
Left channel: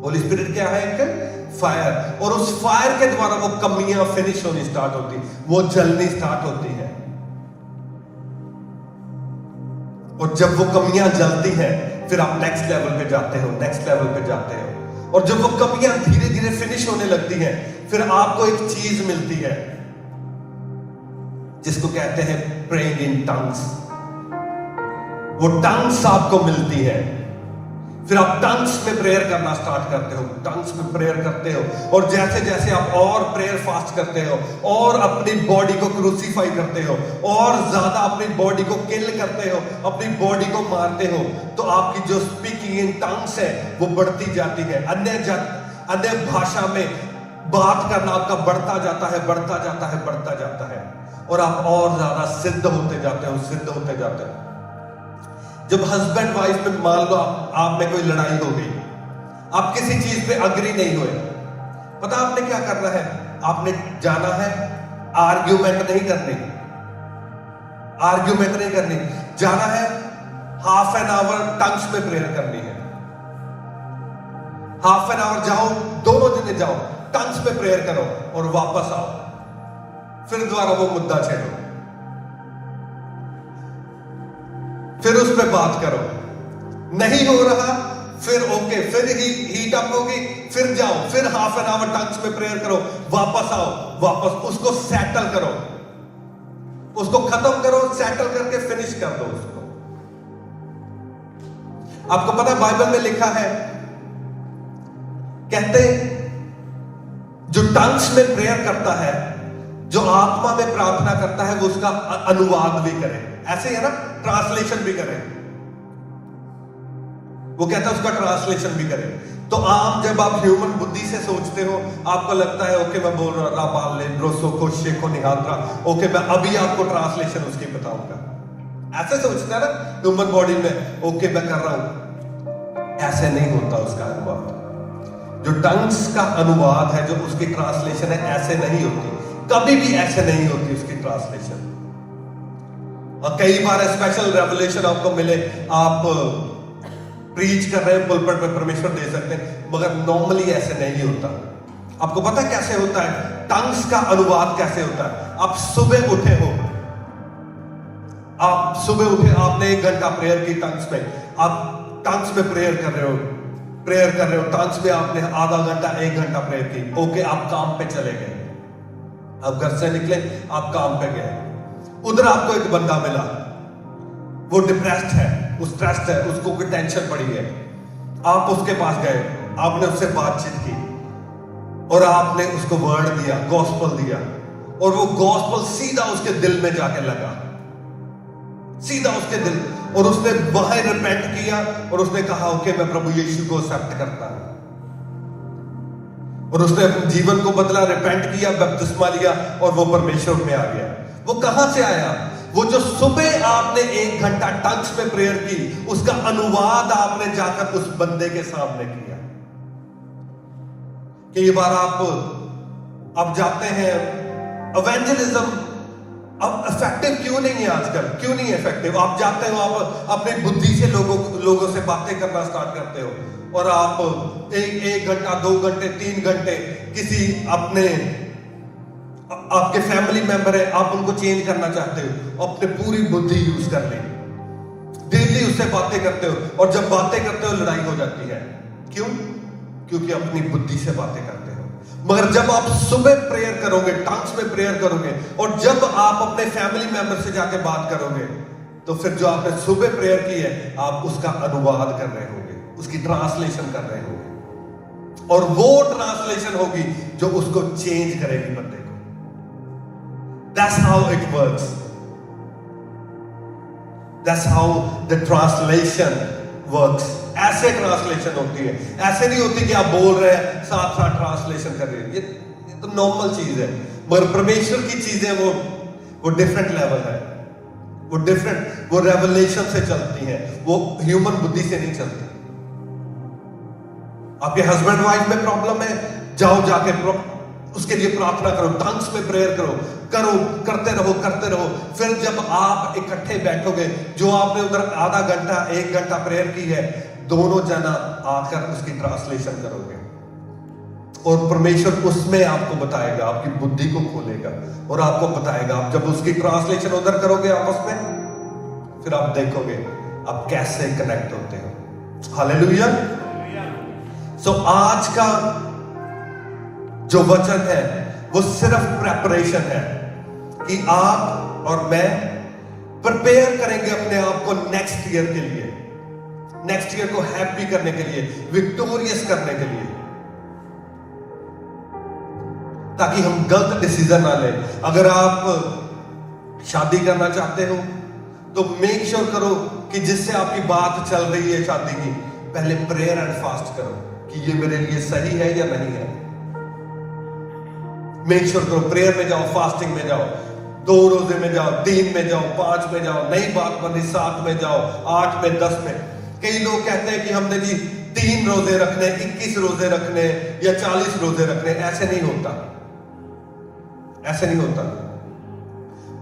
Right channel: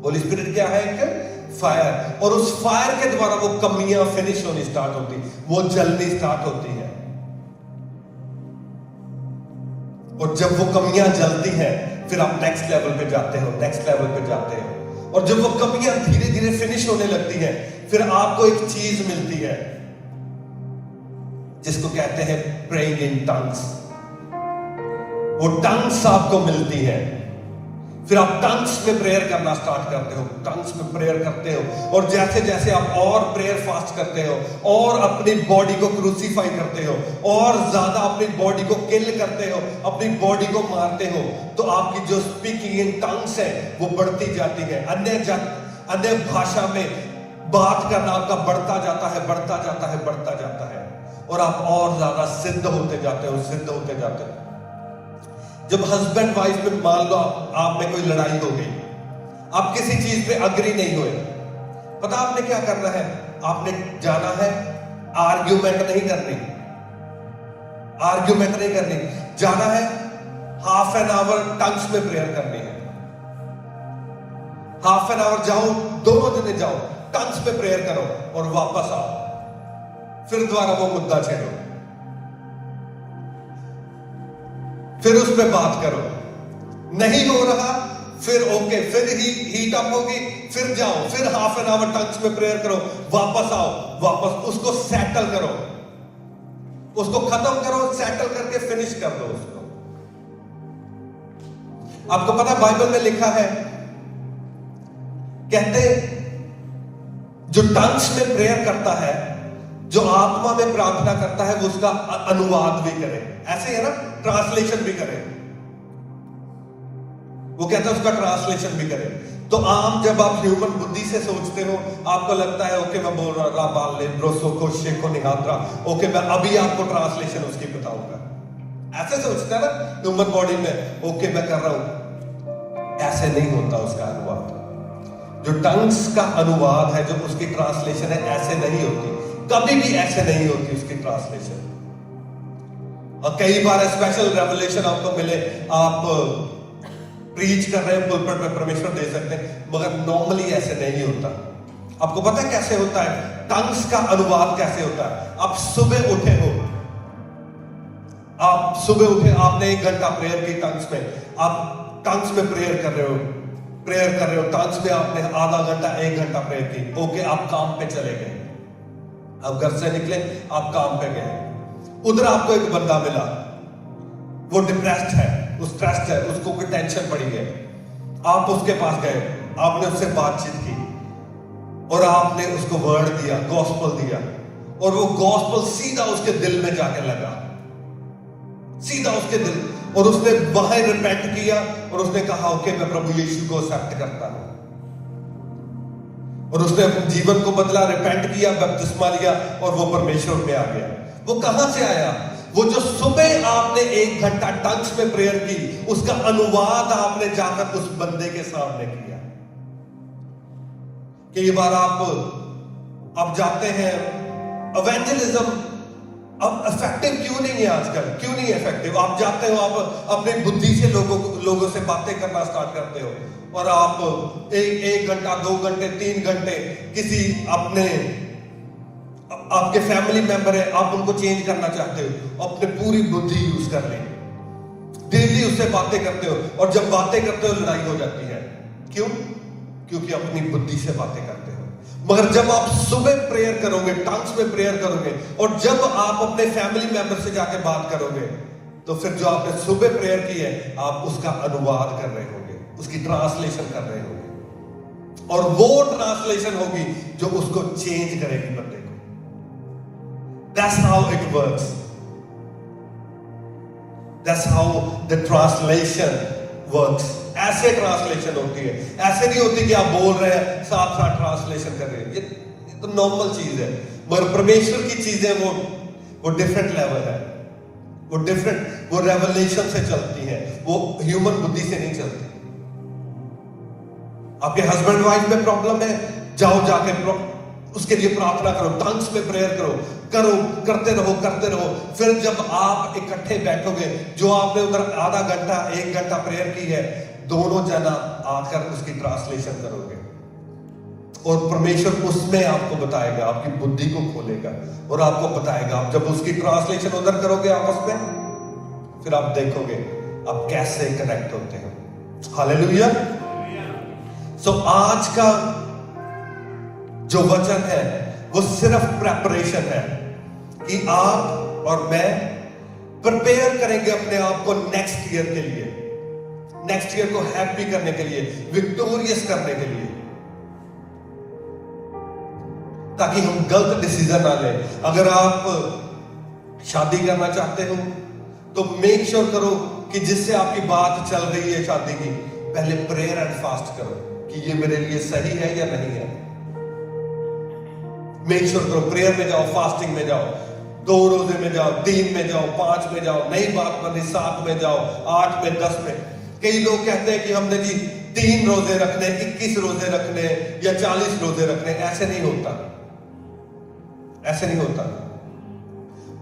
होली स्पिरिट क्या है? एक फायर। और उस फायर के द्वारा वो कमियां फिनिश होनी स्टार्ट होती, वो जलनी स्टार्ट होती है। और जब वो कमियां जलती हैं, फिर आप नेक्स्ट लेवल पे जाते हो, नेक्स्ट लेवल पे जाते हो। और जब वो कमियां धीरे धीरे फिनिश होने लगती हैं, फिर आपको एक चीज मिलती है जिसको कहते हैं प्रेइंग इन टंग्स। वो टंग्स आपको मिलती है, फिर आप टंग्स में प्रेयर करना स्टार्ट करते हो, टंग्स में प्रेयर करते हो। और जैसे जैसे आप और प्रेयर फास्ट करते हो, और अपनी बॉडी को क्रूसीफाई करते हो, और ज्यादा अपनी बॉडी को किल करते हो, अपनी बॉडी को मारते हो, तो आपकी जो स्पीकिंग इन टंग्स है वो बढ़ती जाती है। अन्य भाषा में बात करना आपका बढ़ता जाता है, बढ़ता जाता है, बढ़ता जाता है, और आप और ज्यादा सिद्ध होते जाते हो, सिद्ध होते जाते हो। जब हस्बैंड वाइफ में मान लो आप में कोई लड़ाई हो गई, आप किसी चीज पे अग्री नहीं हुए, पता आपने क्या करना है? आपने जाना है, आर्ग्यूमेंट नहीं करनी, आर्ग्यूमेंट नहीं करनी, जाना है हाफ एन आवर टंग्स में प्रेयर करनी है। हाफ एन आवर जाओ, 2 दिन जाओ, टंग्स में प्रेयर करो, और वापस आओ, फिर दोबारा वो मुद्दा छेड़ो, फिर उस पर बात करो। नहीं हो रहा, फिर ओके, फिर हीट अप होगी, फिर जाओ, फिर हाफ एन आवर टंग्स में प्रेयर करो, वापस आओ, वापस उसको सेटल करो, उसको खत्म करो, सेटल करके फिनिश कर दो उसको। आपको पता बाइबल में लिखा है, कहते जो टंग्स में प्रेयर करता है, जो आत्मा में प्रार्थना करता है, वो उसका अनुवाद भी करे, ऐसे ही है ना, ट्रांसलेशन भी करे। वो कहता है उसका ट्रांसलेशन भी करे। तो आम जब आप ह्यूमन बुद्धि से सोचते हो, आपको लगता है ओके मैं बोल रहा बाले ब्रोसो को शेखो निहात्रा, ओके मैं अभी आपको ट्रांसलेशन उसकी बताऊंगा, ऐसे सोचता है ना ह्यूमन बॉडी में, ओके मैं कर रहा हूं। ऐसे नहीं होता उसका अनुवाद। जो टंग्स का अनुवाद है, जो उसकी ट्रांसलेशन है, ऐसे नहीं होती, कभी भी ऐसे नहीं होती उसकी ट्रांसलेशन। और कई बार स्पेशल रेवलेशन आपको मिले, आप प्रीच कर रहे हैं पुलपिट पे, परमेश्वर दे सकते हैं, मगर नॉर्मली ऐसे नहीं होता। आपको पता है कैसे होता है? टंग्स का अनुवाद कैसे होता है? आप सुबह उठे हो, आप सुबह उठे, आपने 1 घंटा प्रेयर की टंग्स में, आप टंग्स में प्रेयर कर रहे हो, टंग्स में आपने आधा घंटा 1 घंटा प्रेयर की, ओके आप काम पे चले गए, आप घर से निकले, आप काम पे गए, उधर आपको एक बंदा मिला, वो डिप्रेस्ड है, स्ट्रेस्ड है, उसको कोई टेंशन पड़ी है, आप उसके पास गए, आपने उससे बातचीत की, और आपने उसको वर्ड दिया, गॉस्पल दिया, और वो गॉस्पल सीधा उसके दिल में जाके लगा, सीधा उसके दिल, और उसने वहां रिपेंट किया, और उसने कहा ओके मैं प्रभु यीशु को एक्सेप्ट करता हूं, और उसने अपने जीवन को बदला, रिपेंट किया, बपतिस्मा लिया, और वो परमेश्वर में आ गया। वो कहां से आया? वो जो सुबह आपने 1 घंटा टंग्स में प्रेयर की, उसका अनुवाद आपने जाकर उस बंदे के सामने किया। कई बार आप जाते हैं, इवेंजलिज्म अब इफेक्टिव क्यों नहीं है आजकल? क्यों नहीं इफेक्टिव? आप जाते हो, आप अपने बुद्धि से लोगों से बातें करना स्टार्ट करते हो, और आप एक घंटा, 2 घंटे, 3 घंटे किसी आपके फैमिली मेंबर है, आप उनको चेंज करना चाहते हो, अपने पूरी बुद्धि यूज कर ले, डेली उससे बातें करते हो, और जब बातें करते हो लड़ाई हो जाती है। क्यों? क्योंकि अपनी बुद्धि से बातें करते हो, मगर जब आप सुबह प्रेयर करोगे, टंग्स में प्रेयर करोगे, और जब आप अपने फैमिली मेंबर से जाके बात करोगे, तो फिर जो आपने सुबह प्रेयर की है, आप उसका अनुवाद कर रहे होगे, उसकी ट्रांसलेशन कर रहे होगे, और वो ट्रांसलेशन होगी जो उसको चेंज करेगी बंदे को। That's how it works. That's how the translation works. ऐसे ट्रांसलेशन होती है, ऐसे नहीं होती कि आप बोल रहे हैं साथ साथ ट्रांसलेशन कर रहे हैं। ये तो नॉर्मल चीज है, मगर परमेश्वर की चीजें वो डिफरेंट लेवल है, वो रेवलेशन से चलती हैं, वो ह्यूमन बुद्धि से नहीं चलती। आपके हस्बैंड वाइफ में प्रॉब्लम है, जाओ जाके उसके लिए प्रार्थना करो, टंग्स में प्रेयर करो, करते रहो। फिर जब आप इकट्ठे बैठोगे, जो आपने उधर आधा घंटा 1 घंटा प्रेयर की है, दोनों जना आकर उसकी ट्रांसलेशन करोगे, और परमेश्वर उसमें आपको बताएगा, आपकी बुद्धि को खोलेगा और आपको बताएगा। आप जब उसकी ट्रांसलेशन उधर करोगे आपस में, फिर आप देखोगे आप कैसे कनेक्ट होते हो। हालेलुया। सो आज का जो वचन है वो सिर्फ प्रेपरेशन है कि आप और मैं प्रिपेयर करेंगे अपने आप को नेक्स्ट ईयर के लिए, नेक्स्ट ईयर को हैप्पी करने के लिए, विक्टोरियस करने के लिए, ताकि हम गलत डिसीजन ना लें। अगर आप शादी करना चाहते हो तो मेक श्योर करो कि जिससे आपकी बात चल रही है शादी की, पहले प्रेयर एंड फास्ट करो कि ये मेरे लिए सही है या नहीं है। मेक श्योर करो, प्रेयर में जाओ, फास्टिंग में जाओ, 2 रोजे में जाओ, 3 में जाओ, 5 में जाओ, नई बात बनी 7 में जाओ, 8 में, 10 में। कई लोग कहते हैं कि हमने जी 3 रोजे रखने, 21 रोजे रखने या 40 रोजे रखने। ऐसे नहीं होता, ऐसे नहीं होता।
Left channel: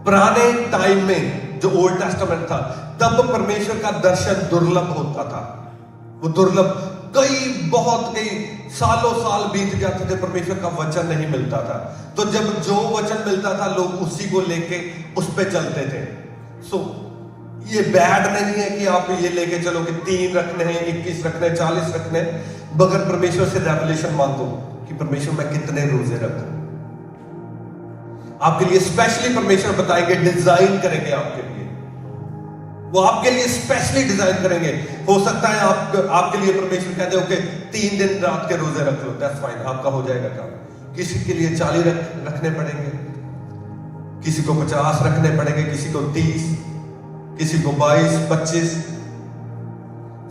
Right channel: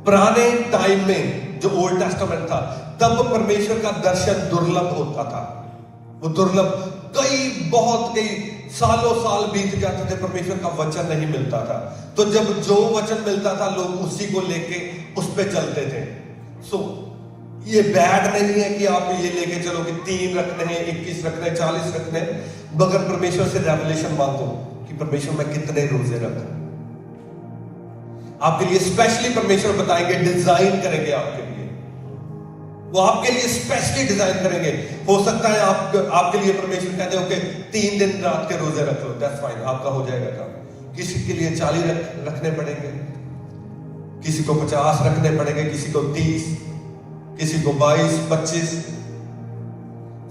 पुराने टाइम में जो ओल्ड टेस्टामेंट था, तब परमेश्वर का दर्शन दुर्लभ होता था, वो दुर्लभ, कई सालों साल बीत जाते थे, परमेश्वर का वचन नहीं मिलता था। तो जब जो वचन मिलता था, लोग उसी को लेके उस पे चलते थे। सो ये बैड नहीं है कि आप ये लेके चलो कि 3 रखने हैं, 21 रखने, 40 रखने, मगर परमेश्वर से रेवलेशन मांगो कि परमेश्वर मैं कितने रोजे रखूं। आपके लिए स्पेशली परमेश्वर बताएंगे, डिजाइन करेंगे आपके लिए, वो आपके लिए स्पेशली डिजाइन करेंगे। हो सकता है आपके लिए परमेश्वर कहते हो कि 3 दिन रात के रोजे रख लो, दैट्स फाइन, आपका हो जाएगा काम। किसी के लिए 40 रखने पड़ेंगे, किसी को 50 रखने पड़ेंगे, किसी को 30, किसी को 22, 25।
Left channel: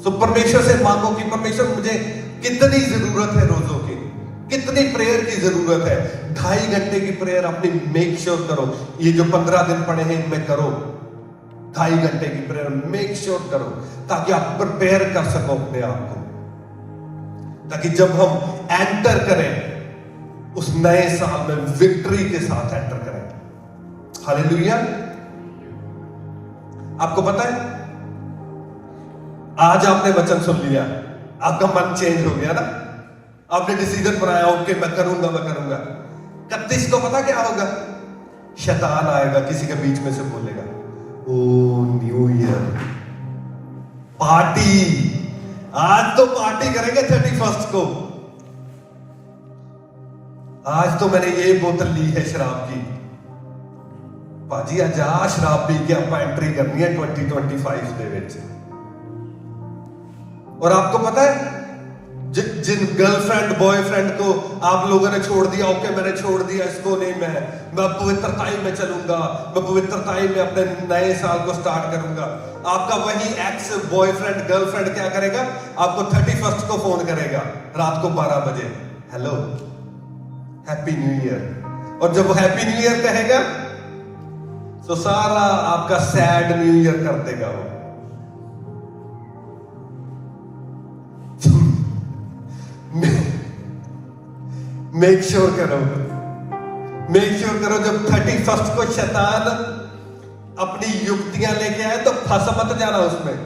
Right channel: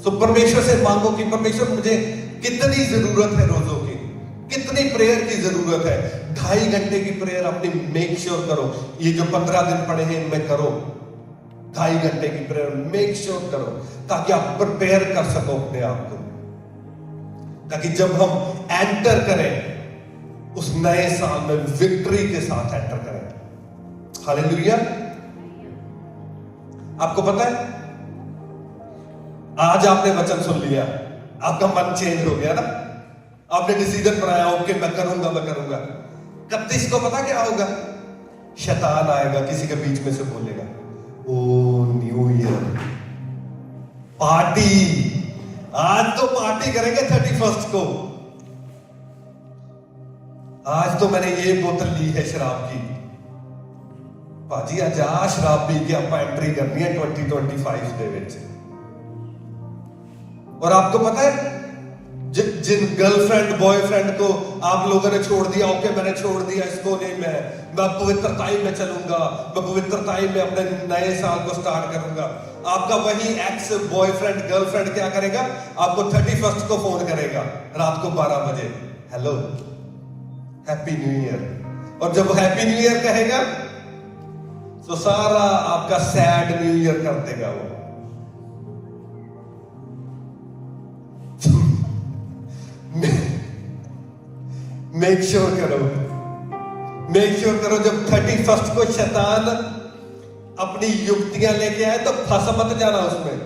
सो परमेश्वर से मांगो कि परमेश्वर मुझे कितनी जरूरत है रोजों की, कितनी प्रेयर की जरूरत है। 2.5 घंटे की प्रेयर अपनी मेक श्योर करो, ये जो 15 दिन पड़े हैं इनमें करो। 2.5 घंटे की प्रेयर मेक श्योर करो, ताकि आप प्रिपेयर कर सको अपने आप को, ताकि जब हम एंटर करें उस नए साल में विक्ट्री के साथ एंटर करें। हालेलुया। आपको पता है, आज आपने वचन सुन लिया, आपका मन चेंज हो गया ना, आपने डिसीजन बनाया, ओके मैं करूंगा। 31 को पता क्या होगा? शैतान आएगा, किसी के बीच में से बोलेगा, ओ न्यू ईयर पार्टी, आज तो पार्टी करेंगे 31 को, आज तो मैंने ये बोतल ली है शराब की। भाजी आज शराब पी के आप एंट्री करनी है 2025 दे विच। और आपको पता है, जिन गर्लफ्रेंड बॉयफ्रेंड को आप लोगों ने छोड़ दिया, ओके मैंने छोड़ दिया इसको, नहीं मैं पवित्रताई में चलूंगा, मैं पवित्रताई में अपने नए साल को स्टार्ट करूंगा। आपका वही एक्स बॉयफ्रेंड गर्लफ्रेंड क्या करेगा? आपको 31 को फोन करेगा रात को 12 बजे, हेलो हैप्पी न्यू ईयर। और जब हैप्पी न्यू ईयर कहेगा तो सारा आपका सैड न्यू ईयर कर देगा वो। मेक श्योर करो जब 31 को शैतान अपनी युक्तियां लेके आए तो फंस मत जाना उसमें,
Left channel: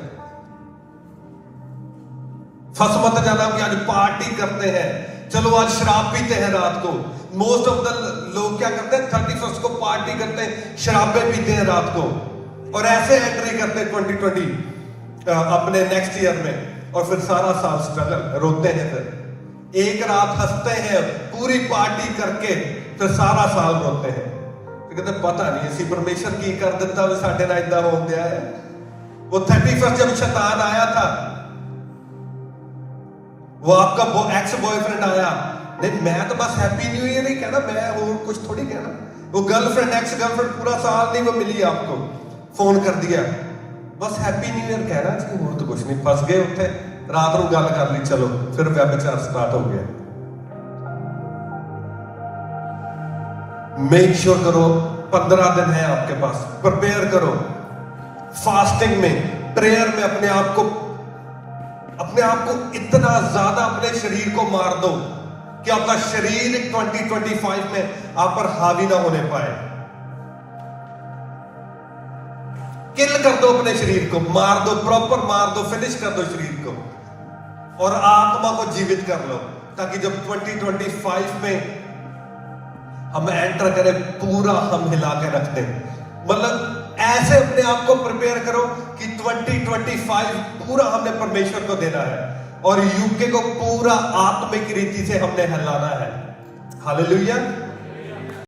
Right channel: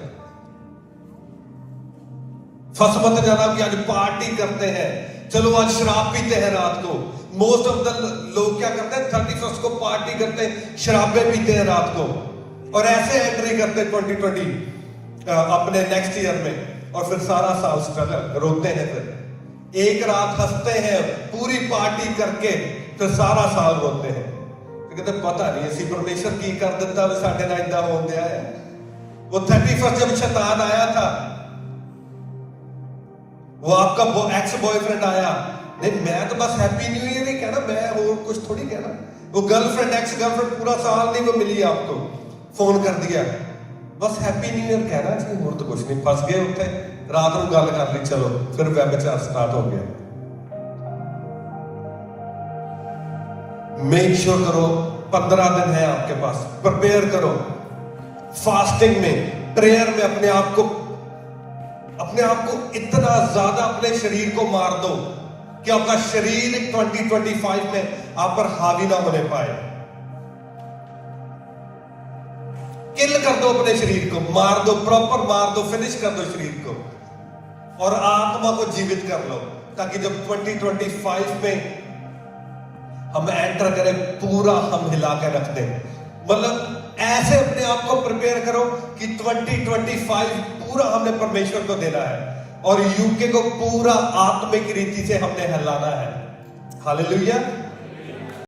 फंस मत जाना कि आज पार्टी करते हैं, चलो आज शराब पीते हैं रात को। मोस्ट ऑफ द लोग क्या करते हैं, 31 को पार्टी करते हैं, शराबें पीते हैं रात को, और ऐसे एंट्री करते हैं 2020 अपने नेक्स्ट ईयर में, और फिर सारा साल स्ट्रगल, रोते हैं। फिर एक रात हंसते हैं, पूरी पार्टी करके फिर सारा साल रोते हैं। तो कहते पता नहीं ऐसी परमेश्वर की कर देता भी साढ़े ना इदा हो गया है। वो 31 जब शैतान आया था, वो आपका एक्स बॉयफ्रेंड आया, नहीं मैं तो बस हैप्पी न्यू ईयर ही कहना, मैं और कुछ थोड़ी कहना। वो गर्लफ्रेंड एक्स गर्लफ्रेंड पूरा साल नहीं वो मिली, आपको फोन कर दिया, बस हैप्पी न्यू ईयर कहना चाहिए, वो तो कुछ नहीं। फंस गए उत्थे, रात को गल कर ली, चलो फिर व्यभिचार स्टार्ट हो गया। मेक श्योर करो 15 दिन है आपके पास, प्रिपेयर करो फास्टिंग में, प्रेयर में अपने आप को इतना ज्यादा अपने शरीर को मार दो कि आपका शरीर 2025 में आप पर हावी ना होने पाए। किल कर दो अपने शरीर को, मार दो, प्रॉपर मार दो, फिनिश कर दो शरीर को, और आत्मा को जीवित कर लो, ताकि जब 2025 में हम एंटर करें पूरा हम हिला के रख दें। मतलब ऐसे अपने आप को प्रिपेयर करो कि 2025 पूरा हमने परमेश्वर को देना है और यूके को पूरा आत्मिक रीति से हमने हिलाना है। हालेलुया।